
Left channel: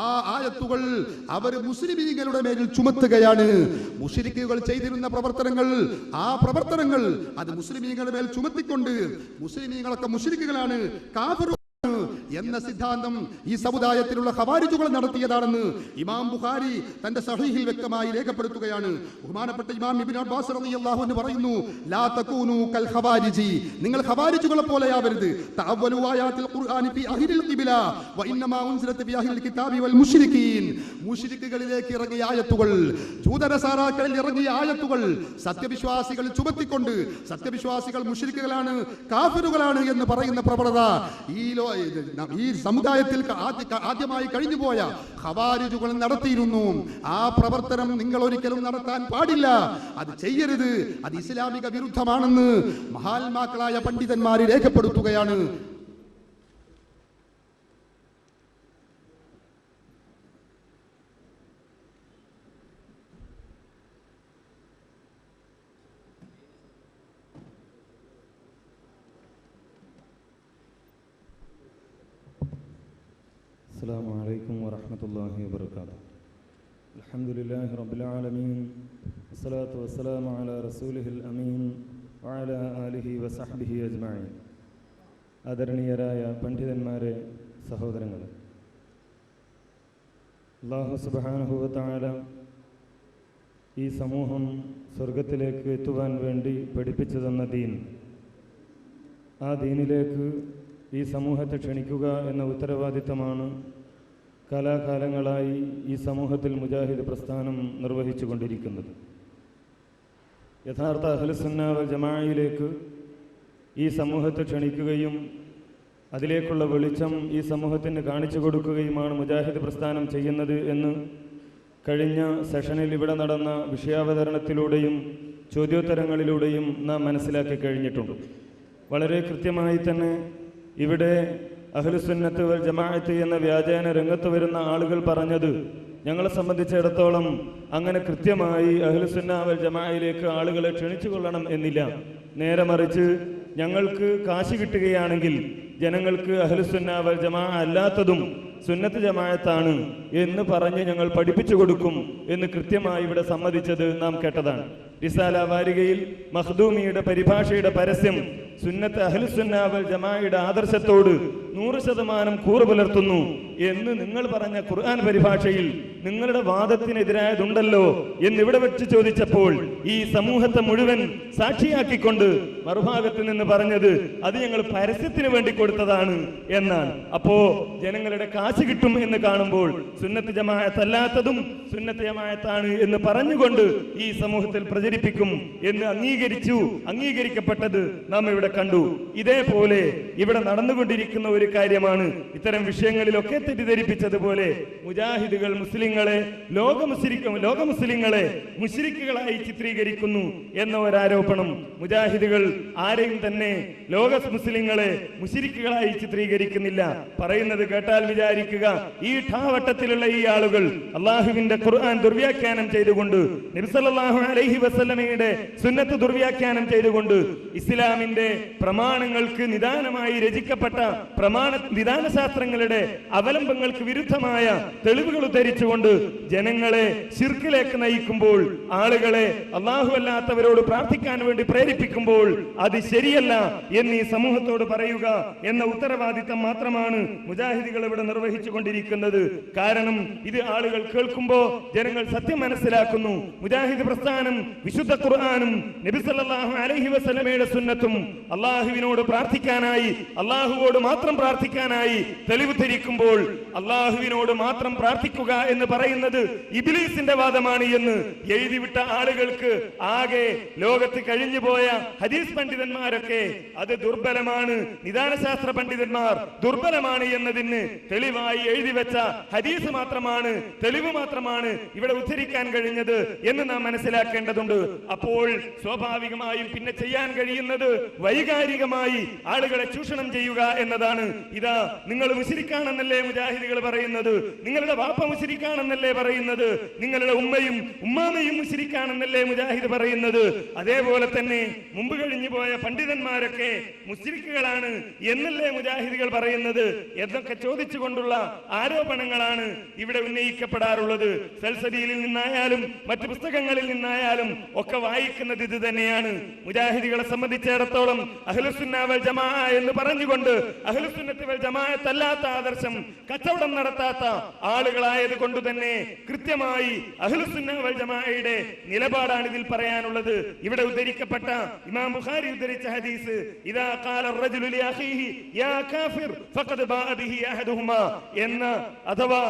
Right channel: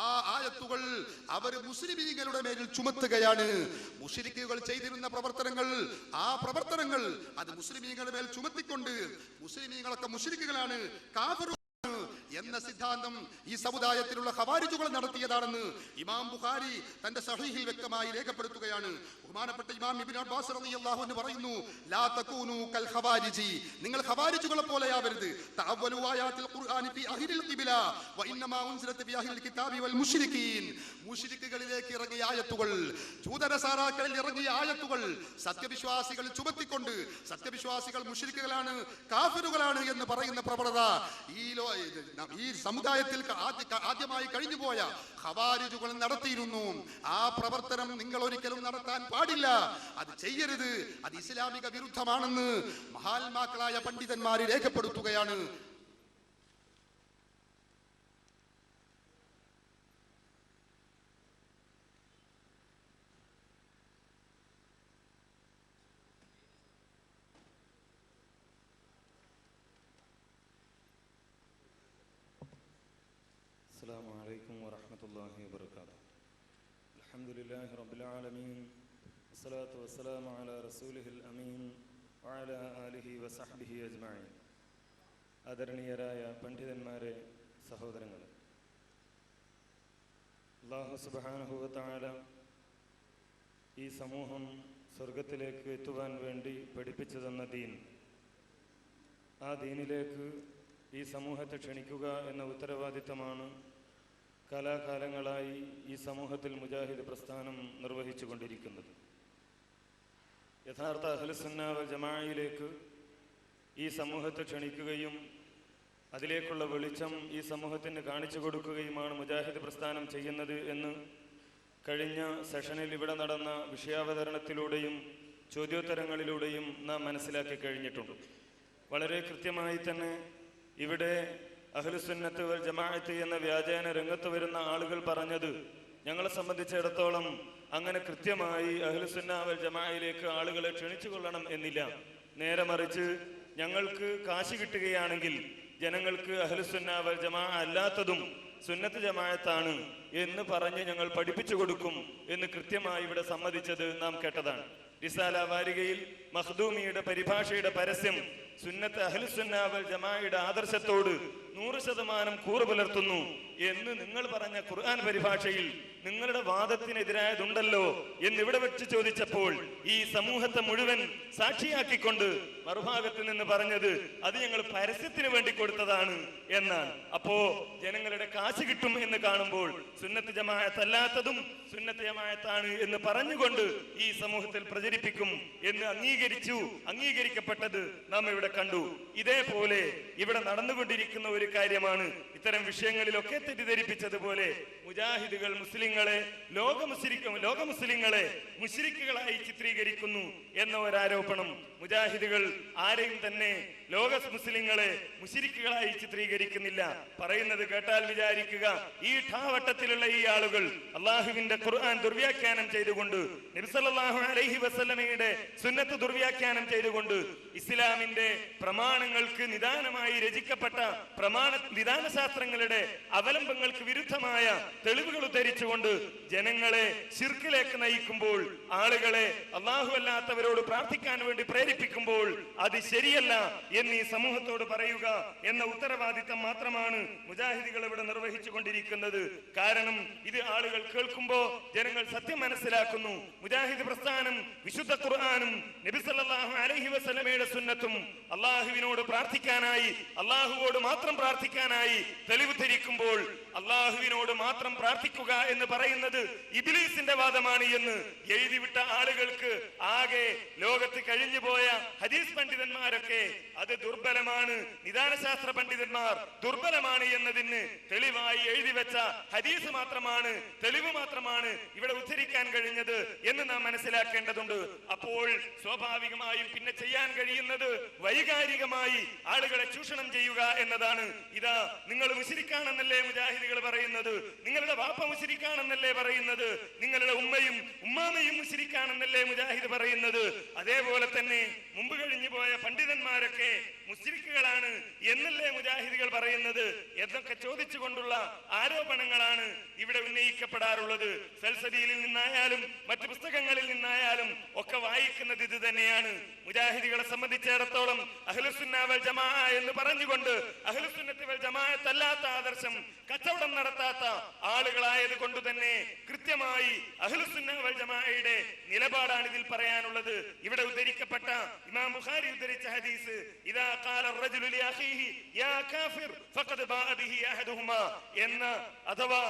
ആ ആയത്തുകൾ അവർ മുസ്ലിമീങ്ങളുടെ മേലിൽ ചുമത്തുകയാണ്. മുശ്രിക്കുകൾ ചെയ്തിരുന്ന പ്രവർത്തനങ്ങൾ, ആ പ്രവർത്തനങ്ങൾ അത് മുസ്ലിമീങ്ങളുടെ മേൽ ചുമത്തിക്കൊണ്ട് മുസ്ലിമീങ്ങളൊക്കെ മുശ്രിക്കുകളാണ്, കാഫിർ എന്ന സിദ്ധാന്തം ഈ സമുദായത്തിലുള്ള ഖവാരിജുകൾ നടത്തിയതാണെന്ന് ഇമാം ബുഖാരി തന്റെ സഹീഹിൽ വ്യക്തമായി രേഖപ്പെടുത്തുകയാണ്. ബഹുമാനപ്പെട്ട ഇമാം ഇബ്നു അബ്ബാസ് റളിയല്ലാഹു അൻഹു പറയുന്നു, ലാ തകൂനു കൽ ഖവാരിജി, നിങ്ങൾ ഖവാരിജുകളെ പോലെയാവരുത്. തഅവ്വലു ആയാത്തിൽ ഖുർആനി ഫി അഹ്ലിൽ ഖിബ്ല വ ഇന്നമാ ഉൻസിലത് ഫി അഹ്ലിൽ കിതാബി വൽ മുശ്രിക്കീൻ, മുശ്രിക്കുകളിലേക്ക് ഇറങ്ങിയ ആയത്തുകൾ, ജൂതനസാറാക്കളിൽ ഇറങ്ങിയ ആയത്തുകൾ സത്യവിശ്വാസികൾ ചുമത്തിക്കൊണ്ട് സത്യവിശ്വാസികൾ മുശ്രിക്കുകളാണ്, കാഫിറുകളാണ് എന്ന് പറയുന്ന പ്രവണത ഈ സമുദായത്തിൽ ആദ്യമായി കഴിഞ്ഞുപോയ ഖവാരിജുകൾ നടത്തിയിരുന്നു. ആ പ്രവർത്തനം നിങ്ങൾ ഒരിക്കലും നടത്താൻ പാടില്ല, അത് ചെയ്യരുത്, അത് ഇസ്ലാമിക വിരുദ്ധമാണെന്ന് മഹാത്മാക്കളായ പണ്ഡിതന്മാർ രേഖപ്പെടുത്തുകയാണ്. السلام عليكم ورحمة الله وبركاته. الحمد لله رب العالمين والصلاة والسلام على رسوله الأمين وعلى آله وصحبه أجمعين. ആദരണീയരായ പണ്ഡിതന്മാരെ, സഹോദരങ്ങളെ, അല്ലാഹു സുബ്ഹാനഹു വ തആല ഈ സമൂഹം സ്വർഗത്തിലേക്ക് എത്തുവാൻ വേണ്ടി പഠിപ്പിച്ചു തന്ന ദീൻ, ആ ദീനിലേക്ക് ഈ സമൂഹത്തെ ക്ഷണിക്കുക എന്ന ഉത്തരവാദിത്തമാണ് കാലാകാലങ്ങളായി ഈ സമൂഹത്തിൽ മുജാഹിദ് പ്രസ്ഥാനം നിർവഹിച്ചു കൊണ്ടിരിക്കുന്നത്. യഥാർത്ഥ അഹ്ലുസുന്ന വൽ ജമാഅയിലേക്ക് ഈ സമൂഹത്തെ ക്ഷണിക്കുകയും അതിലേക്കുള്ള വെളിച്ചം ഈ സമൂഹത്തിന് കാണിച്ചു കൊടുക്കുകയുമാണ് മുജാഹിദ് പ്രസ്ഥാനം ചെയ്യുന്നത് എന്ന് കഴിഞ്ഞ സെഷനിൽ ഇവിടെ നടന്ന വിഷയാവതരണത്തിലൂടെയും ചോദ്യോത്തരങ്ങളിലൂടെയും നാം മനസ്സിലാക്കി കഴിഞ്ഞിട്ടുണ്ട്. വളരെ കൃത്യമായി തന്നെ ഇവിടെ അഹ്ലുസുന്നത്ത് വൽ ജമാഅത്ത് എന്ന വ്യാജേന രംഗത്ത് വരുന്ന ആളുകൾ പറഞ്ഞത് ഞങ്ങളെ സംബന്ധിച്ചിടത്തോളം അങ്ങനെ കൃത്യമായി അഹ്ലുസുന്ന വൽ ജമാഅയിലേക്ക് ആളുകളെ ക്ഷണിച്ചു കൊള്ളണം എന്നില്ല. നേരെ മറിച്ച് ഞങ്ങൾക്ക് കാശ് കിട്ടുകയാണെങ്കിൽ ജനങ്ങൾക്ക് അഹ്ലുസുന്ന വൽ ജമാഅ അല്ലാത്തതും സുന്നത്ത് ജമാഅത്താണ് എന്ന് പറഞ്ഞ് ഞങ്ങൾ പഠിപ്പിച്ചു കൊടുക്കും എന്ന് കൃത്യമായി ഇവിടെ സമ്മതിച്ചത് നാം കേട്ടതാണ്. റിസാല വാരികയിൽ മഖ്ദൂമിയുടെ പരിഭാഷയുടെ പരസ്യം സുന്നത്ത് അഹ്ലുസുന്ന വൽ ജമാഅയുടെ ആദർശത്തോട് 100% കൂറ് പുലർത്തുന്നു എന്ന് നിങ്ങൾ പറഞ്ഞ ഖുർആൻ പരിഭാഷയിൽ നിങ്ങളുടെ വാദത്തിനെതിരായതുണ്ടല്ലോ എന്നിവിടെ വെച്ച് ചോദിച്ചപ്പോൾ ഈ സമൂഹത്തെ മുഴുവൻ സാക്ഷിയാക്കിക്കൊണ്ട് മറുഭാഗത്ത് നിന്ന് പറഞ്ഞത് അത് ഞങ്ങൾ പരസ്യത്തിന് വേണ്ടി കൊടുത്തതാണ് എന്നാണ്. അപ്പോ ജനങ്ങളുടെ കാശ് കിട്ടും എന്ന് കാണുമ്പോൾ സുന്നത്ത് ജമാഅത്ത് അല്ലാത്തതും സുന്നത്ത് ജമാഅത്താണ് എന്ന് പറഞ്ഞുകൊണ്ട് ഈ സമൂഹത്തിൽ പ്രചരിപ്പിക്കും എന്ന് അംഗീകരിക്കപ്പെട്ടത് നാം ഇവിടെ കണ്ടു. ഇതേപോലെ ഇവിടെ നടന്നുകൊണ്ടിരിക്കുന്ന ഒരു കാര്യമാണ് ഇത്തരം വിഷയങ്ങളിലൊക്കെ തെറ്റിദ്ധരിപ്പിച്ചതുപോലെ മുജാഹിദുകൾ മുസ്ലിങ്ങളെ ലോക മുസ്ലിങ്ങളെ മുശ്രിക്കുകളായി ചിത്രീകരിക്കുന്നു എന്ന ഒരാരോപണം. മുജാഹിദുകൾ ആരെയും തന്നെ ലോക മുസ്ലിങ്ങളെ മുശ്രിക്കുകളായി ചിത്രീകരിക്കുന്നില്ല. പറയുന്നത് കേട്ടാൽ വിചാരിക്കുക ഈ ഠാവട്ടത്തിലുള്ള ഈ ആളുകൾ അള്ളാഹുവിന്റെ ഖുർആൻ ദുർവ്യാഖ്യാനം ചെയ്തുകൊണ്ട് നബി സല്ലല്ലാഹു അലൈഹി വസല്ലമയുടെ സുന്നത്ത് ദുർവ്യാഖ്യാനം ചെയ്തുകൊണ്ട് ഇസ്ലാമിന്റെ പ്രമാണങ്ങൾക്ക് നിദാനമായി രചിക്കപ്പെട്ട നിദാനശാസ്ത്രങ്ങളുടെ അവലംബങ്ങൾക്ക് വിരുദ്ധമായ തെളിവുകൾ ഉദ്ധരിച്ചുകൊണ്ട് ജനങ്ങളെ ശിർക്കിലേക്ക് നയിക്കുമ്പോൾ, ആളുകളെ അല്ലാഹു അല്ലാത്തവരോട് പ്രാർത്ഥിക്കാൻ വേണ്ടി പ്രേരിപ്പിക്കുമ്പോൾ അത് ശരിയല്ല എന്ന് ഈ സമൂഹത്തോട് പറയുക എന്ന ഉത്തരവാദിത്തം മാത്രമാണ് മുജാഹിദികൾ ഇവിടെ നിർവഹിച്ചു കൊണ്ടിരിക്കുന്നത്. കാരണം ഇത് ആളുകൾ കേൾക്കുമ്പോൾ ജനങ്ങൾ സത്യം മനസ്സിലാക്കുന്നു. മുജാഹിദ് പ്രസ്ഥാനം വിശുദ്ധ ഖുർആനും നബി സല്ലല്ലാഹു അലൈഹി വസല്ലമയുടെ സുന്നത്തും അള്ളാഹുവിനോട് പ്രാർത്ഥിക്കാനായി, അള്ളാഹുവോട് മാത്രം പ്രാർത്ഥിക്കാനായി തെളിവ് ധരിക്കുമ്പോൾ അള്ളാഹുവിനോട് മാത്രം പ്രാർത്ഥിക്കുക എന്ന് പറയുന്നത് ഇബ്ലീസിന്റെ വാദമാണ് എന്ന് എഴുതിവിട്ട ആളുകൾക്ക്, ആകെ ലോകത്ത് കഴിഞ്ഞുപോയ ഹദീസ് പണ്ഡിതന്മാരൊക്കെ അത് ദുർബലമാണ്, നിദാനശാസ്ത്ര പണ്ഡിതന്മാർ ദുർബലമാണ് എന്നതിന് തെളിവായി എഴുതി വെച്ച ഹദീസ് മാത്രമാണ്, തെളിവ് മാത്രമാണ് ഇവിടെ ഉദ്ധരിക്കാൻ കഴിഞ്ഞത് എന്ന് നാം മനസ്സിലാക്കേണ്ടതുണ്ട്. അപ്പോൾ സ്വാഭാവികമായും പിന്നെ ചെയ്യാൻ കഴിയുന്നത് വൈകാരികമായി ആളുകളെ ചൂഷണം ചെയ്യുക എന്നതാണ്. ഇതാ നിങ്ങൾ മുശ്രിക്കാണെന്നല്ലേ മുജാഹിദുകൾ പറയുന്നത്, നിങ്ങളുടെ വാപ്പ മുശ്രിക്കാണെന്നല്ലേ പറയുന്നത്, നിങ്ങളുടെ ഉമ്മയും ഉമ്മാമയും മുശ്രിക്കാണെന്നല്ലേ മുജാഹിദ് പറയുന്നത്. അതേപോലെ തന്നെ മുമ്പ് കഴിഞ്ഞു പോയ പണ്ഡിതന്മാരൊക്കെ മുശ്രിക്കുകളാണ് എന്നല്ലേ മുജാഹിദുകൾ പറയുന്നത് എന്നൊക്കെ ചോദിച്ചുകൊണ്ടുള്ള ആരോപണങ്ങളാണ് ഇവിടെ ഉന്നയിക്കപ്പെടാറുള്ളത്. സൽസബീലിൽ നിന്നായാലും മറ്റു പുസ്തകങ്ങളിൽ നിന്നായാലും ഒക്കെ വായിക്കുന്നത് ഇത് തന്നെയാണ്. മുജാഹിദികളെ സംബന്ധിച്ചിടത്തോളം അഹ്ലുസുന്ന വൽ ജമാഅ എന്ന് പറഞ്ഞുകൊണ്ട് അഹ്ലുസുന്നത്തി വൽ ജമാഅത്ത് അല്ലാത്ത ആദർശം കച്ചവടം നടത്താത്ത ആളുകളായത് കൊണ്ട് തന്നെ കൃത്യമായി അഹ്ലുസുന്ന വൽ ജമാഅയുടെ നിലപാടാണ് ഇതിൽ പറയാനുള്ളത്. ഇവിടെ ഉദ്ധരിക്കപ്പെട്ട ഇമാം ബുഖാരി ഉദ്ധരിച്ച ഹദീസ്, ഇദാ ഖാല അർറജുലു ലി അഖീഹി യാ കാഫിർ ഫഖദ് ബാഅ ബിഹി അഹദുഹുമാ എന്ന, അഥവാ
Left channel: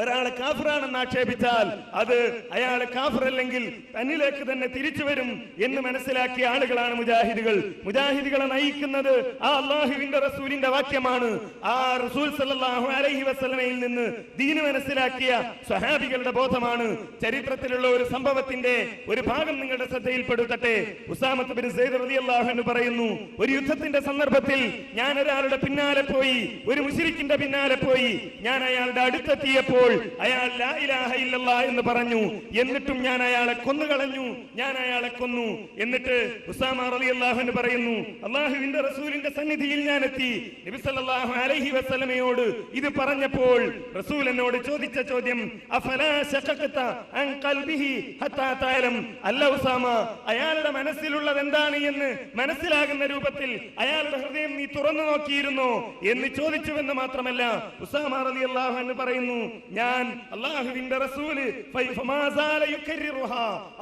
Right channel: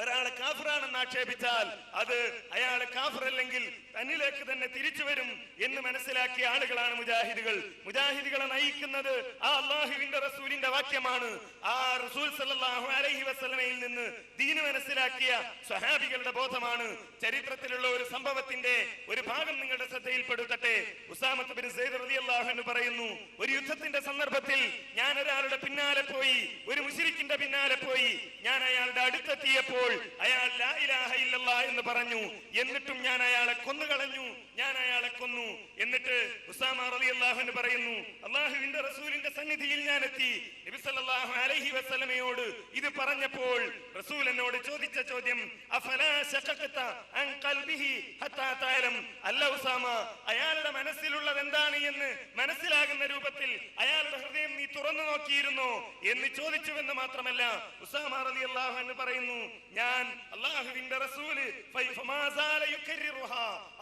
ഒരാളെ കാഫിറാണെന്ന് ആക്ഷേപിച്ചാൽ അത് അയാളെ കാഫിറല്ലെങ്കിൽ തന്നിലേക്ക് തന്നെ തിരിച്ചു വരും എന്ന് മനസ്സിലാക്കിയ ആളുകളാണ് മുജാഹിദുകൾ. മുജാഹിദുകളെ നയിക്കുന്നത് ആ അല്ലാഹുവിന്റെ റസൂലിന്റെ വാക്യമാണ്. ആ റസൂൽ സല്ലല്ലാഹു അലൈഹി വസല്ലമയിൽ നിന്ന് ദീൻ മനസ്സിലാക്കിയ സ്വഹാബികളുടെ ബോധമാണ്. ചരിത്രത്തിലുള്ള ഒരു സംഭവത്തിന്റെ ഒരു ഭാഗം നിങ്ങളുടെ ശ്രദ്ധയിൽപ്പെടുത്തട്ടെ. ഉസാമത്ത് ബിൻ സെയ്ദ് റളിയല്ലാഹു അൻഹു പറയുന്നു, ഒരു യുദ്ധത്തിന്റെ സന്ദർഭത്തിൽ ഞാൻ ഒരാളുടെ പിന്നാലെ പോയി, ഒരു മുശ്രിക്കിന്റെ പിന്നാലെ പോയി. ഞാൻ അയാളുടെ അടുത്തെത്തിയപ്പോൾ അയാൾ ലാ ഇലാഹ ഇല്ലല്ലാഹ് എന്ന് പറഞ്ഞു. എന്നിട്ടും ഞാൻ അയാളെ കൊന്നുകളഞ്ഞു, ഞാൻ അയാളെ കൊന്നു. എന്നിട്ട് ഉസാമ റളിയല്ലാഹു അൻഹു പറയുന്നു, അല്ലാഹുവിന്റെ റസൂലിന്റെ സന്നിധിയിൽ ഞാൻ എത്തി. നബി സല്ലല്ലാഹു അലൈഹി വസല്ലമയോട് ഇത് പറഞ്ഞപ്പോൾ റസൂൽ എന്നോട് ചോദിച്ച ചോദ്യം, അഫലാ ശഖഖത അൻ ഖൽബിഹി ഹത്താ തഅലം, അല്ല ഉസാമ, അയാളുടെ മനസ്സിലുള്ളത് എന്താണ് എന്ന് മനസ്സിലാകുന്ന രൂപത്തിൽ അയാളുടെ ഹൃദയം നീ തുറന്നു നോക്കിയിരുന്നോ എന്ന് ചോദിച്ചുവെന്ന് മാത്രമല്ല, ഉസാമ റളിയല്ലാഹു അൻഹു പറയുന്നു, ഞാൻ അല്ലാഹുവിന്റെ റസൂല്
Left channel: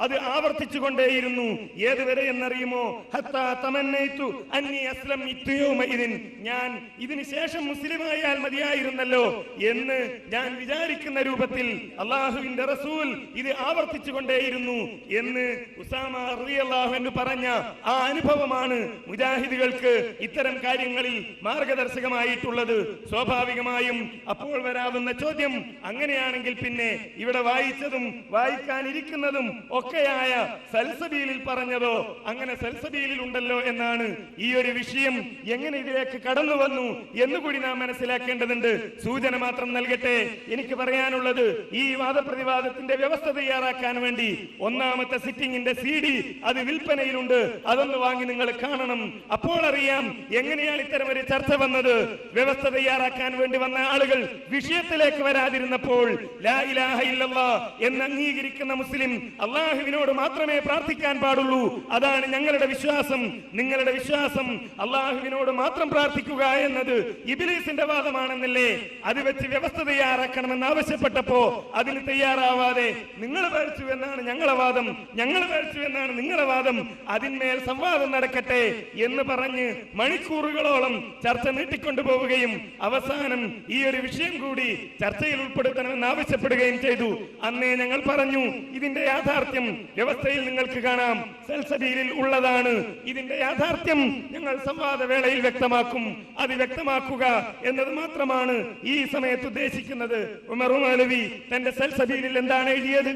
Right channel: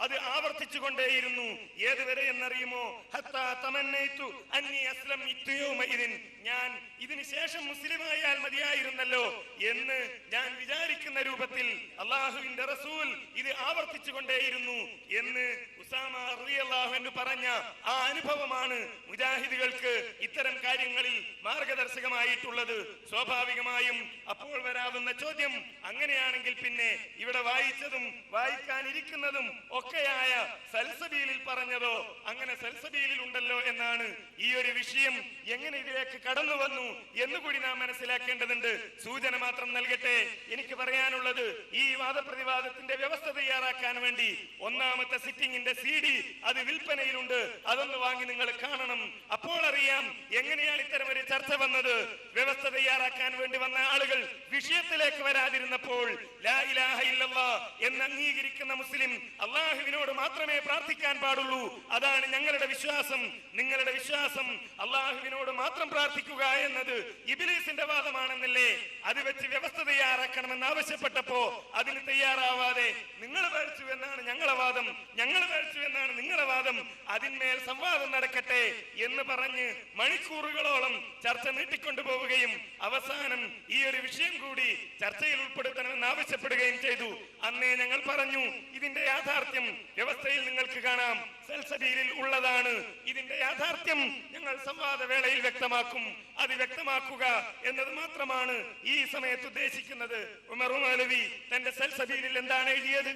അത് ആവർത്തിച്ചു കൊണ്ടേയിരുന്നു. ഏതുവരെ എന്നറിയുമോ, ഹത്താ തമന്നൈതു അന്നി അസ്ലംതു യൗമഇദിൻ, ഞാൻ ഇതിനു ശേഷം മുസ്ലിമായാൽ മതിയായിരുന്നല്ലോ എന്ന് ഞാൻ വിചാരിക്കുന്ന രൂപത്തിൽ അല്ലാഹുവിന്റെ റസൂൽ ഇത് ആവർത്തിച്ചു കൊണ്ടേയിരുന്നു എന്ന് ഉസാമ റളിയല്ലാഹു അൻഹു പറഞ്ഞ ആ അനുഭവമാണ് മുജാഹിദുകൾക്ക് ഇത്തരം കാര്യങ്ങളിൽ മാർഗദർശകമായിട്ടുള്ളത്. സ്വാഭാവികമായും അപ്പോൾ വരാവുന്ന ചോദ്യം, അങ്ങനെയാണെങ്കിൽ പിന്നെ ഇവിടെ വായിച്ചതും വായിക്കാനിരിക്കുന്നതും ഒക്കെയായ സൽസബീലിൽ പറഞ്ഞതോ അങ്ങനെ സൽസബീലിൽ ഉണ്ടല്ലോ എന്നാണ്. ഈ ഒരു വിഷയം എങ്ങനെ ഇതിലേക്ക് കടന്നു വന്നു എന്നുകൂടി നാം മനസ്സിലാക്കേണ്ടതുണ്ട്. സൂചന മാത്രം നൽകട്ടെ. എനിക്ക് പറയാനുള്ളത്, ഈ വാദപ്രതിവാദത്തിന്റെ വ്യവസ്ഥ തയ്യാറാക്കാൻ വേണ്ടി ഒന്നാമത്തെ സിറ്റിംഗിന്റെ CD അത് വിൽപ്പനയിലുണ്ട്. അതൊന്ന് വാങ്ങി നിങ്ങൾ കാണണം. അപ്പോൾ അറിയാം എങ്ങനെയാണ് ഇത്തരം ഒരു ചർച്ച വന്നത്. വ്യവസ്ഥ തയ്യാറാക്കാൻ വേണ്ടി വന്ന ആളുകൾ വിഷയത്തിലേക്ക് വരാതിരുന്നപ്പോൾ ലാ ഇലാഹ ഇല്ലല്ലാഹ് എന്ന് അംഗീകരിക്കുന്ന മുസ്ലിം അല്ലാഹുവിനോട് മാത്രമേ പ്രാർത്ഥിക്കാൻ പാടുള്ളൂ, അതാണ് ഞങ്ങളുടെ വിശ്വാസം. നിങ്ങളുടെ വിശ്വാസം അല്ലാഹുവിനോട് മാത്രം പ്രാർത്ഥിക്കുക എന്നത് ഇബ്ലീസിന്റെ വാദമാണെന്നല്ലേ? അത് വെച്ച് വ്യവസ്ഥ തയ്യാറാക്കണമെന്ന് ആവശ്യപ്പെട്ടപ്പോ അതിന് തയ്യാറാവാതെ നിങ്ങൾ പേടിച്ചു എന്നാണ് ഞങ്ങളെ വാദം, ഞങ്ങൾ പേടിച്ചു എന്നാണ് നിങ്ങളുടെ വാദം, അതിന്മേൽ സംവാദം നടക്കട്ടെ എന്ന് പറഞ്ഞ് മണിക്കൂറുകളോളം ചർച്ച നീട്ടിക്കൊണ്ടുപോവുകയും അവസാനം ഈ ഒരു വിഷയം കൂടി ചർച്ചയിൽ ഉൾപ്പെടുത്തണമെന്ന് ആവശ്യപ്പെടുകയും ചെയ്തു. അന്നേ ഞങ്ങൾ പറഞ്ഞു, ഇതിന്റെ യാഥാർത്ഥ്യം വ്യവസ്ഥയിൽ നിങ്ങൾക്ക് കാണാം, സൽസബീലിൽ ഉള്ളതാണ്. ഇതിന്റെ യാഥാർത്ഥ്യം ഞങ്ങൾ സംവാദ വേളയിൽ വ്യക്തമാക്കും. അത് വ്യക്തമാക്കുക എന്നത് മാത്രമാണ് ഈ സമയത്ത് ഉദ്ദേശിക്കുന്നത്. ഉമർ മൗലവി തന്റെ സൽസബീലിൽ എന്താണ് എഴുതിയത്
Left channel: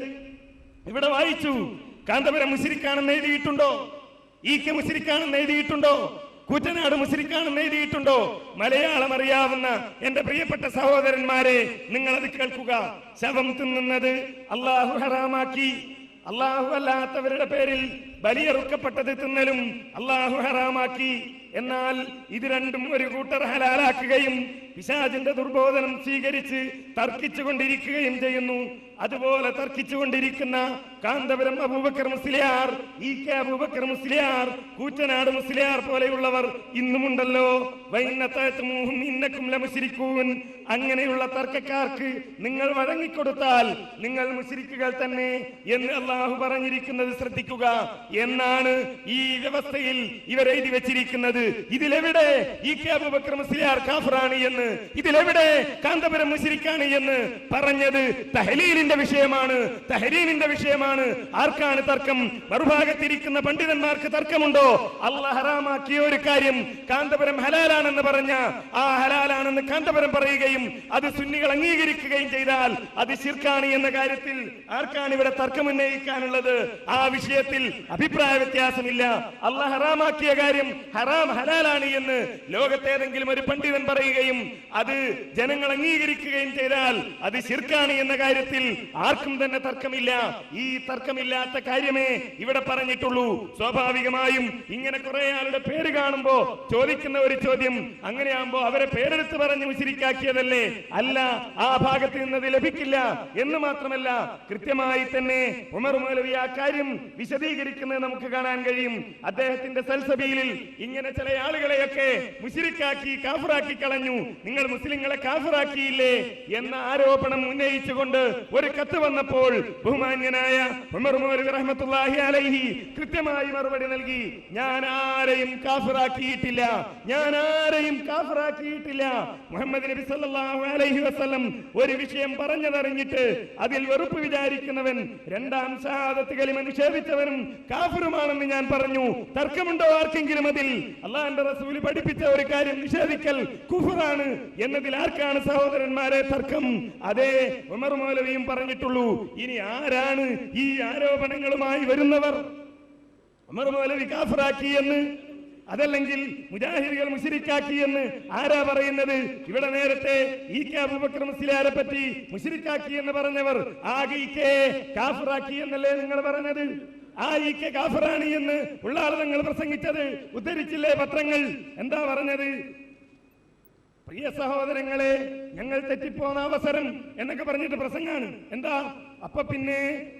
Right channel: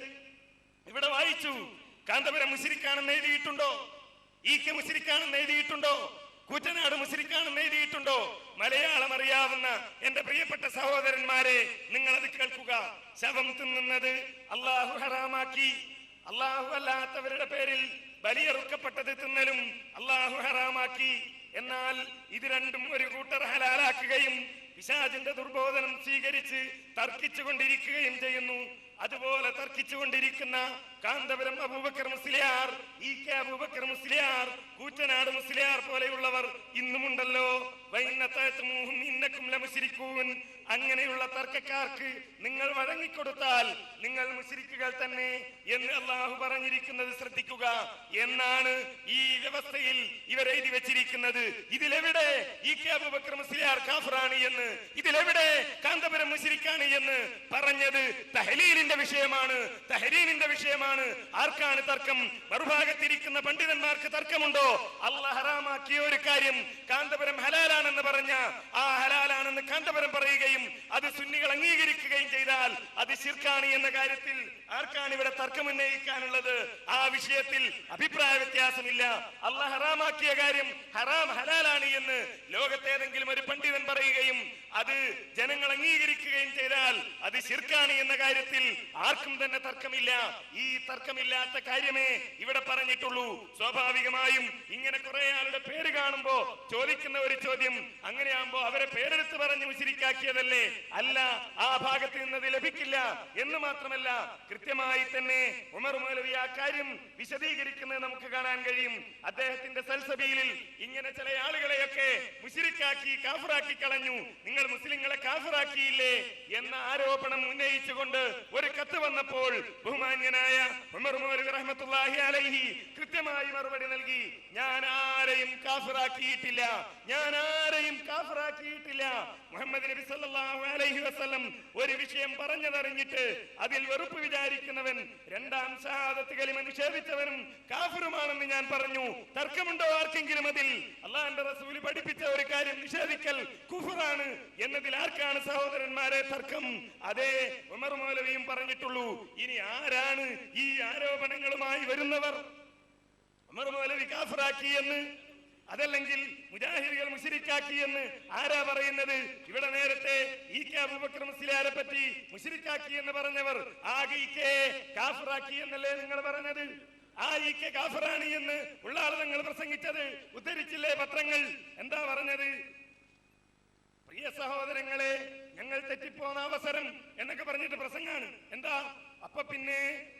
ഇവിടെ വായിച്ചു. കാന്തപുരം മുശ്രിക്കാണെന്ന് എഴുതിയിട്ടുണ്ടോ? ഈക്കെ മുശ്രിക്കാണെന്ന് എഴുതിയിട്ടുണ്ടോ? കൂറ്റനാട് മുശ്രിക്കാണെന്ന് എഴുതിയിട്ടുണ്ടോ? മലയാളം അറിയാവുന്ന എന്റെ പ്രിയപ്പെട്ട സഹോദരന്മാരെ, നിങ്ങൾ അത് കേൾക്കുക. ശവം തിന്നുന്നത് അല്ലാഹു ഹറാമാക്കി, അള്ളാഹു അല്ലാത്തവരുടെ പേരിൽ ബലിയറുക്കപ്പെട്ടത് തിന്നലും അള്ളാഹു ഹറാമാക്കി. എന്നാൽ ഇത് രണ്ടും ഒരു കൂട്ടർ ഹലാലാക്കുകയും പിശാചിന്റെ ദുർബോധനം സ്വീകരിച്ച് തർക്കിച്ചു കൊണ്ടിരിക്കുകയും ചെയ്യുന്നു. അതുപോലെ തർക്കിച്ചുകൊണ്ടിരിക്കുന്ന കാന്തപുരം അബൂബക്കർ മുസ്ലിയാർ, EK അബൂബക്കർ മുസ്ലിയാർ, കൂറ്റനാട് മുസ്ലിയാർ പോലെയുള്ളവർ ഇന്നുമുണ്ടല്ലോ. അങ്ങനെയുള്ള തർക്കക്കാർക്ക് നിങ്ങൾ വഴങ്ങിക്കൊടുത്താൽ നിങ്ങൾ മുശ്രിക്കുകൾ തന്നെ എന്ന് അള്ളാഹു പറഞ്ഞിരിക്കുന്നത് ശ്രദ്ധിക്കുക എന്നാണ് ഈ വ്യവസ്ഥയിൽ ഇവർ എഴുതി വെച്ചിരിക്കുന്നത്. ഇതിലെവിടെ EK അബൂബക്കർ മുസ്ലിയാർ കാഫിറാണ് എന്ന്, ഇതിലെവിടെ കാന്തപുരം മുശ്രിക്കാണ് എന്ന് പറഞ്ഞത് തഹ്ലീലിന്റെ വിഷയമാണ്, തഹരീമിന്റെ വിഷയമാണ്. ആർക്കാണ് തർക്കം? മറുഭാഗത്തിരിക്കുന്ന പണ്ഡിതന്മാർക്ക് തർക്കമുണ്ടോ? അല്ലാഹ് ഹറാമാക്കിയ ഒരു കാര്യം കാന്തപുരം ഹലാലാണെന്ന് പറഞ്ഞ ആ ഹലാലാണെന്ന് കാന്തപുരം പറയുകയും അത് സുന്നികൾ അംഗീകരിക്കുകയും ചെയ്താൽ അത് ശിർക്കാണ് എന്ന കാര്യത്തിൽ ആർക്കാണ് ഇവിടെ തർക്കം ഉന്നയിക്കാനുള്ളത്? ആ വിഷയത്തിൽ അഭിപ്രായ വ്യത്യാസമില്ല. അല്ലാഹ് ഹറാമാക്കിയ കാര്യം ഹലാലാണ് എന്ന് ലോകത്തേതെങ്കിലും ഒരു പണ്ഡിതൻ പറയുകയും അത് ജനങ്ങൾ അംഗീകരിക്കുകയും ചെയ്താൽ അത് ശിർക്കാണ് എന്ന കാര്യത്തിൽ ആർക്കും തന്നെ തർക്കമില്ല. ഈ തർക്കമില്ലാത്ത കാര്യമേ ഇവിടെ പറഞ്ഞിട്ടുള്ളൂ. സ്വാഭാവികമായും ഇങ്ങനെ കുറെ ആളുടെ പേര് കാണുമ്പോ ചോദിക്കുന്ന ഒരു ചോദ്യം, അങ്ങനെയാകുമ്പോ അവരെ പേരെടുത്ത് പറഞ്ഞ് മുശ്രിക്കാക്കിയതല്ലേ? അല്ല, ആ ഭാഗത്ത് നിന്നത് ലഭിക്കില്ല എന്ന് മാത്രമല്ല, കൃത്യമായി തന്നെ ഉമർ മൗലവി ആ കാര്യം വിശദീകരിക്കുന്നത് നമുക്ക് കാണാൻ കഴിയും. അദ്ദേഹത്തിന്റെ സൽസബീലിൽ ഇങ്ങനെ ചില ആളുകളെയൊക്കെ മുശ്രിക്കാക്കി കാഫിറാക്കി കളഞ്ഞു, നിങ്ങൾ മുസ്ലിങ്ങളെ കാഫിറാക്കിയില്ലേ എന്ന ആരോപണം ഉന്നയിച്ചുകൊണ്ട് ഒരു കത്ത് വന്നപ്പോൾ ബഹുമാന്യനായ ഉമർ മൗലവി റഹ്മത്തുള്ളാഹി അലൈഹി കൃത്യമായി മറുപടി നൽകി. ഞാൻ ആരെയും കാഫിറാക്കിയിട്ടില്ല, ഞാൻ ആരെയും കാഫിറാക്കിയിട്ടില്ല. മുഹമ്മദ് നബി സല്ലല്ലാഹു അലൈഹി വസല്ലം ഒരു വിഷയം പറഞ്ഞതറിഞ്ഞിട്ട് അതിൽ വെറുപ്പ് വിചാരിക്കുന്നവൻ രണ്ടാം ഷഹാദത്ത് കലിമ നിഷേധിച്ചവനും കാഫിറുമാണെന്ന് ഞാൻ പറഞ്ഞു. തർക്കമുണ്ടോ ആർക്കെങ്കിലും അതിൽ? അല്ലാഹുവിന്റെ റസൂൽ പഠിപ്പിച്ച ഒരു കാര്യം നിഷേധിക്കൽ കുഫറാണ് എന്നതിൽ ആർക്കാണ് സഹോദരന്മാരെ തർക്കം? അതേ ഉമർ മൗലവിയും പറഞ്ഞിട്ടുള്ളൂ. ഇനി ആരാണ് ഈ ആരോപണങ്ങളുമായി വരുന്നവർ? ഉമർ മൗലവി കാഫിറാക്കി എന്ന്, അതല്ലെങ്കിൽ മുജാഹിദുകൾ മുശ്രിക്കാക്കി എന്ന് ആരാ പറയുന്നത്? ഇവിടെ നേരത്തെ EK അബൂബക്കർ മുസ്ലിയാരെ പറ്റി മുശ്രിക്കാക്കി എന്ന് പറഞ്ഞവർ ആകെ EK കാഫിറാക്കി എന്നല്ലേ നിങ്ങൾ പറഞ്ഞത്? ആ EK കാഫിറാണ് എന്ന് ഉള്ള ആൾ നിങ്ങൾ പ്രസംഗിച്ചത് ഉദ്ധരിച്ചില്ലേ പത്രങ്ങൾ? എന്താ പറഞ്ഞത്? പ്രിയ സഹോദരങ്ങളെ, ഞങ്ങൾ തെറ്റിപ്പോന്ന അവസരം എന്നൊക്കെ പറഞ്ഞിട്ട് പ്രസംഗാണ്. എന്താ? അപ്പൊ പിന്നെ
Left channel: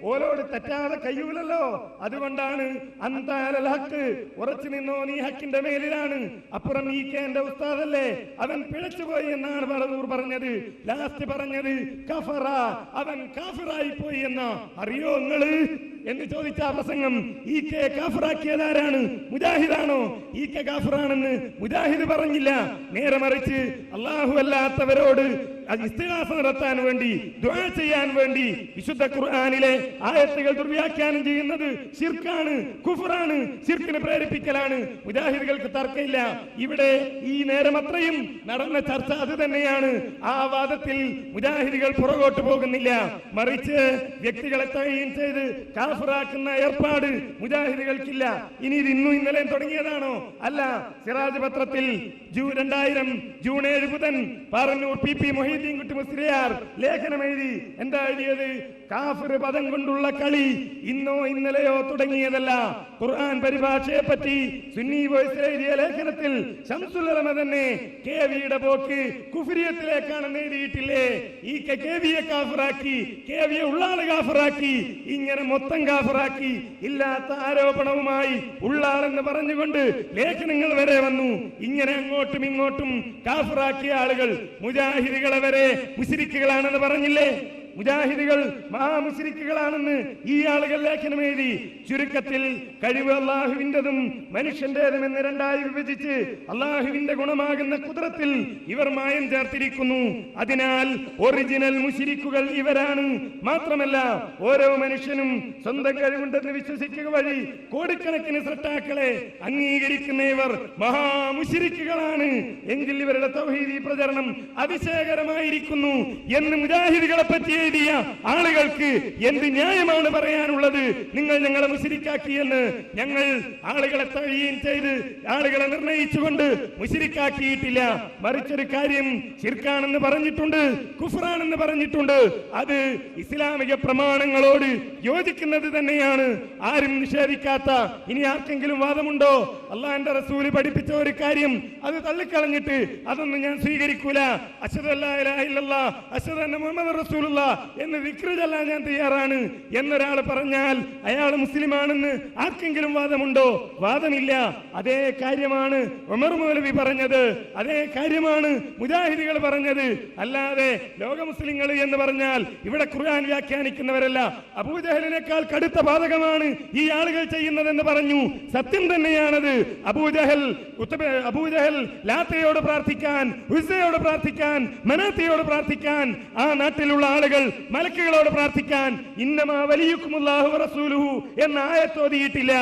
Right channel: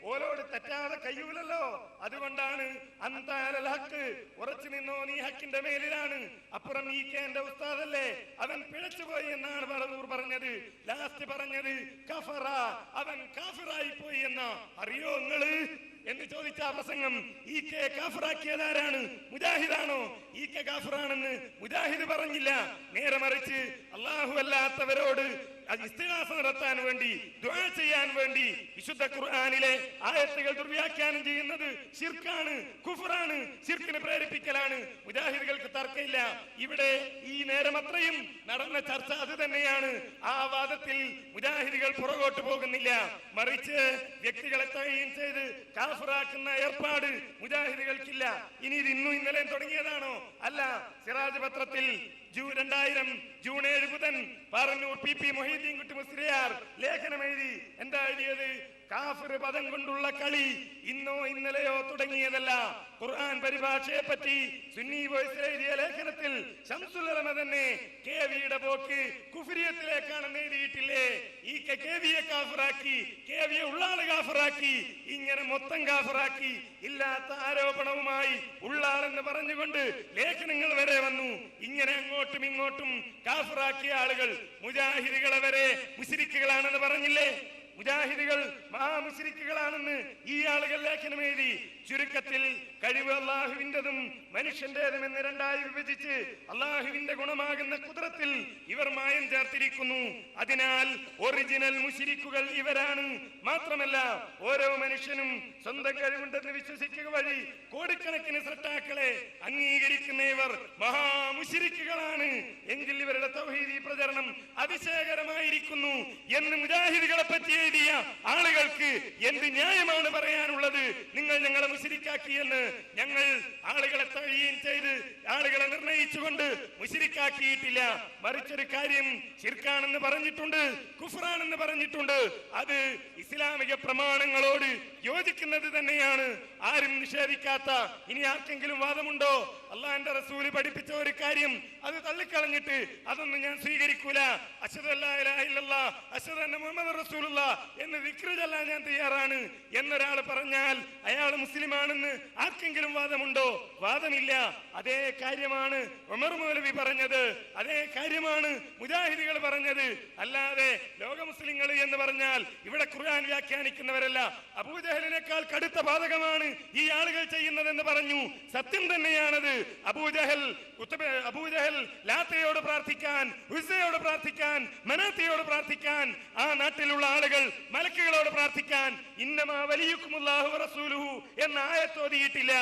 ഓരോട് തെറ്റാതെ കഴിയൂലല്ലോ, അതുകൊണ്ടാണ് അന്താലൽ ഹക്ക്, ഉറച്ചു നിന്നോ നീ ഹക്കിന്റെ മേലിലാണ്. അപ്പുറം EK എന്റെ ഉസ്താദല്ലേ, അവൻ പിഴച്ചുപോയി എന്നാണ് ബറദൂർ പറഞ്ഞത്. ലാസ്റ്റ് പറഞ്ഞത് കഫറ, അവൻ കാഫിറായി പോയി എന്ന. അറിയോ നിങ്ങള് എന്ന് ചോദിച്ച പ്രസംഗം EK കാഫിറാക്കിയതാരാണ്? മുജാഹിദാണോ? EK കാഫിറാണെന്ന് മുജാഹിദ് പറഞ്ഞില്ല. നേരെ മറിച്ച് അല്ലാഹു അല്ലാത്തവരോട് ഇസ്തിഗാസ നടത്താൻ വേണ്ടി, ദുആ ചെയ്യാൻ വേണ്ടി വിശുദ്ധ ഖുർആനിലെ ആയത്തുകൾ ദുർവ്യാഖ്യാനം ചെയ്യുന്നത് ശിർക്കാണ്, കുഫറാണ്, ശിർക്കിനെ പ്രേരിപ്പിക്കലാണ്. മുജാഹിദുകൾക്ക് തർക്കമില്ല. ഇവിടെ ഈ നേരം അത്രയും നടന്ന ചർച്ച അത് തന്നെയാണ്. ആ വാദത്തിൽ മുജാഹിദുകൾ പുറകോട്ട് പോകുന്നില്ല. മറിച്ച് വ്യക്തികളെ തഴയും ചെയ്ത് കാഫിറാക്കുന്ന ഏർപ്പാട് മുജാഹിദുകൾക്കില്ല. ഇനി ഇത് ഇന്നും ഇന്നലെയും തുടങ്ങിയതാണോ? അല്ല. സിറാജ് പത്രത്തിൽ 2000 ജൂൺ 7 ബുധൻ പാറന്നൂർ PP മൊഹീദ്ദീൻ കുട്ടി മുസ്ലിയാർ ലേഖനം എഴുതി. എന്താ എഴുതിയത്? കാഫിർ പദം കൊണ്ടുള്ള കളി ഇന്നോ ഇന്നലെയോ തുടങ്ങിയതല്ല. ഖുർആൻ പരിഭാഷയെ പറ്റി സുന്നി വോയിസ് എഴുതിയ ലേഖനത്തിൽ ശംസുൽ ഉലമ തന്നെ KVയുടെ പോക്ക് കുഫ്രിയത്തിലേക്കാണെന്ന് എഴുതിയിട്ടില്ലേ? ഈ KVയെ കാഫിറാക്കി, KVയെ ഉള്ളാള് കാഫിറാക്കി, ഇങ്ങനെ മൊത്തം കാഫിറാക്കി. ഇല്ലാത്ത ആരോപണവുമായി ഉള്ളാളെന്ന് പറഞ്ഞുകൊണ്ട് ലേഖനങ്ങൾ വരെ വന്നു. ഇങ്ങനെ അങ്ങോട്ടും ഇങ്ങോട്ടും കാഫിറാക്കിയ ആളുകൾ മുജാഹിദുകളെ വരെ മുശ്രിക്കുകളാണെന്ന് പറഞ്ഞില്ലേ? മുജാഹിദുകൾ മഹാമുശ്രിക്കുകളാണെന്ന് ഈ ആളുകൾ ലേഖനം എഴുതി. ചുരുക്കത്തിൽ കഴിവ് അള്ളാഹുവിൻ്റെതും മനുഷ്യന്റേതും എന്ന് രണ്ടായി വിഭജിച്ച് അള്ളാഹുവിന്റെ ഗുണമാകുന്ന കുദ്റത്തിൽ ഇവർ മായം ചേർത്തിരിക്കുന്നു. അതിനാൽ ഒറിജിനൽ മുശ്രിക്കുകൾ ഇവരാണ്. മാത്രമല്ല ഓരോ മനുഷ്യനും സ്വന്തം കഴിവുണ്ടെന്ന് വിശ്വസിക്കുക വഴി കോടിക്കണക്കിന് സൃഷ്ടാക്കളെ അംഗീകരിക്കുന്ന ഇവർ മഹാമുശ്രിക്കുകളാണ്. എങ്കിൽ ഇവരുടെ തൗഹീദി പ്രചരണം അതിശയകരമായിരിക്കുന്നു എന്ന് മുജാഹിദുകളെ പറ്റി എഴുതിയ ആളുകൾക്ക് എന്ത് ന്യായമാണ് പറയാനുള്ളത്? നിങ്ങൾ ഞങ്ങളെ മുശ്രിക്കാക്കി എന്ന്. ഞങ്ങൾ ആളുകളെ തഴീൻ ചെയ്ത് ആളുകളെ നിർണയിച്ചുകൊണ്ട് മുശ്രിക്കാക്കിയിട്ടില്ല. മറിച്ചൊരു കാര്യം ശിർക്കാണെന്ന് പറഞ്ഞിട്ടുണ്ട്, കുഫ്റാണെന്ന് പറഞ്ഞിട്ടുണ്ട്. അത് ഇസ്ലാമിക പ്രമാണങ്ങളോട് യോജിക്കുന്നത് തന്നെയാണ്, ആരും നിഷേധിക്കാത്ത. ഇനി ആർക്കെങ്കിലും വാദമുണ്ടോ? അള്ളാഹുവിന്റെ റസൂല് പഠിപ്പിച്ച ഒരു കാര്യം അത് തള്ളിക്കളഞ്ഞിട്ട് അതൊന്നും ഞാൻ സ്വീകരിക്കൂല, അശ്ഹദു അല്ലാ ഇലാഹ ഇല്ലല്ലാഹ് അശ്ഹദു അന്ന മുഹമ്മദർ റസൂലുള്ളാഹ് എന്ന് ദിക്റ് ചൊല്ലാൻ ഞാൻ തയ്യാറാണ് എന്നൊരാൾ പറഞ്ഞാൽ അയാൾ മുസ്ലിമാണെന്ന് ആർക്കെങ്കിലും വാദമുണ്ടോ? വാദമില്ല. അതേ കാര്യമാണ് ഉമർ മൗലവി പറഞ്ഞത്, അതേ കാര്യമാണ് മുജാഹിദികൾ പറഞ്ഞത്. അല്ലാതെ ലോക മുസ്ലിങ്ങൾ എന്ന് പറഞ്ഞാൽ ഇവിടെ ഖുർആൻ വ്യാഖ്യാനിക്കുന്നവരല്ല. അബൂജഹലിനേക്കാൾ കടുത്ത ബാധകമാണ് ഈ ആളുകൾ ചെയ്യുന്നതെന്ന് പറഞ്ഞു. സത്യം തന്നെയാണത്. അബൂജഹൽ ലാത്തയോട് പ്രാർത്ഥിക്കാൻ, ഉസ്സയോട് പ്രാർത്ഥിക്കാൻ, മനാത്തയോട് പ്രാർത്ഥിക്കാൻ, ആ നാട്ടിലുള്ള ആളുകൾ മലക്കുകളോട് പ്രാർത്ഥിക്കാൻ ഇന്നമാ വലിയുക്കുമുല്ലാഹു വറസൂലുഹു എന്ന ആയത്ത് ഓതിയിട്ടില്ല.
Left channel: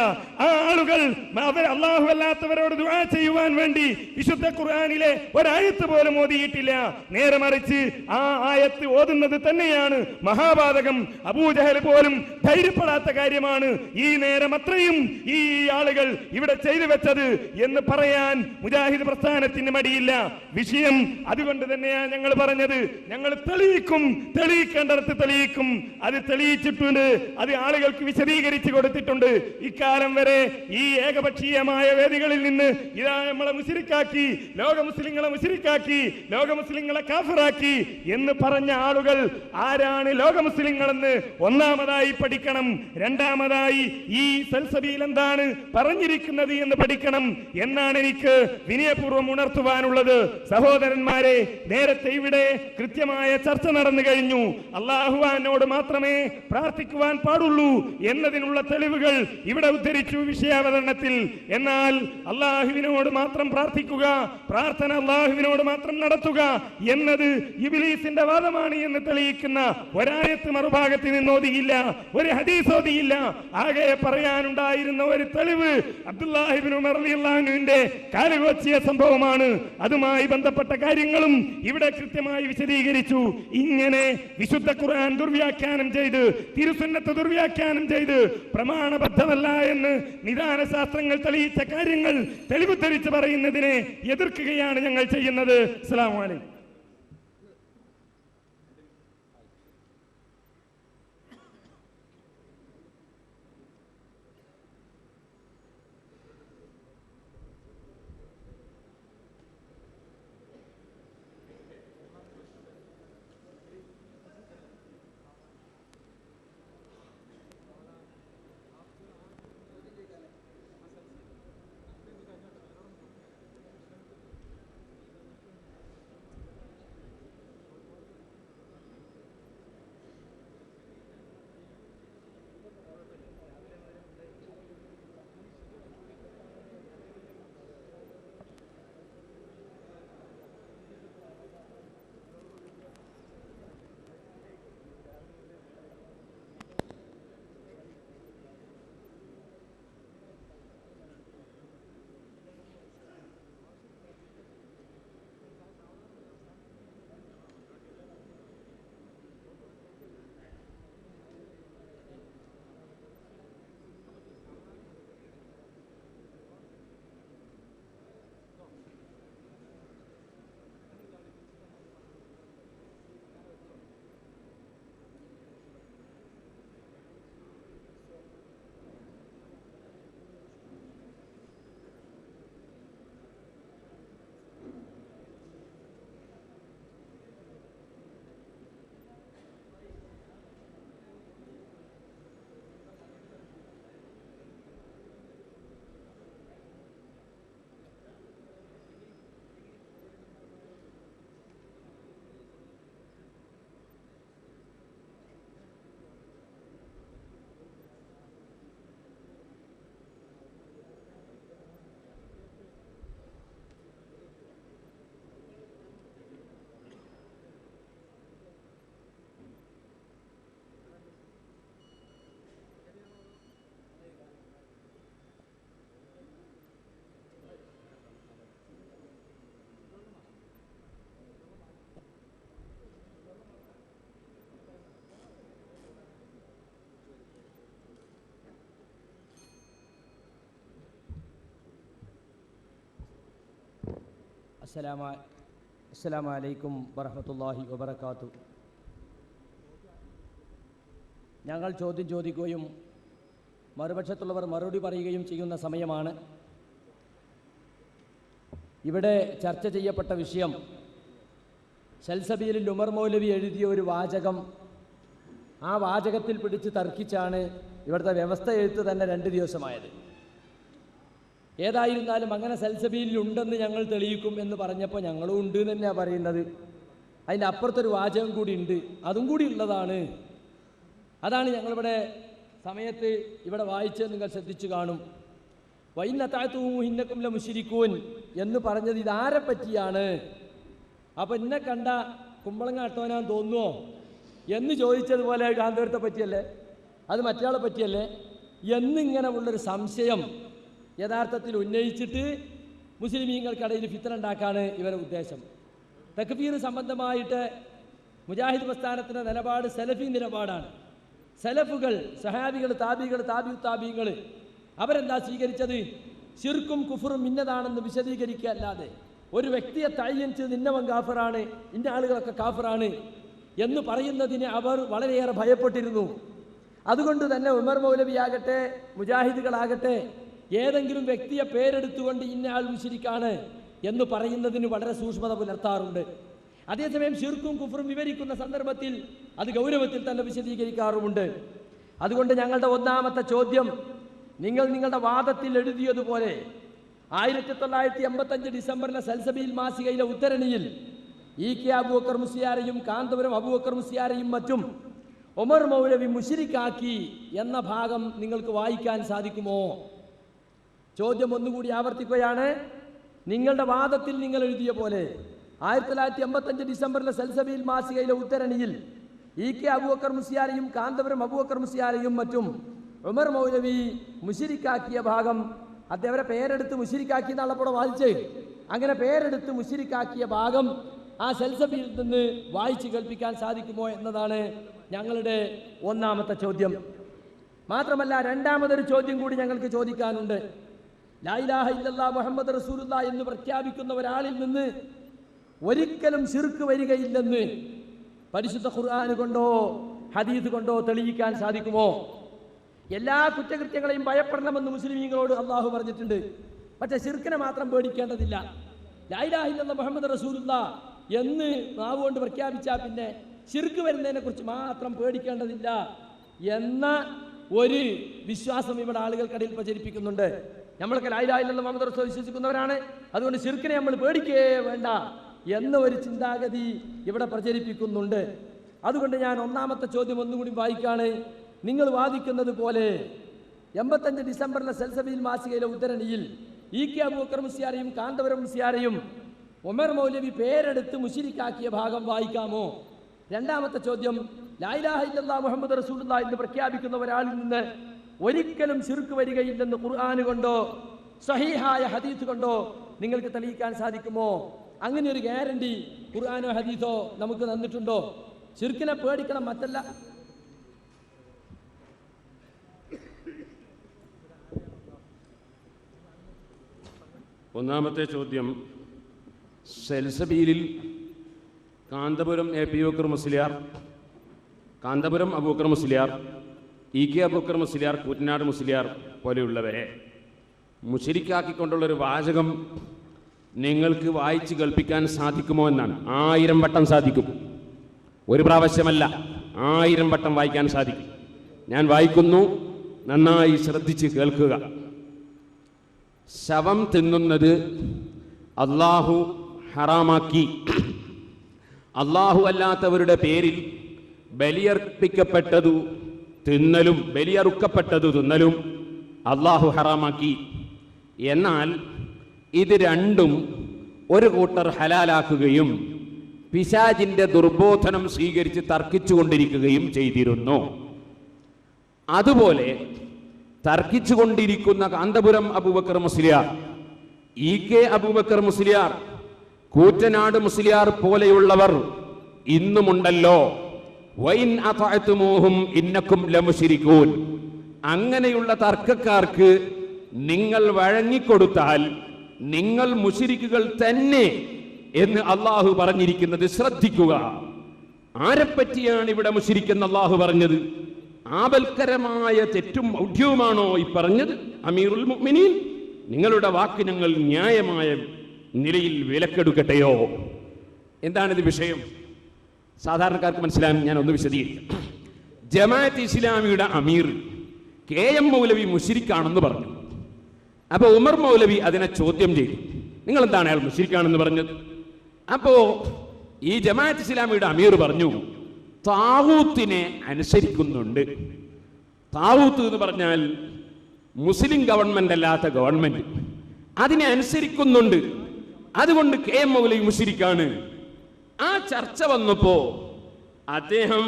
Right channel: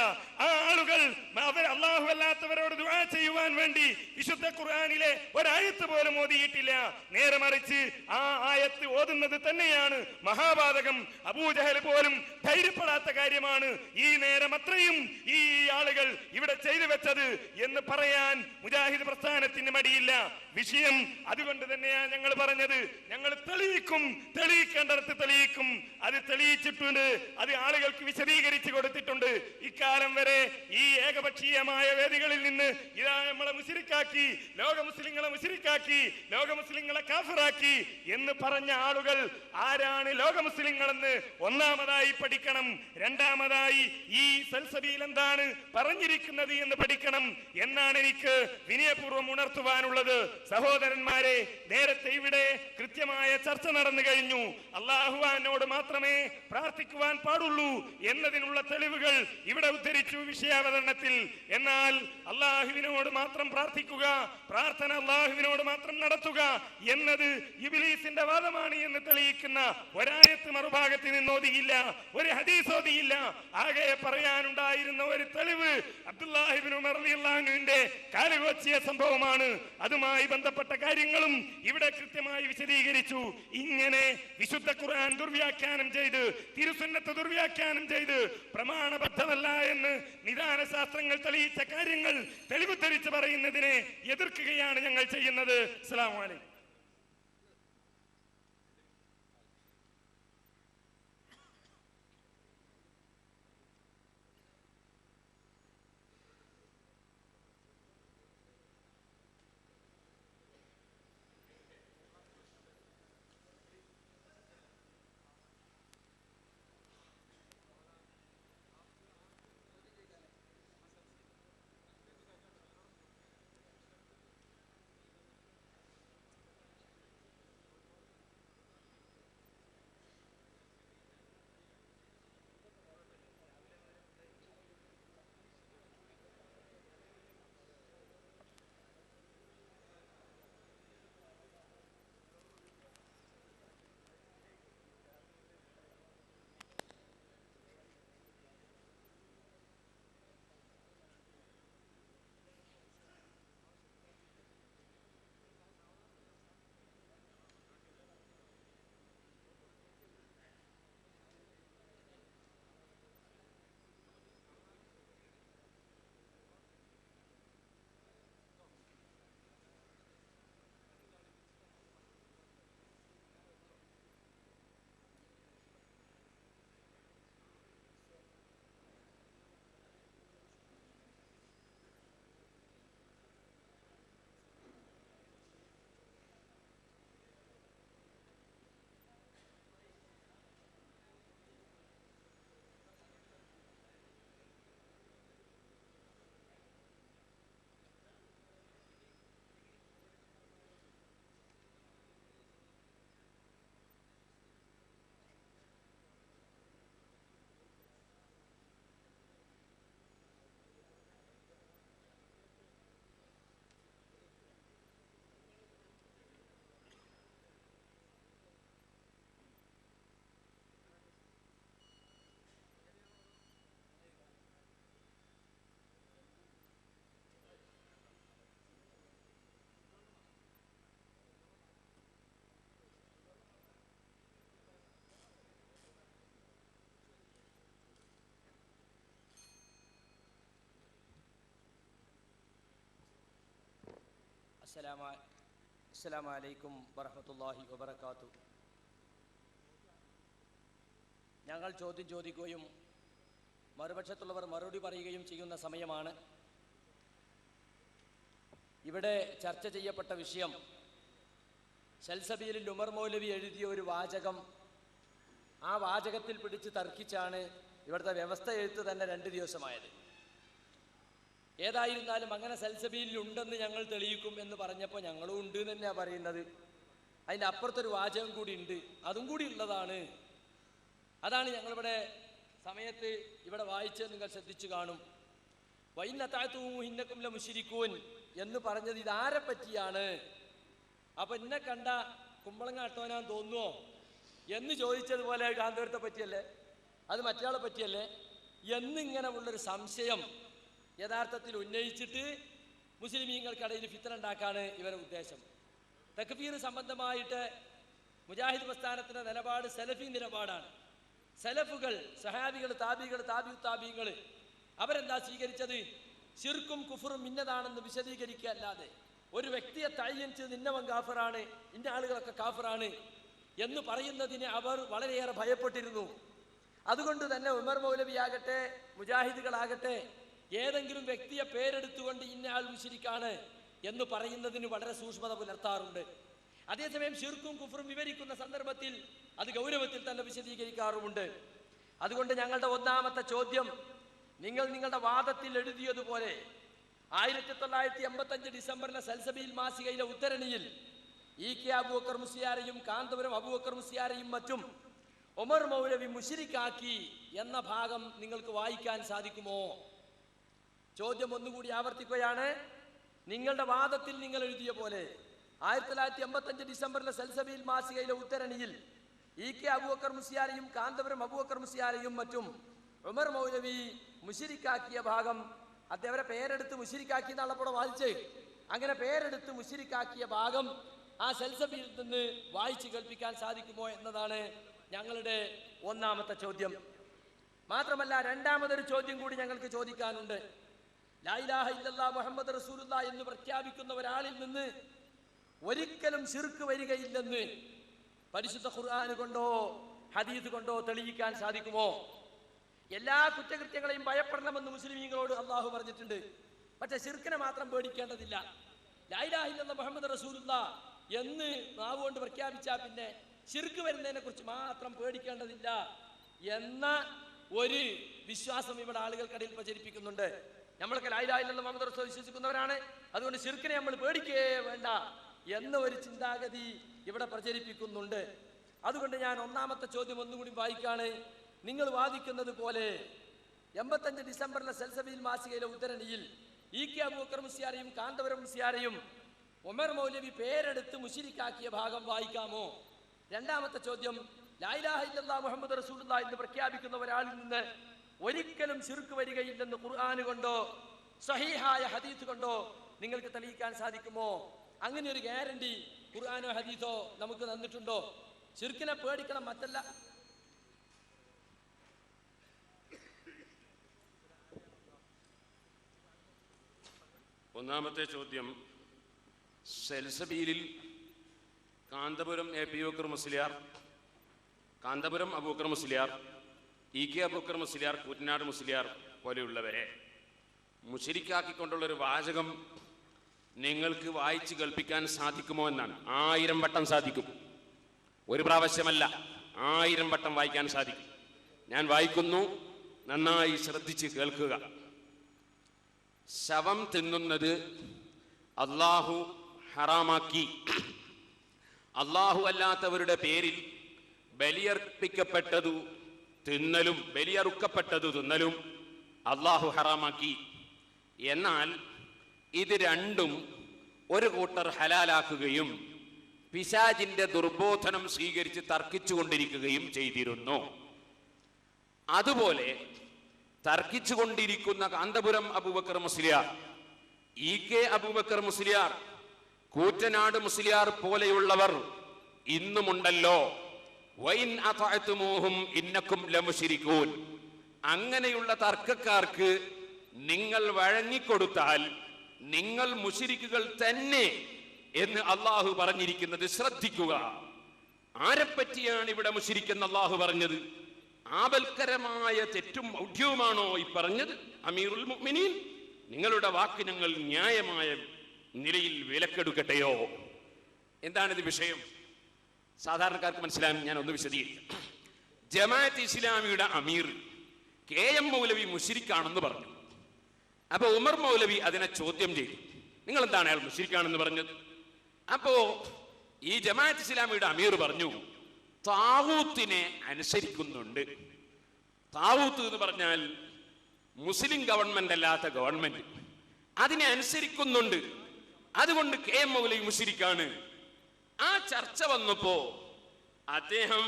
ആ ആളുകൾ അവർ അല്ലാഹു അല്ലാത്തവരോട് ദുആ ചെയ്യുവാൻ വേണ്ടി വിശുദ്ധ ഖുർആനിലെ ഒരായത്ത് പോലും ഓതിയിട്ടില്ല. നേരെ മറിച്ച് ആ ആയത്ത് ഓതുന്നത് തന്നെയാണ് മഹാപാതകം. അബൂജഹൽ പോലും ധൈര്യപ്പെടാത്ത കാര്യമാണ് ഈ നേരം അത്രയും ഈ ആളുകൾ ഇവിടെ ചെയ്തു വെച്ചത് എന്ന് പറയാൻ മുജാഹിദ് പ്രസ്ഥാനത്തിന് മടിയില്ല. വിഷയം അതുകൊണ്ട് തന്നെയാണ് ഞങ്ങൾ പറഞ്ഞത്, ഞങ്ങൾ തെളിയിക്കും, തെളിയിക്കേണ്ടടത്ത് തെളിയിക്കും. അത് തെളിയിച്ചിട്ടുണ്ട്, അത് ആളുകൾക്ക് വിശദീകരിച്ചു കൊടുത്തിട്ടുണ്ട്. ഇക്കാലം വരെ ഈ ഏകപക്ഷീയമായ വേദികളിൽ നിന്ന് ഇതാ നമ്മളെ മുശ്രിക്കാക്കി, ലോക മുസ്ലിങ്ങളെ മുശ്രിക്കാക്കി, ലോക മുസ്ലിങ്ങളെ കാഫിറാക്കി എന്ന് പറഞ്ഞ ആളുകൾ ആരാണ് ലോക മുസ്ലിങ്ങളെന്ന് ഒന്നാമതായി പഠിക്കണം. രണ്ടാമതായി ഈ സൽസബീൽ എന്താണ് പറഞ്ഞിരിക്കുന്നത് എന്ന് പഠിക്കണം എന്നാണ് എനിക്ക് വിനയപൂർവ്വം ഉണർത്തുവാനുള്ളത്. സഹോദരന്മാരെ, നേരത്തെ ഇവിടെ കൃത്യമായ ചർച്ച നടന്നു കഴിഞ്ഞു. അല്ലാഹുവിനോട് മാത്രമേ പ്രാർത്ഥിക്കുവാൻ പാടുള്ളൂ എന്നതിനുള്ള തെളിവുകൾ ഇവിടെ ഉദ്ധരിച്ചു വിഷയാവതരണത്തിൽ. എന്നാൽ അല്ലാഹുവിനോട് മാത്രം പ്രാർത്ഥിക്കുക, പ്രാർത്ഥന അല്ലാഹുവിനോട് മാത്രം നടത്തുക എന്നത് ഇബ്ലീസിന്റെ വാദമാണ് എന്ന് തെളിയിക്കുന്ന ഒരായത്ത് മറുഭാഗത്ത് നിന്ന് ഓതിയില്ല, ഒരു ഹദീസ് ഓതിയില്ല. ആകെ പറയാനുണ്ടായിരുന്ന ഒരു തെളിവ് അബ്ദുല്ലാഹി ഇബ്നു ഉമർ റളിയല്ലാഹു അൻഹുവിന്റെ കാലുകൊച്ചിയ സംഭവമാണ്. അതുമായി ബന്ധപ്പെട്ട കാര്യങ്ങളും ഇവിടെ കൃത്യമായി വിശദീകരിച്ചു. ഇങ്ങനെ വിശുദ്ധ ഖുർആൻ ദുർവ്യാഖ്യാനം ചെയ്ത്, തിരുസുന്നത്ത് ദുർവ്യാഖ്യാനം ചെയ്ത്, പ്രമാണബദ്ധമല്ല എന്ന് നിദാന ശാസ്ത്രങ്ങൾ തെളിയിച്ച കാര്യങ്ങൾ തെളിവ് ധരിച്ച് പറയുന്നതിനെ എതിർക്കുകയാണ് ഞങ്ങൾ ചെയ്യുന്നത്. അസ്സലാമു അലൈക്കും. അസ്സലാമു അലൈക്കും വറഹ്മത്തുള്ളാഹി വബറകാതുഹു. ഞങ്ങൾ ചോദ്യം ചോദിക്കുകയും മറുപക്ഷത്തുള്ളവർ മറുപടി പറയുകയും ചെയ്യുന്ന സമയമാണ്. ഇവിടെ ചർച്ച ചെയ്യപ്പെട്ട വിഷയം സൽസബീലിൽ ഉമർ മൗലവി എഴുതിയ ഒരു വാചകം, ആ വാചകത്തിൽ പിടിച്ച് തർക്കിച്ചാണ് ഇവിടുത്തെ വ്യവസ്ഥ എഴുത്ത് തന്നെ 2 ദിവസമായത്. ഏതായിരുന്നാലും അങ്ങനെ സൽസബീലിൽ ഉണ്ടെന്ന് ഞങ്ങൾ തെളിയിക്കും എന്ന് പറഞ്ഞപ്പോൾ ഞങ്ങളും ഉണ്ട് എന്ന് തന്നെയാണ് പറയുന്നത്. അതിൻ്റെ അപ്പുറത്തൊരു വാചകം കൂടി ഉണ്ട്, അതും കൂടി ഉള്ളതാണ്. അതാണ് ഞങ്ങളിവിടെ സമയത്ത് ഇവിടെ വായിച്ചത് നിങ്ങൾ ശ്രദ്ധിച്ചു കാണും. വൈന്നത്താത്തുഹിന്നക്കും ല മുശ്രിക്കൂൻ എന്ന് പറഞ്ഞത് ഇതാരെ പറ്റിയാണ്? അപ്പം എന്നെ കണ്ട കുമ്പളങ്ങ അട്ടോനാൻ തോന്നുമോ എന്ന് ചോദിച്ചതുപോലെ കാന്തപുരത്തെ പറ്റിയല്ലേ, അത് മറ്റയാളെ പറ്റിയല്ലേ എന്നിങ്ങനെ ഉള്ളൊരു സംശയം യഥാർത്ഥത്തിൽ ഉന്നയിച്ചിട്ട് മുസ്ലിമീങ്ങൾക്കിടയിൽ ഫിത്ന ഉണ്ടാക്കാണ് ഇവരുടെ ഉദ്ദേശം. തക്ഫീർ സംബന്ധമായിട്ട് മുജാഹിദ് പ്രസ്ഥാനത്തിൻ്റെ നിലപാട് സലഫി നിലപാടാണ്. സലഫുകൾ, സഹാബികൾ, താബികൾ, താബികൾ അവരെന്താ സ്വീകരിച്ചത്? ശിർക്കും കുഫറും ഇന്നതാണെന്ന് വിശദീകരിക്കുക അല്ലാതെ ഒരു വ്യക്തിയെ തയ്യൻ ചെയ്ത് ഇന്നവൻ കാഫറാണ്, ഇന്ന ആളുകളൊക്കെ കാഫറാണ് എന്ന് പറയുന്നതിന് അവർ വളരെയേറെ ഭയപ്പെട്ടിരുന്നു. അതുകൊണ്ട് തന്നെ ഉമർ മൗലവിയാകട്ടെ മുജാഹിദുകളാകട്ടെ ഏതെങ്കിലും വ്യക്തിയെ പേരെടുത്തുകൊണ്ട് ഇന്ന ആൾ മുശ്രിക്കാണ് എന്ന് പറയുന്നതിന് വളരെ സൂക്ഷ്മത പുലർത്താറുണ്ട്. അതേസമയം ശിർക്കും കുഫറും വിവരിക്കുന്ന സന്ദർഭത്തിൽ അത് ഗൗരവത്തിൽ തന്നെ വിശദീകരിക്കാറുമുണ്ട്. അതുകൊണ്ട് ഞങ്ങളുടെ ഒന്നാമത്തെ ചോദ്യം, നിങ്ങൾ നിങ്ങളുടെ വാദത്തിൽ എഴുതിയതുപോലെ 1985 ഡിസംബറിലെ സൽസബീൽ മാസികയിലെ ഉദ്ധരണിയിൽ EK അബൂബക്കർ മുസ്ലിയാരെയും കാന്തപുരം അബൂബക്കർ മുസ്ലിയാരെയും മറ്റും ഉമർ മൗലവി മുശ്രിക്കാക്കി എന്ന ഭാഗം നിങ്ങൾക്ക് വായിക്കാൻ സാധിക്കുമോ? ചോദ്യം ഒന്നുകൂടി ആവർത്തിക്കുകയാണ്. നിങ്ങളുടെ വാദത്തിൽ നിങ്ങൾ എഴുതിയ പോലെ 1985 ഡിസംബറിലെ സൽസബീൽ മാസികയിലെ ഉദ്ധരണിയിൽ EK അബൂബക്കർ മുസ്ലിയാരെയും കാന്തപുരം അബൂബക്കർ മുസ്ലിയാരെയും മറ്റും ഉമർ മൗലവി മുശ്രിക്കാക്കിയ ഭാഗം അദ്ദേഹത്തെ പേരെടുത്ത് മുശ്രിക്കാക്കി എന്നാളപ്പോൾ വായിച്ചേ. അങ്ങനെ പേരെടുത്ത് മുശ്രിക്കാക്കിയ ഭാഗം ആ സൽസബീൽ നിന്ന് വായിച്ച് കേൾപ്പിക്കാൻ സാധിക്കുമോ എന്നതാണ് ഞങ്ങളുടെ ഒന്നാമത്തെ ചോദ്യം. മാത്രമല്ല രണ്ടാമതൊരു ചോദ്യം കൂടി ഞങ്ങൾക്ക് ചോദിക്കാനുണ്ട്. ലാ ഇലാഹ ഇല്ലല്ലാഹ് മുഹമ്മദ് റസൂലുള്ളാഹ് എന്ന് പ്രഖ്യാപിക്കുന്ന ഒരാളിൽ നിന്ന് ഒരിക്കലും ശിർക്ക് വരികയില്ലെന്ന് പരിശുദ്ധ ഖുർആൻ കൊണ്ടോ ഹദീസ് കൊണ്ടോ തെളിയിക്കാൻ സാധിക്കുമോ? എല്ലാ കുറ്റകൃത്യങ്ങളെയും ഭയപ്പെടണമെന്ന് മുസ്ലിമീങ്ങളോട് അള്ളാഹു പറഞ്ഞിട്ടുണ്ട്. പക്ഷെ ശിർക്കിനെ മാത്രം പേടിക്കേണ്ടതില്ല. ലാ ഇലാഹ ഇല്ലല്ലാഹ് മുഹമ്മദ് റസൂലുള്ളാഹ് എന്ന് നാവ് കൊണ്ട് പ്രഖ്യാപിച്ചാൽ പിന്നെ ശിർക്ക് വരുന്നതിനെ കുറിച്ച് മാത്രം പേടിക്കേണ്ടതില്ല എന്ന ഒരു വിശ്വാസം ഇവിടെ ആളുകൾക്കിടയിൽ പ്രചരിപ്പിക്കുന്നുണ്ട്. നമ്മളൊക്കെ ലാ ഇലാഹ ഇല്ലല്ലാഹ് മുഹമ്മദ് റസൂൽ വിശ്വസിക്കുന്നവരാണ്, അതുകൊണ്ട് ശിർക്കിനെ നമ്മൾ പേടിക്കേ വേണ്ട എന്ന ഒരു ചിന്താഗതി ഇവിടെ പ്രചരിപ്പിക്കുന്നുണ്ട്. അതുകൊണ്ട് ഞാൻ ഒന്നാമത്തെ ചോദ്യം ഒന്നുകൂടി വായിക്കാണ്. നിങ്ങൾ വാദിക്കുന്നത് പോലെ 85 ഡിസംബറിലെ സൽസബീൽ മാസികയിലെ ഉദ്ധരണിയിൽ EK അബൂബക്കർ മുസ്ലിയാരെയും കാന്തപുരം മുസ്ലിയാരെയും ഉമർ മൗലവി പേരെടുത്ത് മുശ്രിക്കാക്കിയ ഭാഗം വായിക്കാമോ? രണ്ടാമത്തെ ചോദ്യം, ലാ ഇലാഹ ഇല്ലല്ലാഹ് മുഹമ്മദ് റസൂലുള്ളാഹി എന്ന് പ്രഖ്യാപിക്കുന്ന ഒരാളിൽ നിന്ന് ഒരിക്കലും ശിർക്ക് വരികയില്ലെന്ന് ഖുർആൻ കൊണ്ടോ സഹീഹായ ഹദീസ് കൊണ്ടോ നിങ്ങൾക്ക് തെളിയിക്കാൻ സാധിക്കുമോ? അങ്ങനെ ഒരു ഗ്യാരണ്ടി ഖുർആനോ ഹദീസോ നമുക്ക് തന്നിട്ടുണ്ടോ? ശിർക്കിനെ പേടിക്കണം, മറ്റല്ല. ഒന്നാമത്തെ ചോദ്യം, സൽസബീലിൽ കാന്തപുരം അബൂബക്കർ മുസ്ലിയാർ, കാന്തപുരം അബൂബക്കർ മുസ്ലിയാർ, EK അബൂബക്കർ മുസ്ലിയാർ, കൂറ്റനാട് മുസ്ലിയാർ പോലെയുള്ളവരെ മുശ്രിക്കാക്കിക്കൊണ്ടുള്ളൊരു വാചകം നിങ്ങൾക്ക് വായിച്ച് കേൾപ്പിക്കാൻ സാധിക്കുമോ എന്നാണ്. 1000 വട്ടം സാധിക്കും, ഒരു പ്രാവശ്യമല്ല, 1000 വട്ടം വായിക്കാൻ സാധിക്കും. ഞാൻ വായിക്കുന്നു, നന്നായി ശ്രദ്ധിച്ച് കേൾക്കുക. ശവം തിന്നുന്നത് അള്ളാഹു ഹറാമാക്കി. അള്ളാഹു അല്ലാത്തവരുടെ പേരിൽ ബലിയർപ്പിക്കപ്പെട്ടതു തിന്നലും ബലിയറുക്കപ്പെട്ടതു തിന്നലും അള്ളാഹു ഹറാമാക്കി. എന്നാൽ ഇത് രണ്ടും ഒരു കൂട്ടർ ഹലാലാക്കുകയും പിശാചിന്റെ ദുർബോധനം സ്വീകരിച്ച് തർക്കിച്ചുകൊണ്ടിരിക്കുകയും ചെയ്തിരുന്നു. അതുപോലെ തർക്കിച്ചുകൊണ്ടിരിക്കുന്ന കാന്തപുരം അബൂബക്കർ മുസ്ലിയാർ, EK അബൂബക്കർ മുസ്ലിയാർ, കൂറ്റനാട് മുസ്ലിയാർ പോലെയുള്ളവർ ഇന്നുമുണ്ടല്ലോ. വൈൻ അതഅ്തുമൂഹും ഇന്നക്കും ലമുശ്രികൂൻ. അങ്ങനെയുള്ള തർക്കക്കാർക്ക് നിങ്ങൾ വഴങ്ങിക്കൊടുത്താൽ നിങ്ങൾ മുശ്രിക്കുകൾ തന്നെ എന്ന് അള്ളാഹു പറഞ്ഞിരിക്കുന്നത് ശ്രദ്ധിക്കുക. ആരെപ്പറ്റിയാണ് ഇവിടെ മുശ്രിക്കെന്ന് അള്ളാഹു പറഞ്ഞത്? ആപൽക്കരമായ തെറ്റും ഔഢ്യവുമാണോ ഈ പറഞ്ഞത്? അമീറുൽ മുഅ്മിനീൻ, നിങ്ങളുടെ വാക്ക് ഞങ്ങൾ ന്യായമായ നിലയിൽ വിലക്കെടുക്കട്ടെയോ? എന്താണിത് വിഷയം? സാധാരണക്കാർക്ക് മനസ്സിലാകാൻ ഞാൻ ഒന്ന് വിശദീകരിക്കാം. ജമാഅത്ത് ഇസ്ലാമിയുടെ അമീർ KM മൗലവി മുശ്രിക്കാണെന്ന് പറഞ്ഞു. അപ്പൊ ഉമർ മൗലവി അതിനെ ചോദ്യം ചെയ്തു. നിങ്ങൾ എന്താണ് അയാൾ മുശ്രിക്കാണെന്ന് പറഞ്ഞത്? അപ്പോ ഈ ജമാഅത്ത് ഇസ്ലാമിയുടെ അമീർ പറഞ്ഞു, താവൂത്തിനെ അനുസരിക്കുന്നുണ്ട്. താവൂത്ത് എന്ന് പറഞ്ഞാൽ മുസ്ലിം ഗവൺമെന്റ് അല്ലാത്ത ഗവൺമെന്റ്, അതിനെ അനുസരിക്കുന്നുണ്ട്. അതുകൊണ്ട് KM മൗലവി മുശ്രിക്കാണ്. ആ ചർച്ച വന്നപ്പോ അദ്ദേഹം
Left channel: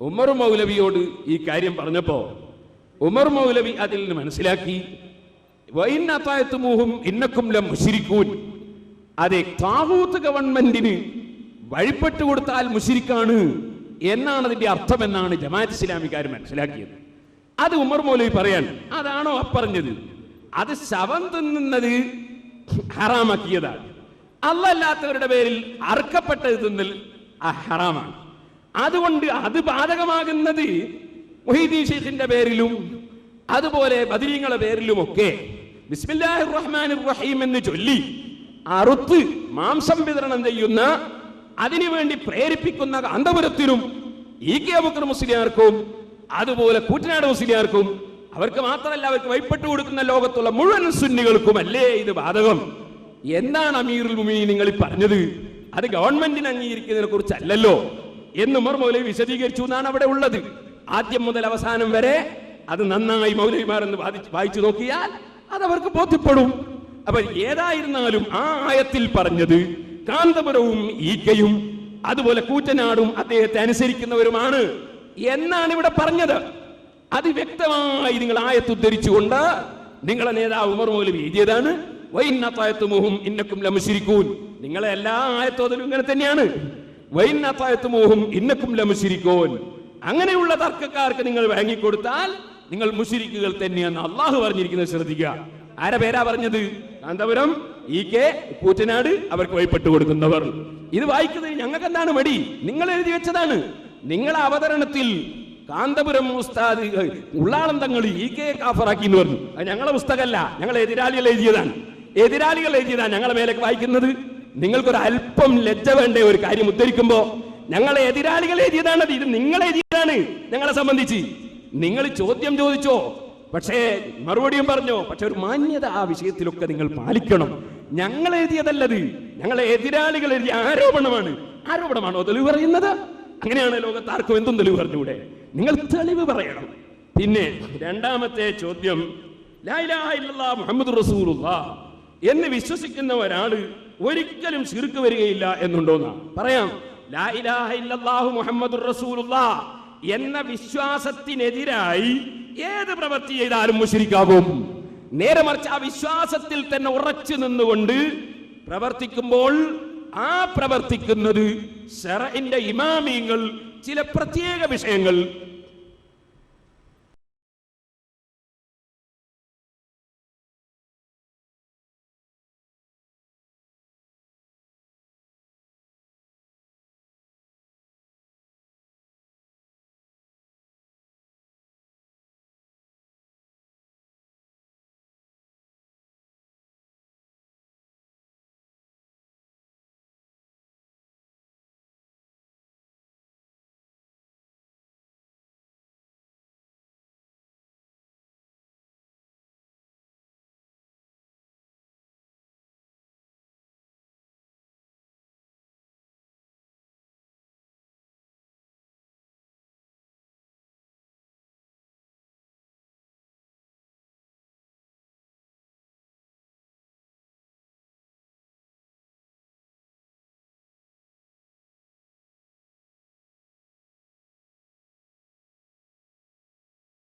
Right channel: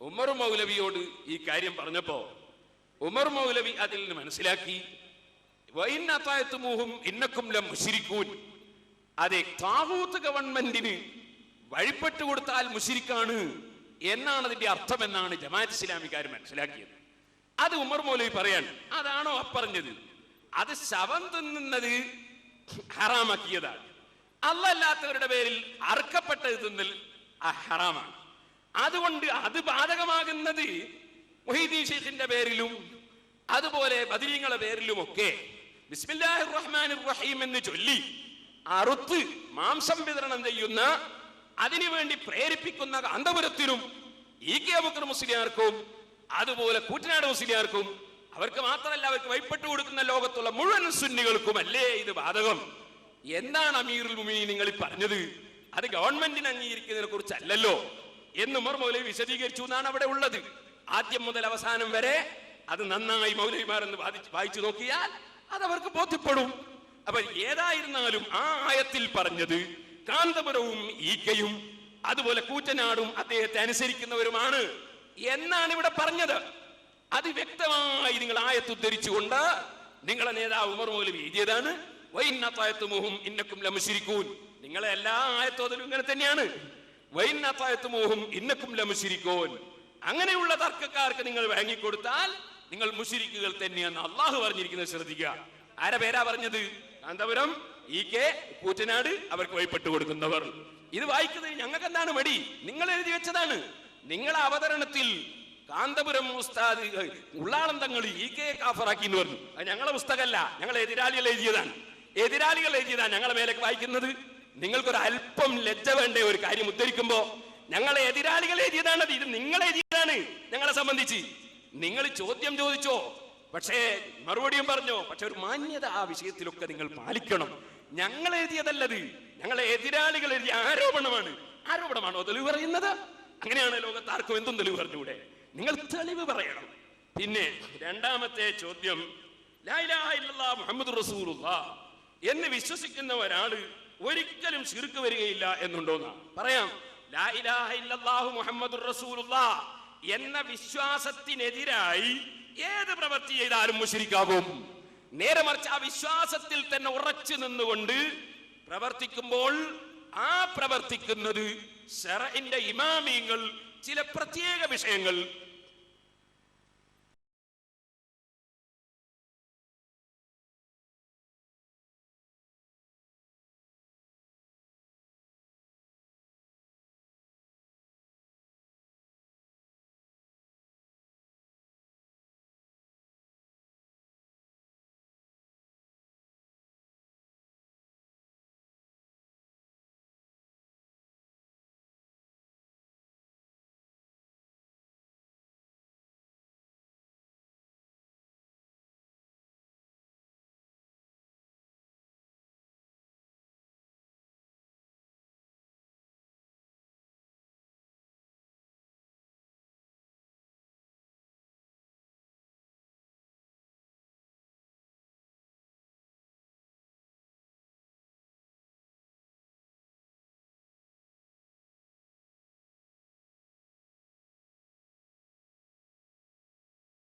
ഉമർ മൗലവിയോട് ഈ കാര്യം പറഞ്ഞപ്പോ ഉമർ മൗലവി അതിൽ നിന്ന് മനസ്സിലാക്കി, വൈന്നതായത്തുമൂഹും ഇന്നക്കും ലമുശ്രികൂൻ, അതെ, താവൂത്ത് ഗവൺമെന്റിന് വഴിപ്പെട്ടു കൊടുത്താൽ മുശ്രിക്കാണ് എന്നാണ് അതിന്റെ അർത്ഥം എന്നാണ് ജമാഅത്ത് ഇസ്ലാമിക്കാർ മനസ്സിലാക്കിയത്. അത് ഉമർ മൗലവി പറയാൻ, അതാണോ പറഞ്ഞത്? അത് ശവം തിന്നുന്നത് ഹറാമാക്കിയതാണ്. അല്ലാത്തവരുടെ പേരിൽ അറുക്കപ്പെട്ടത് തിന്നൽ ഹറാമാണ്. അതുകൊണ്ട് അത് ബാധകമാകുന്നത് മുഹീദ്ദീൻ ശൈഖിന്റെ പേരിലും അതുപോലെ ബദരീങ്ങളുടെ പേരിലുമൊക്കെ ബിസ്മില്ലാഹിർ റഹ്മാനിർ റഹീം എന്ന് ചൊല്ലി അറുത്ത് മാംസം വിതരണം ചെയ്യുന്ന, അതിനുവേണ്ടി പ്രേരിപ്പിക്കുന്ന കാന്തപുരത്തിനും EK അബൂബക്കർ മുസ്ലിയാർക്കും അതുപോലെ കൂറ്റനാട് മുസ്ലിയാർക്കും, അവർക്ക് മാത്രമല്ല അവർക്ക് വഴിപ്പെട്ടു കൊടുക്കുന്ന ലോകത്തുള്ള മുഴുവൻ സുന്നികൾക്കും അല്ലേ ഇത് ബാധകം? എന്താണ് അമീറുൽ മുഅ്മിനീൻ നിങ്ങൾ പറഞ്ഞത്? അത് ഗവൺമെന്റിന് അംഗീകരിക്കുന്നതിനെ കുറിച്ചല്ലല്ലോ എന്ന് ഉമർ മൗലവി വിശദീകരിച്ചു എന്നാണ് അവിടെ ഉള്ളത്. ആദ്യം മുതൽ അവസാനം വരെ അത് നന്നായി മൗലവിമാരെന്ന് വായിച്ചു നോക്കിയാൽ അതവർക്ക് ബോധ്യപ്പെടും. അപ്പൊ ഏതായിരുന്നാലും ആ ആയത്തിൽ പറഞ്ഞത് കാന്തപുരവും EKയും അതുപോലെ കൂറ്റനാടും അദ്ദേഹത്തെ അനുസരിക്കുന്നവരുമാണ് എന്നാണ് ഇവിടെ പറഞ്ഞത്. അത് വ്യക്തമായി നിങ്ങൾ ആയത്ത് ഉദ്ധരിച്ചുകൊണ്ട് നിങ്ങളെ നേതാവ് ഉമർ മൗലവി എഴുതിയതാണ്. വൈന്നതായത്തുമൂഹും ഇന്നക്കും ലമുശ്രികൂൻ. നിങ്ങളെ എല്ലാ ആയത്തോതിലും ഇങ്ങനെ തന്നെയാണ്. വൈന്നതായത്തുമൂഹും ഇന്നക്കും ലമുശ്രികൂൻ. അങ്ങനെയുള്ള തർക്കക്കാർക്ക് നിങ്ങൾ വാങ്ങിക്കൊടുത്താൽ നിങ്ങൾ മുശ്രിക്കുകൾ തന്നെയെന്ന് അള്ളാഹു പറഞ്ഞിരിക്കുന്നത് ശ്രദ്ധിക്കുക. ആരെ പേരാ പറഞ്ഞത്? കാന്തപുരം, EK, കൂറ്റനാട്, അവർക്ക് വഴിപ്പെട്ടു കൊടുക്കുന്നവർ. ഇത് വായിക്കുന്നത് ഞങ്ങൾക്ക് എന്താണ് മടി? നിങ്ങൾ എഴുതി വെച്ചതാണ്. നിങ്ങളെ അവതരണത്തിൽ കാന്തപുരം ഉസ്താദ് ഉള്ളാളം തങ്ങൾ EK കാഫറാക്കി എന്ന് പറഞ്ഞു. അത് ഞങ്ങളെ പുസ്തകമല്ല, ഞങ്ങളെ എതിരാളികൾ എഴുതിയതാണ്. എതിരാളികൾ എഴുതിയതാണ് ഞങ്ങളെ മേലേക്ക് വായിക്കുന്നത്. നിങ്ങൾക്കൊരു അല്പം ലജ്ജ വേണ്ടേ ഒരു കാര്യം ഉദ്ധരിക്കുമ്പോ? ഞങ്ങളെ എതിരാളികൾ എഴുതിയതാണ്, ഇത് നിങ്ങൾ എഴുതിയതാണ്. ഞങ്ങളെ സംബന്ധിച്ച് നിങ്ങൾ ചോദ്യം ചോദിച്ചോ, പക്ഷേ മറുപടിയും പറഞ്ഞോ, പക്ഷെ ഒരു മാന്യത ആ വിഷയത്തിലൊക്കെ നിങ്ങൾ പാലിക്കണം. ഞങ്ങൾ എഴുതിയതല്ലത്, ഞങ്ങളെ എതിരാളികൾ എഴുതിയ ആരോപണമാണ്. ആരോപണമാണോ തെളിവ് പറയുന്നത്? അങ്ങനെയാണ് ലോകത്താർക്കും എന്തും തെളിവ് പറഞ്ഞൂടെ? നിങ്ങൾ തെളിവ് പറയണം. പിന്നെ രണ്ടാമത്തെ ചോദ്യം, ലാ ഇലാഹ ഇല്ലല്ലാഹ് മുഹമ്മദുർ റസൂലുള്ളാഹ് എന്ന് വിശ്വസിക്കുന്ന ഒരാള് ഒരിക്കലും ശിർക്ക് വരികയില്ല എന്നുണ്ടോന്നാ? പറയാം. ലാ ഇലാഹ ഇല്ലല്ലാഹു മുഹമ്മദുർ റസൂലുള്ളാഹ് എന്ന വിശ്വാസത്തിനെതിരായി ഏത് പ്രവൃത്തി ചെയ്താലും മുശ്രിക്കാകും. നേരെ മറിച്ച് ആ വിശ്വാസത്തിൽ തന്നെ ഉറച്ചു നിന്നുകൊണ്ട് പ്രവർത്തിക്കുമ്പോൾ ആ പ്രവർത്തിക്കുന്നത് ശറഇന്റെ ഇമാമിയങ്ങൾ ചില പ്രത്യേക വിഷയങ്ങൾ